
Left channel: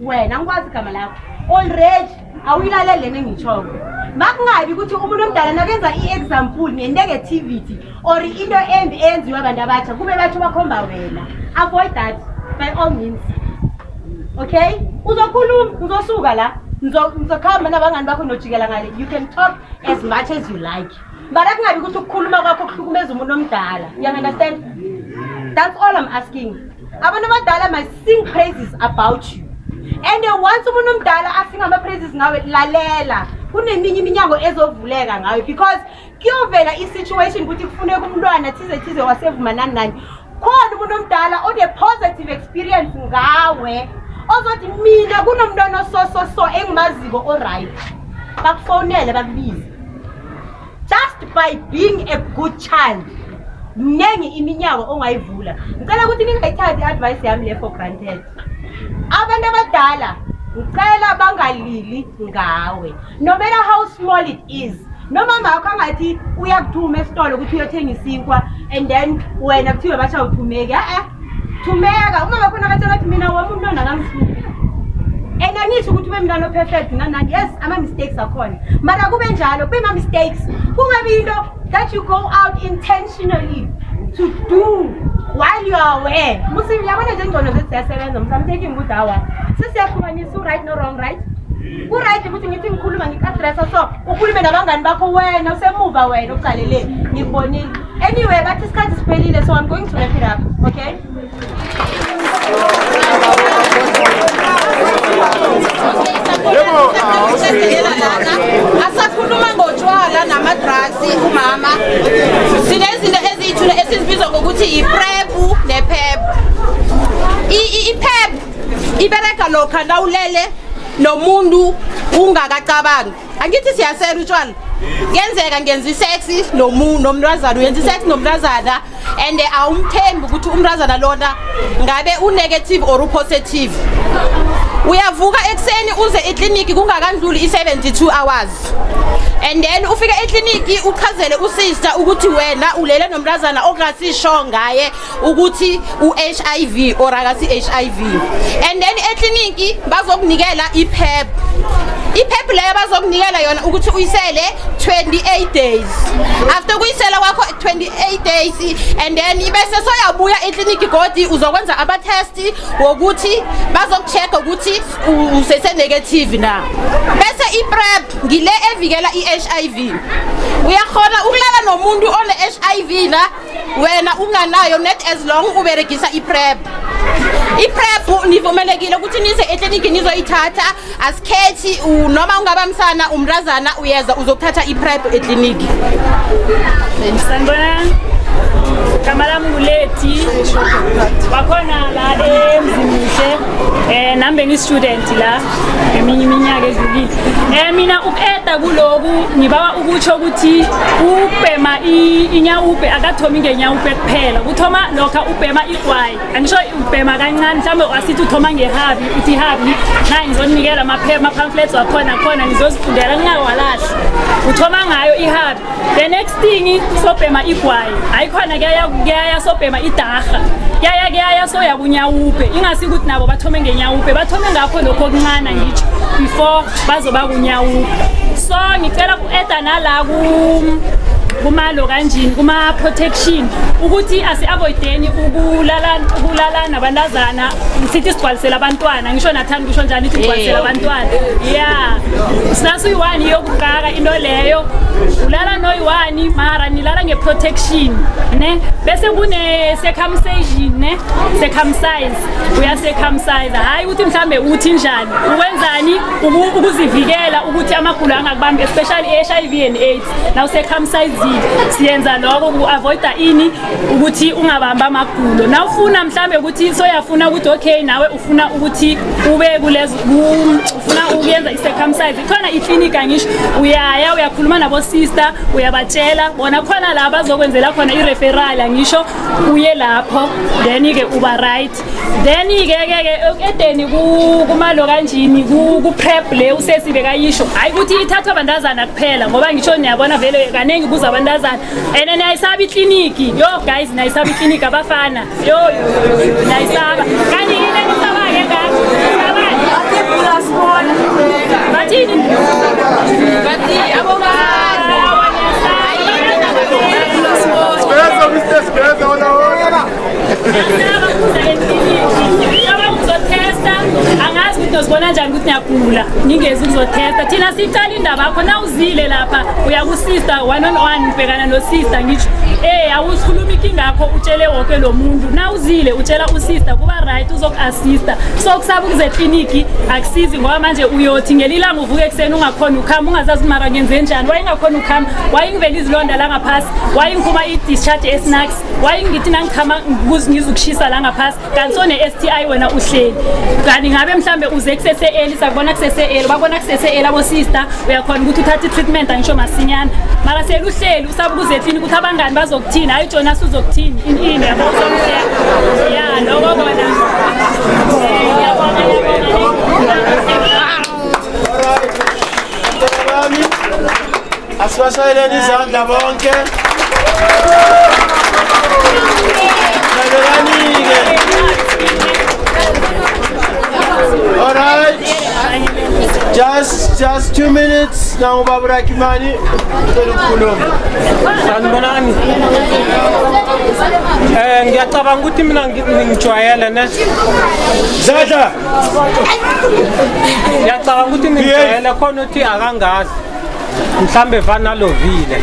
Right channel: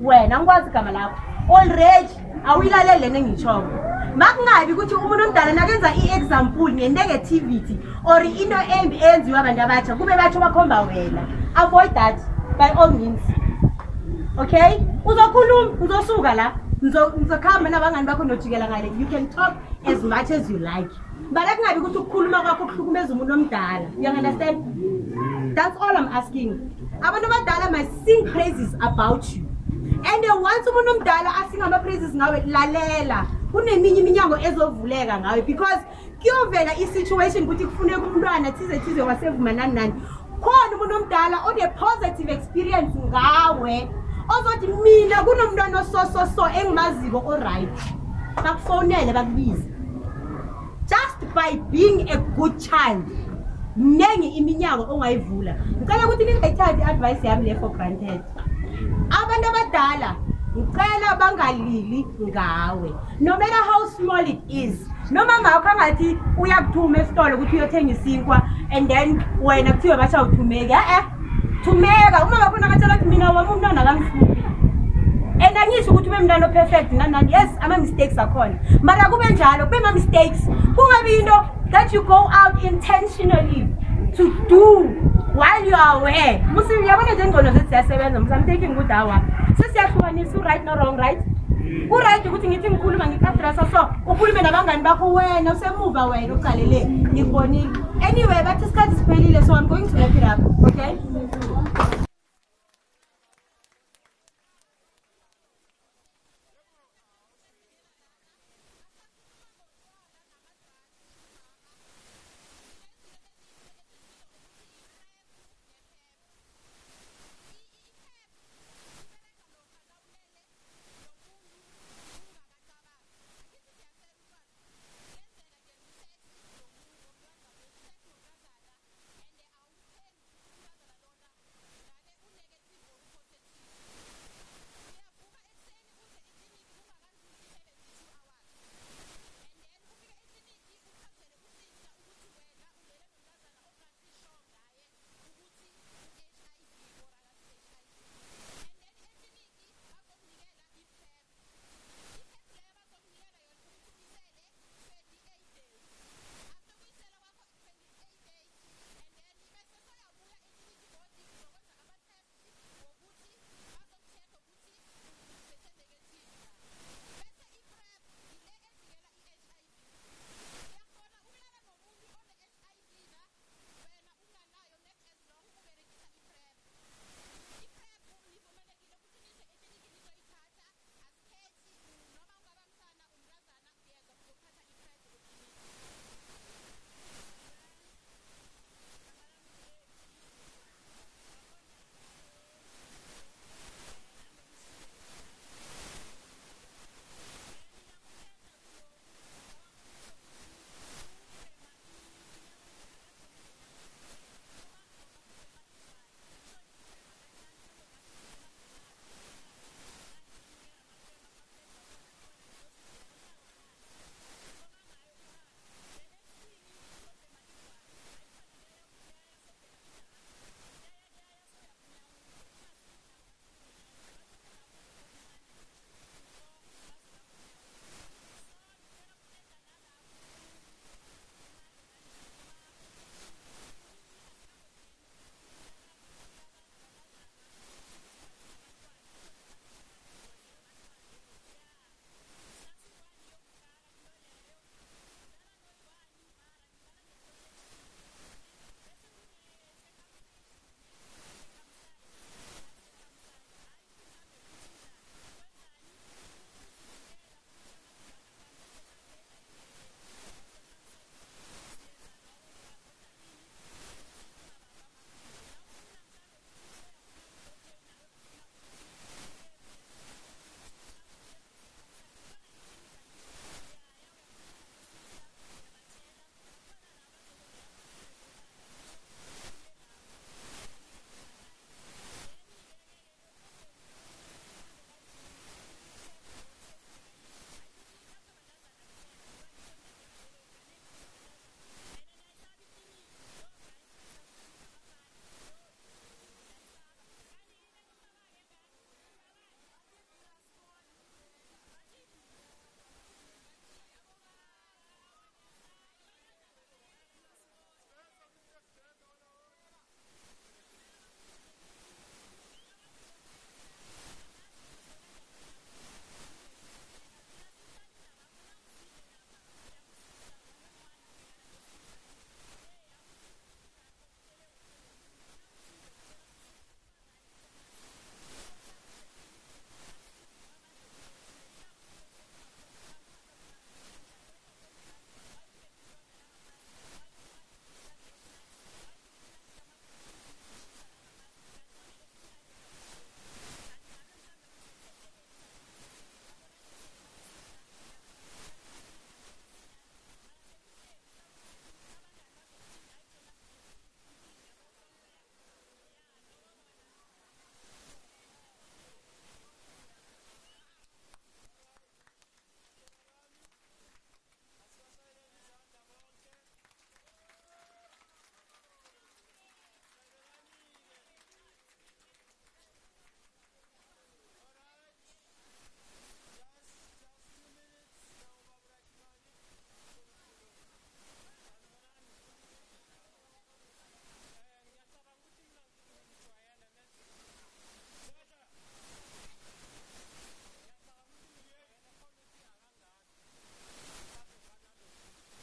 wena ngikwazi igama lakho already awilalela lento ngitshoko makungabi ukuthi umuntu omdala nakenza iexample ngenegativity or into embi enziwa abantu abatsha kube batho bakhomba wena avoid that by all means okay uzokhuluma uzosuka la ngizokhamba nabangani bakho nojikela ngale you can talk as much as you like but akungabi ukuthi ukukhuluma kwakho kuhlukumeza umuntu omdala you understand that's all I'm asking abantu abadala must sing praises about you and once umuntu omdala asinga ama praises ngawe lalela kuneminye iminyango ezovuleka ngawe because kuyovela isituation ukuthi kufuneka umntwana thize wasevuma nani khona umuntu omdala one positive experience ngawe ozothi mina kunomntwana so engimaziko alright bakufonele bakubize just by being a good child nengi iminyango ongayivula ngicela ukuthi ningayithathi advice yami le for granted abantu abadala ngicela bangalili ngawe no matter how small it is noma makho angathi uyakuthuma esitolo ukuthi uyothenga isinkwa and then wena kuthiwe bacha uthumeke thumeka uma bakho nakatshela ukuthi mina wami umntwana akangihluphi and angisho ukuthi ube mntwana perfect nani yes ama mistakes akhona mara kube njalo kube ma mistakes kungabi into that you go out intentionally to do while you are aware musi yabona nje ngcono zethi siyasebenza I'm taking good hour sisiyahlukanisa right no wrong right right ukuthi ngithi ngikhuluma ngikaddressa so ukhulume nabangani bakho wena usemuva wena uqalele ngikubonile anyway bathi isikhathi siphelile so I'm going to wrap it up okay asakhuluma ngotshwala nama-drugs umama sinezinto eziyithula esizibiza ngokuthi i-prep ne-pep i-pep ibereka lokha nawulele nomuntu ungakacabangi angithi siyasela utshwala kuyenzeka ngenza isex nomntazana uyenza isex nomntazana and awumthembi ukuthi umntazana lona ngabe unegative or upositive uyavuka ekseni uze ekliniki kungakandluli i72 hours and then ufika ekliniki uchazele usister ukuthi wena ulele nomntazana ongasisho ngaye ukuthi uHIV or akasi HIV and then ekliniki bazokunikela iPrep iphepha leyo bazokunikela yona ukuthi uyisele 28 days after kuyisela kwakho 28 days and then bese soyabuya ekliniki godi uzokwenza aba test wokuthi bazokuchecka ukuthi usese negative na bese iPrEP ngile evikela iHIV uyakhona ukulala nomuntu one HIV na wena unganayo net as long uberegisa iPrEP iPrEP nivumelekile ukuthi nise ekliniki nizoyithatha asikhethi noma ungabamsana umrazana uyeza uzokuthatha iPrEP ekliniki sanibonani Kamala Muleti bakhona la emzimuhle nambe ngi student la eminye iminyaka edlulile mina ukeda kuloku ngibawa ukutsho ukuthi ubhema inyawupe akathomi ngenyawupe kuphela kuthoma lokha ubhema igwayi angisho ubhema kancane mhlambe wasithi uthoma ngehabi uthi habi na ngizonikela ama pamphlets wakhona khona ngizozifundela ngingawalahle uthoma ngayo ihabi the next thing sobhema igwayi ayikhona kuyaya sobhema idaga kuyaya soya kunyawupe ingasi ukuthi nabo bathome ngenyawupe bathome ngakho lokho okuncane ngitsho before bazoba kunyawupe so ngicela ku-eda nala kumalo kanjini kuma protection ukuthi asi-avoideni ukulala nabantazana sithi sigcwalisela abantwana ngisho nathanda kusho njani ithi sigcwalisela abantwana ya sinasuyi-1 yokuqaka into leyo ulala noyi-1 mara nilala nge-protection ne bese kune-circumcision ne circumcise uya-circumcise hhayi ukuthi mhlambe uthi njani ukwenzani ukuzivikela ukuthi amagulo angakubambi especially i-HIV and AIDS nawu-circumcise siyenza lokho ku-avoida ini ukuthi ungabamba amagulo na ufuna mhlambe ukuthi soyafuna ukuthi okay nawe ufuna ukuthi ube kulezo ufuna ukuyenza i-circumcise ikhona iklinika ngisho uyakhuluma nabo sister uyabatshela bona khona la bazokwenzela khona i-referral ngisho uye lapho then-ke uba right then-ke edeni kumalo kanjini ku-PrEP le usesibe kayisho hhayi ukuthi ithathwa abantazana kuphela ngoba ngisho niyabona vele kaningi kuza abantazana and niyayisaba ikliniki yo guys niyayisaba ikliniki abafana yo niyayisaba kanti yini enisaba-ke bathini angazi ukuthi uzibona njani ukuthi niyagula ngingezi ukuzotesta thina sicala indaba yakho na uzile lapha uya ku-sister 1-on-1 ubhekana no-sister ngitsho awusikhuluma inkinga yakho utshele wonke lo muntu na uzile utshela usister kuba right uzoku-assista so kusaba ukuze ekliniki akusizi ngoba manje uyothi ngelilanga uvuke ekuseni ungakhona ukhamba ungazazi mara ngenze njani wayingakhona ukhamba wayingivela izilonda la ngaphasi wayingiphuma i-discharge esnacks wayingithi nangikhama ngizukushisa la ngaphasi kanti sone-STI wena uhleli kanti ngabe mhlambe uze kusese-eli sakubona kusese-eli babona kusese-eli abo-sister uyakhona ukuthi uthathe i-treatment angisho masinyana mara sele uhleli usaba ukuze ekliniki ukuthi abangani bazokuthini hayi jona suzokuthini ini yabo uzomhlela ya loko kona asibashayeleni izandla bonke all right just 2 minutes na ubaba Rakimani ukukhuluma sanibonani ngiyacabanga ukuthi mina ngijwayele ne zadla ngiyacabanga ukuthi ngijwayele khona uthi akangazi mhlambe vanalovile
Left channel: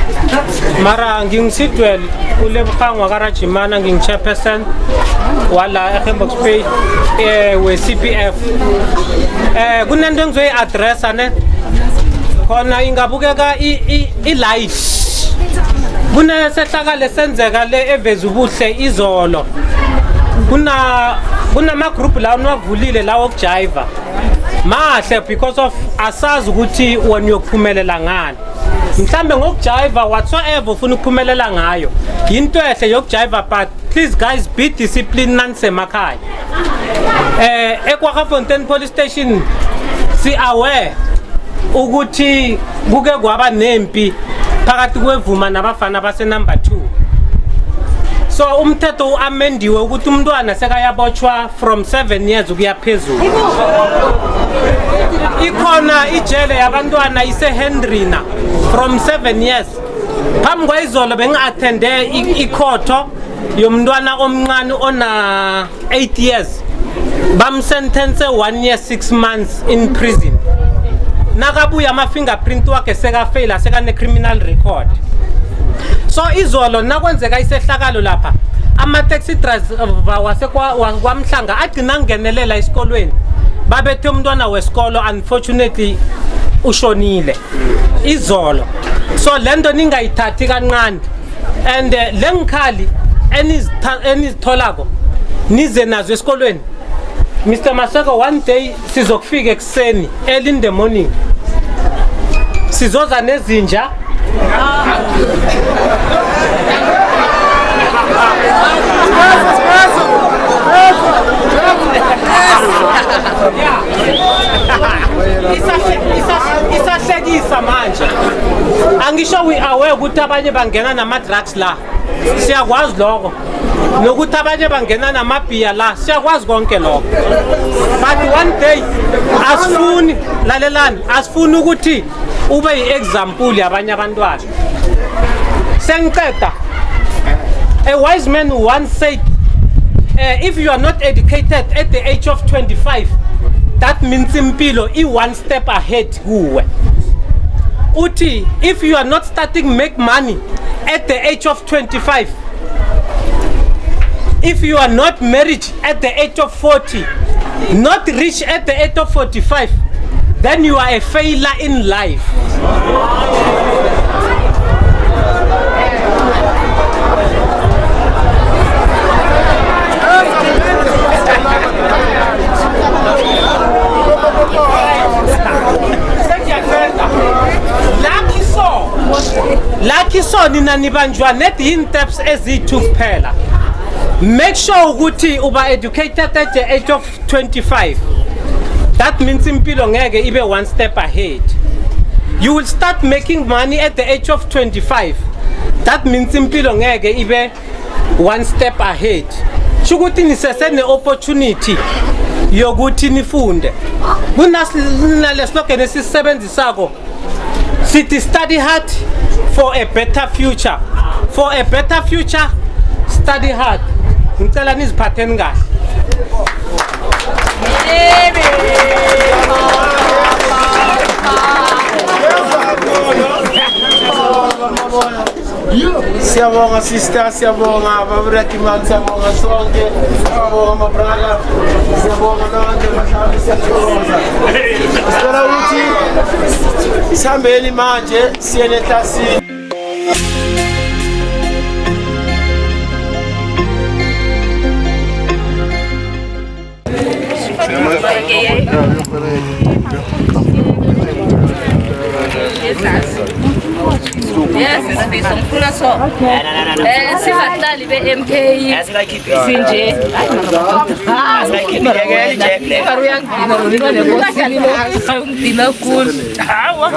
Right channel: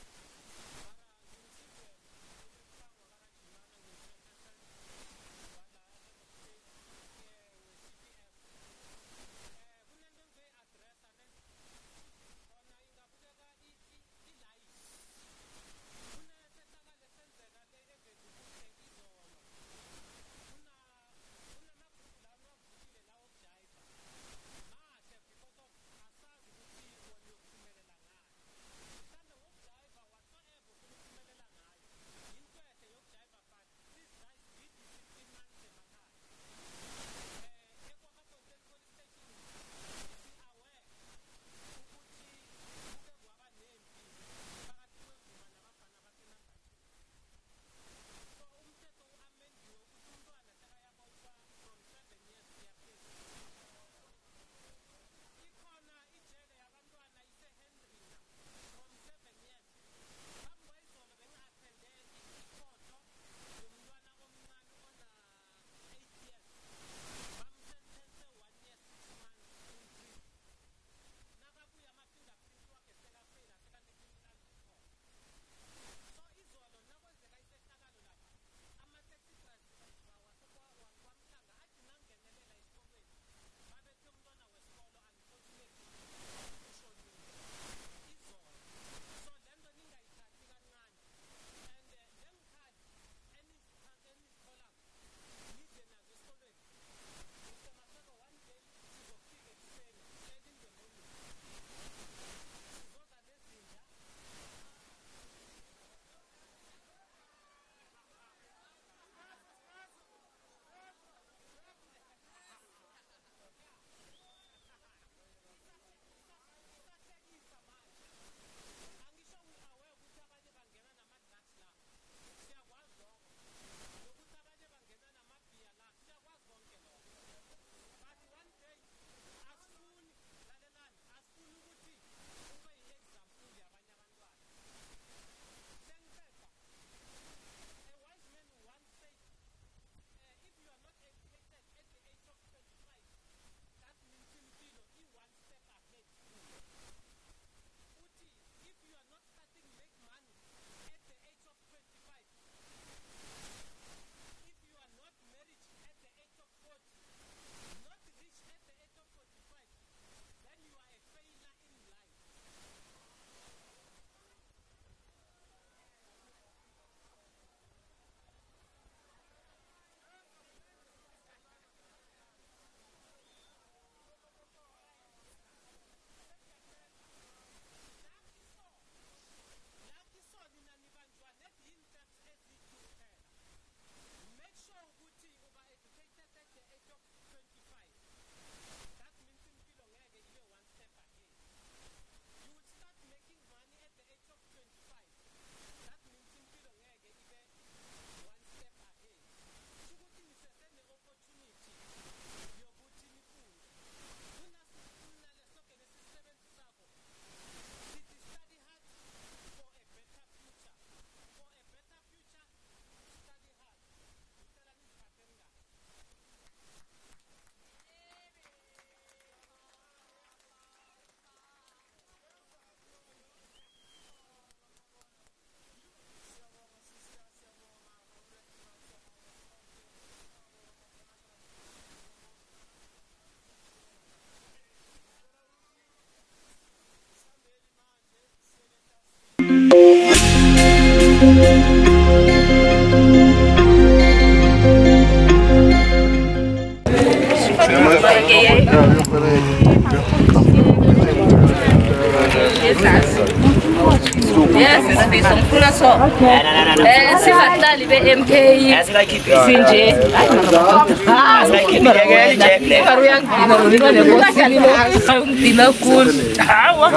mara ngingisidwele uLebogangwa kaRajimana ngingi-chairperson wala eHembox Bay we-CPF kunento engizoyi-addressa ne khona ingabukeka i-light kunesehlakalo esenzeka le eveza ubuhle izolo kunama-group la niwavulile la wokujayiva mahle because of asazi ukuthi wena uyokuphumelela ngani mhlambe ngokujayiva whatsoever ufuna ukuphumelela ngayo yinto ehle yokujayiva but please guys be disciplined nanisemakhaya eKwaGafontein police station si-aware ukuthi kuke kwaba nempi phakathi kwevuma nabafana base number 2 So umthetho uamendiwe ukuthi umntwana sekayabotshwa from 7 years ukuya phezulu. Ikhona ijele yabantwana iseHendrina from 7 years. Phambi kwayizolo bengi-attende ikhotho yomntwana omncane ona 8 years. Bamsentence 1 year 6 months in prison. Nakabuya ama-fingerprint wakhe sekafeyila sekane-criminal record. So izolo nakwenzeka isehlakalo lapha ama-taxi driver wasekwamhlanga agcina ngenelela esikolweni babethe umntwana wesikolo unfortunately ushonile izolo. So lento ningayithathi kancane and lengikhali enizitholako nize nazo esikolweni. Mr. Maseko, one day sizokufika ekseni early in the morning sizoza nezinja isahlekisa manje. Angisho we aware ukuthi abanye bangena nama-drugs la, siyakwazi lokho, nokuthi abanye bangena namabhiya la, siyakwazi konke lokho. But one day asifuni lalelani, asifuni ukuthi ube yi-example yabanye abantwana. Sengiceda, a wise man once said, if you are not educated at the age of 25, that means impilo one step ahead kuwe. Uti, if you are not starting make money at the age of 25, if you are not married at the age of 40, not rich at the age of 45, then you are a failure in life. Lucky so nina nibanjwa net in steps ezithi kuphela. Make sure ukuthi uba educated at the age of 25. That means impilo ngeke ibe one step ahead. You will start making money at the age of 25. That means impilo ngeke ibe one step ahead. Shukuthi nisesene opportunity yokuthi nifunde. Kunale slogan esisebenzisako sithi study hard for a better future. For a better future, study hard. Ngicela niziphatheni kahle. Siyabonga sister, siyabonga baburakimani, siyabonga sonke, siyabonga mabrala, siyabonga nonke bahlali, siyabonga. Sicela ukuthi sihambeni manje siye neklasini. Yes, ngifuna so. Sibahlali be-MK sinje. Uyangidina lo nekosini lo. Ngidina khulu. Hawa.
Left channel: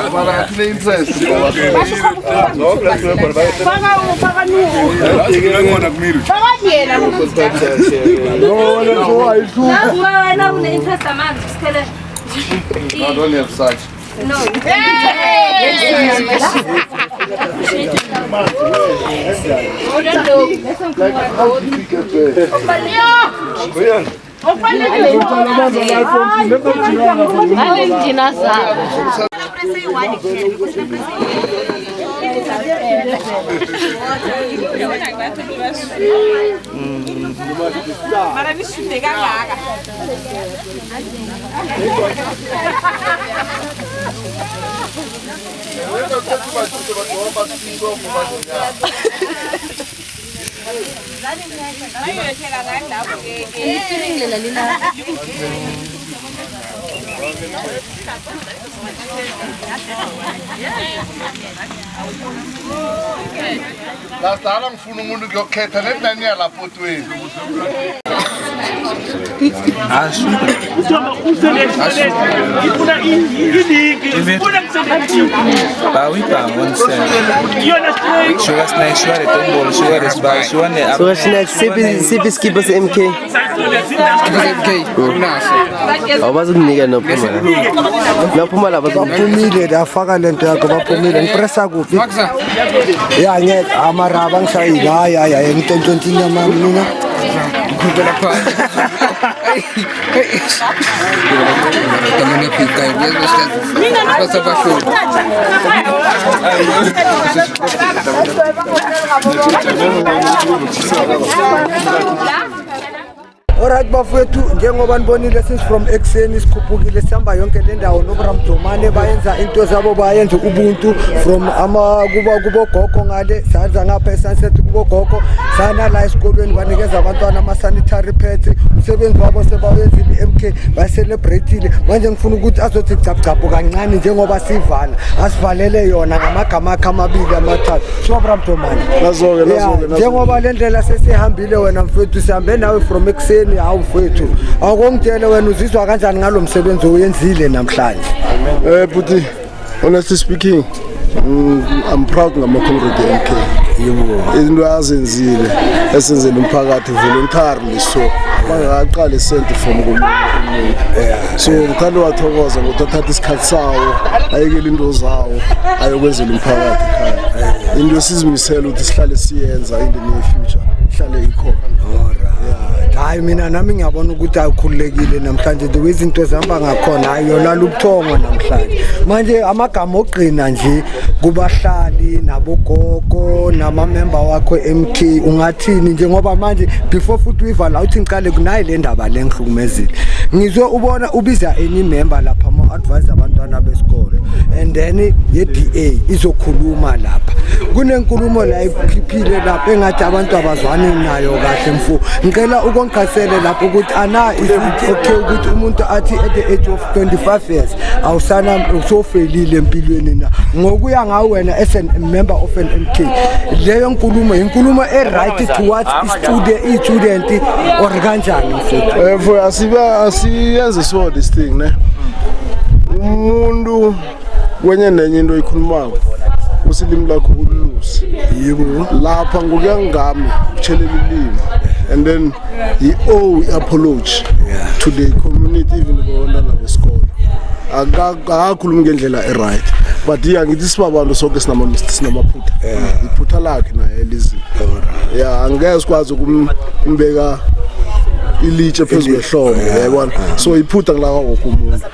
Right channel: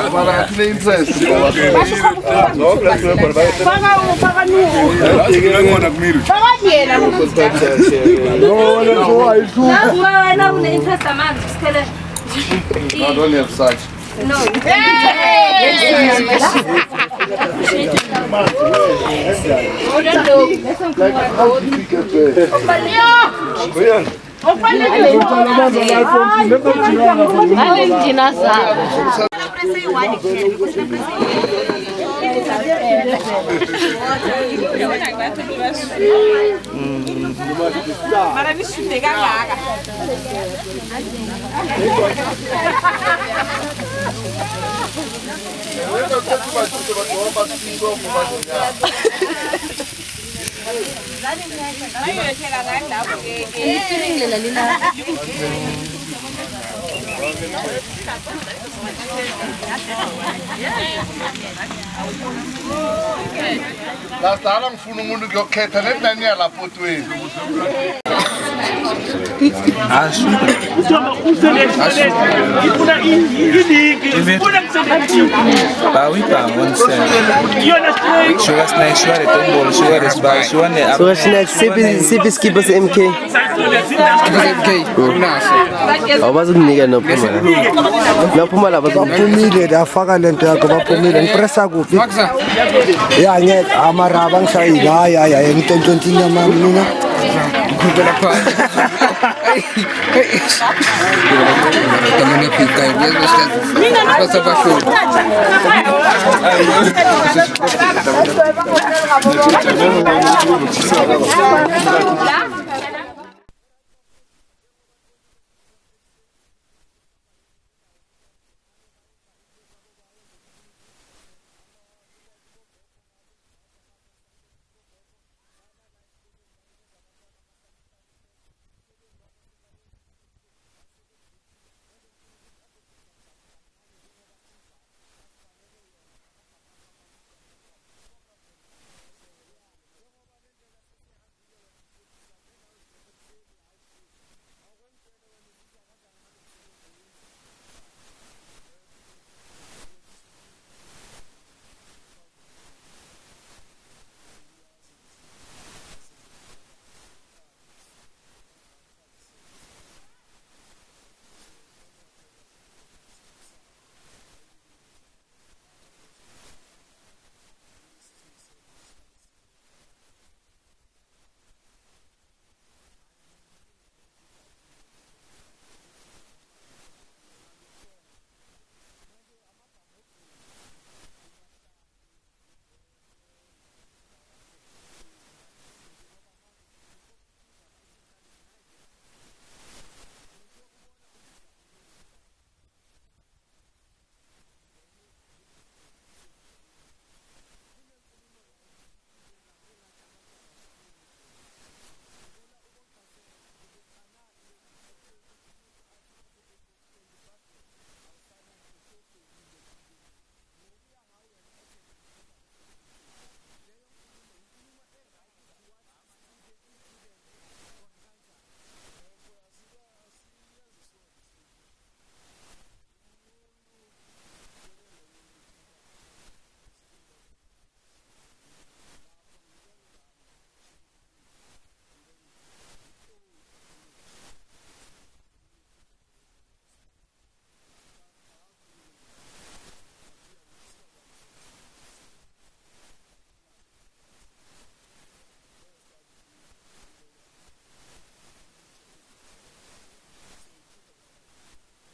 I don't have such. No. Mara nishude kangaka. Lasala ngifuna umuntu kuyokhetha nenani yalapho twini. Siphi skipper MK? Abazukunika nophumela. Nophumela baphumile dafaka lento yakho baphumile ngipressa kuphi? Ya ngeke amaraba ngishayile hayi ngitontshontshinya mina. Ngikhumbula pha. Kamene phika yezwe basabashona. Alright bafowethu njengoba nibonile since from ekseni sikhuphukile sihamba yonke le ndawo noBramdomane bayenza into zabo bayenza ubuntu from kubo gogo ngale sanza ngapha eSunset kubo gogo sana la esikolweni banikeza abantwana ama sanitary pads umsebenzi wabo sebawenzile iMK bayicelebrateile manje ngifuna ukuthi azothi gcabgcabo kancane njengoba sivala asivalele yona ngamagama akhe amabili amathathu so Bramdomane nazoke njengoba le ndlela sesihambile wena mfowethu sihambe nawe from ekseni hawu mfowethu akongitshele wena uzizwa kanjani ngalomsebenzi oyenzile namhlanje buti honestly speaking I'm proud ngama-comrade MK into azenzile esenzele umphakathi voluntarily so bangaqala isenti from komuntu so ngithanda wathokoza ngokuthi athatha isikhathi sawo ayekele into zawo ayokwenzela umphakathi ekhaya into esizimisela ukuthi sihlale siyenza in the near future ihlale ikhona. Hayi mina nami ngiyabona ukuthi akukhulekile namhlanje the way izinto zihamba ngakhona ayolala ubuthongo namhlanje manje amagama ogqina nje kubahlali nabogogo nama-member wakho MK ungathini njengoba manje before futhi uyivala uthi ngiqale kunayi le ndaba le ngihlukumezile ngizwe ubona ubiza any member lapha ama-advise abantwana besikolo and then ye-DA izokhuluma lapha kunenkulumo la ikhiphile lapha engathi abantu abazwani nayo kahle mfu ngicela ukongqasele lapho ukuthi ana is okay ukuthi umuntu athi at the age of 25 years awusana usofelile empilweni na ngokuya ngawe wena as a member of an MK leyo nkulumo inkulumo right towards student or kanjani mfowethu asiyenze so this thing ne umuntu wenye nenye into ikhulumako usilimi lakho ululusi yebo lapha ngokuyangami utshelela ilimi and then he owe apology to the community even abantwana besikolo akakhuluma ngendlela right but ngithi sibabantu sonke sinamaphutha iphutha lakhe naye elizini angeke sikwazi ukumbeka ilitshe phezulu ehlombe yabona so iphutha ngilaka wonke umuntu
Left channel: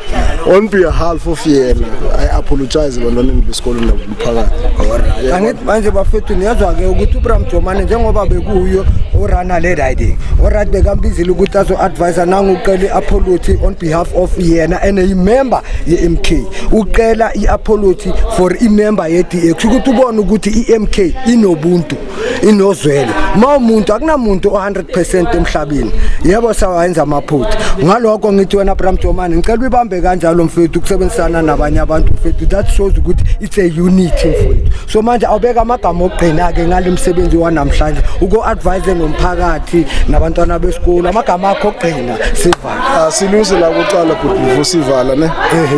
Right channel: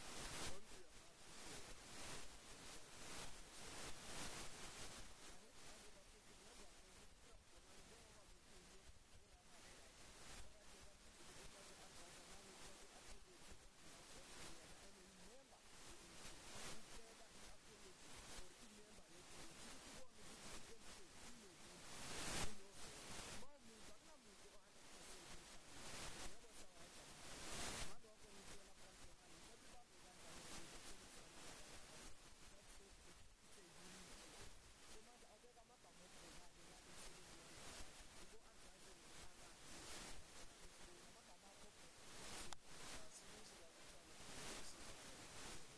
on behalf of yena I apologize ebantwaneni besikolo nomphakathi. Angithi manje bafethu niyazwa ke ukuthi uBramdomane njengoba bekuyo orana le riding oright bekambizile ukuthi azo-advise nangucela i-apology on behalf of yena and i-member ye-MK ucela i-apology for i-member ye-DA kusho ukuthi ubone ukuthi i-MK inobuntu inozwelo ma umuntu akunamuntu o-100% emhlabeni yebo sawayenza amaphutha ngalokho ngithi wena Bramdomane ngicela ubambe kanjalo mfethu ukusebenzisana nabanye abantu mfethu that shows ukuthi it's a unity mfethu so manje awubeka amagama ogqina ke ngale msebenzi wanamhlanje uko-advise nomphakathi nabantwana besikolo amagama akho ogqina sivala silungise la kuqala before sivala ne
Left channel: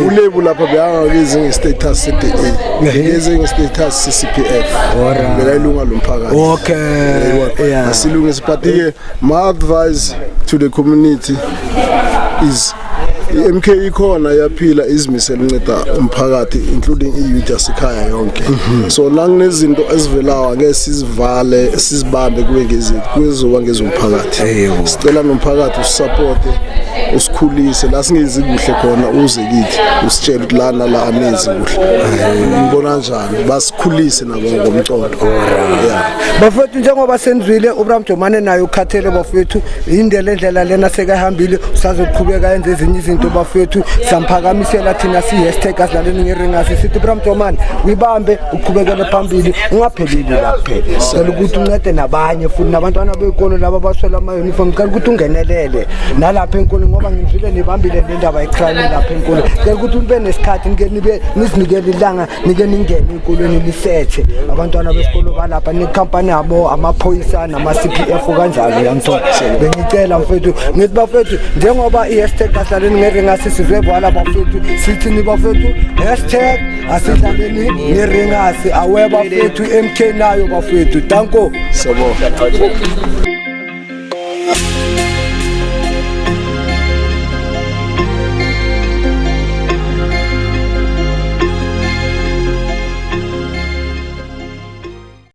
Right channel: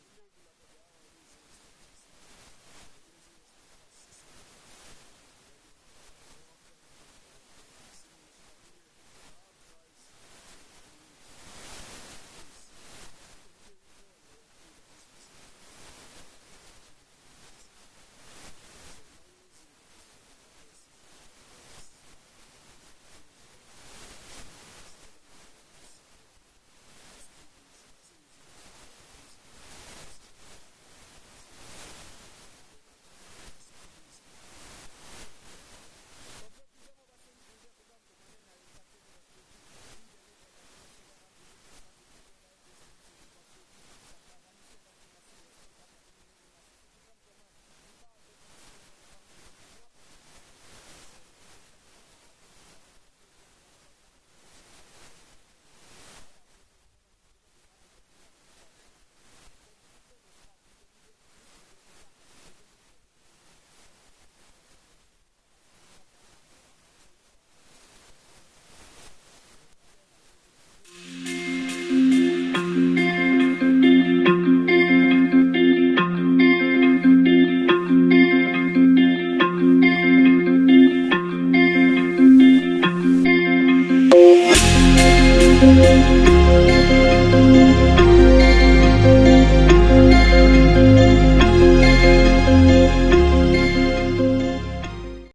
ulebu lapha beyangakezi nge-status se-DA ngeze nge-status se-CPF bekayilunga lomphakathi okay asilungise but ke my advice to the community is MK ikhona yaphila izimisela unceda umphakathi including i-youth yasekhaya yonke so la kunezinto ezivelayo ake sizivale sizibambe kube ngezinto kuzoba ngezomphakathi sicela nomphakathi usupport usikhulise la singezi kuhle khona uze kithi usitshela ukuthi lana la anezi kuhle ngibona njani basikhulise nabo ngomcondo bafethu njengoba senzwile uBramdomane naye ukhathele bafethu indlela lena sekahambile usazoqhubeka yenze ezinye izinto into bafethu samphakamisela thina si-hashtag asidlaleni ngeringasi sithi Bramtomani uyibambe uqhubekele phambili ungapheleli la kuphela cela ukuthi uncede nabanye futhi nabantwana bekolo laba baswela ama-uniform cela ukuthi ungenelele nalapha enkolo ngoba ngizwile nibambile le ndaba yecrime lapha enkolo cela ukuthi nibe nesikhathi nizinikele ilanga nike ningene enkolweni lisethe abantwana besikolo balapha nekhampani yabo amaphoyisa nama-CPF kanjalo yamthola bengicela mfethu ngithi bafethu njengoba i-hashtag asidlaleni ngeringasi sizwe bhala bafethu sithini bafethu hashtag asidlaleni ngeringasi awe bafethu MK nayo bafethu danko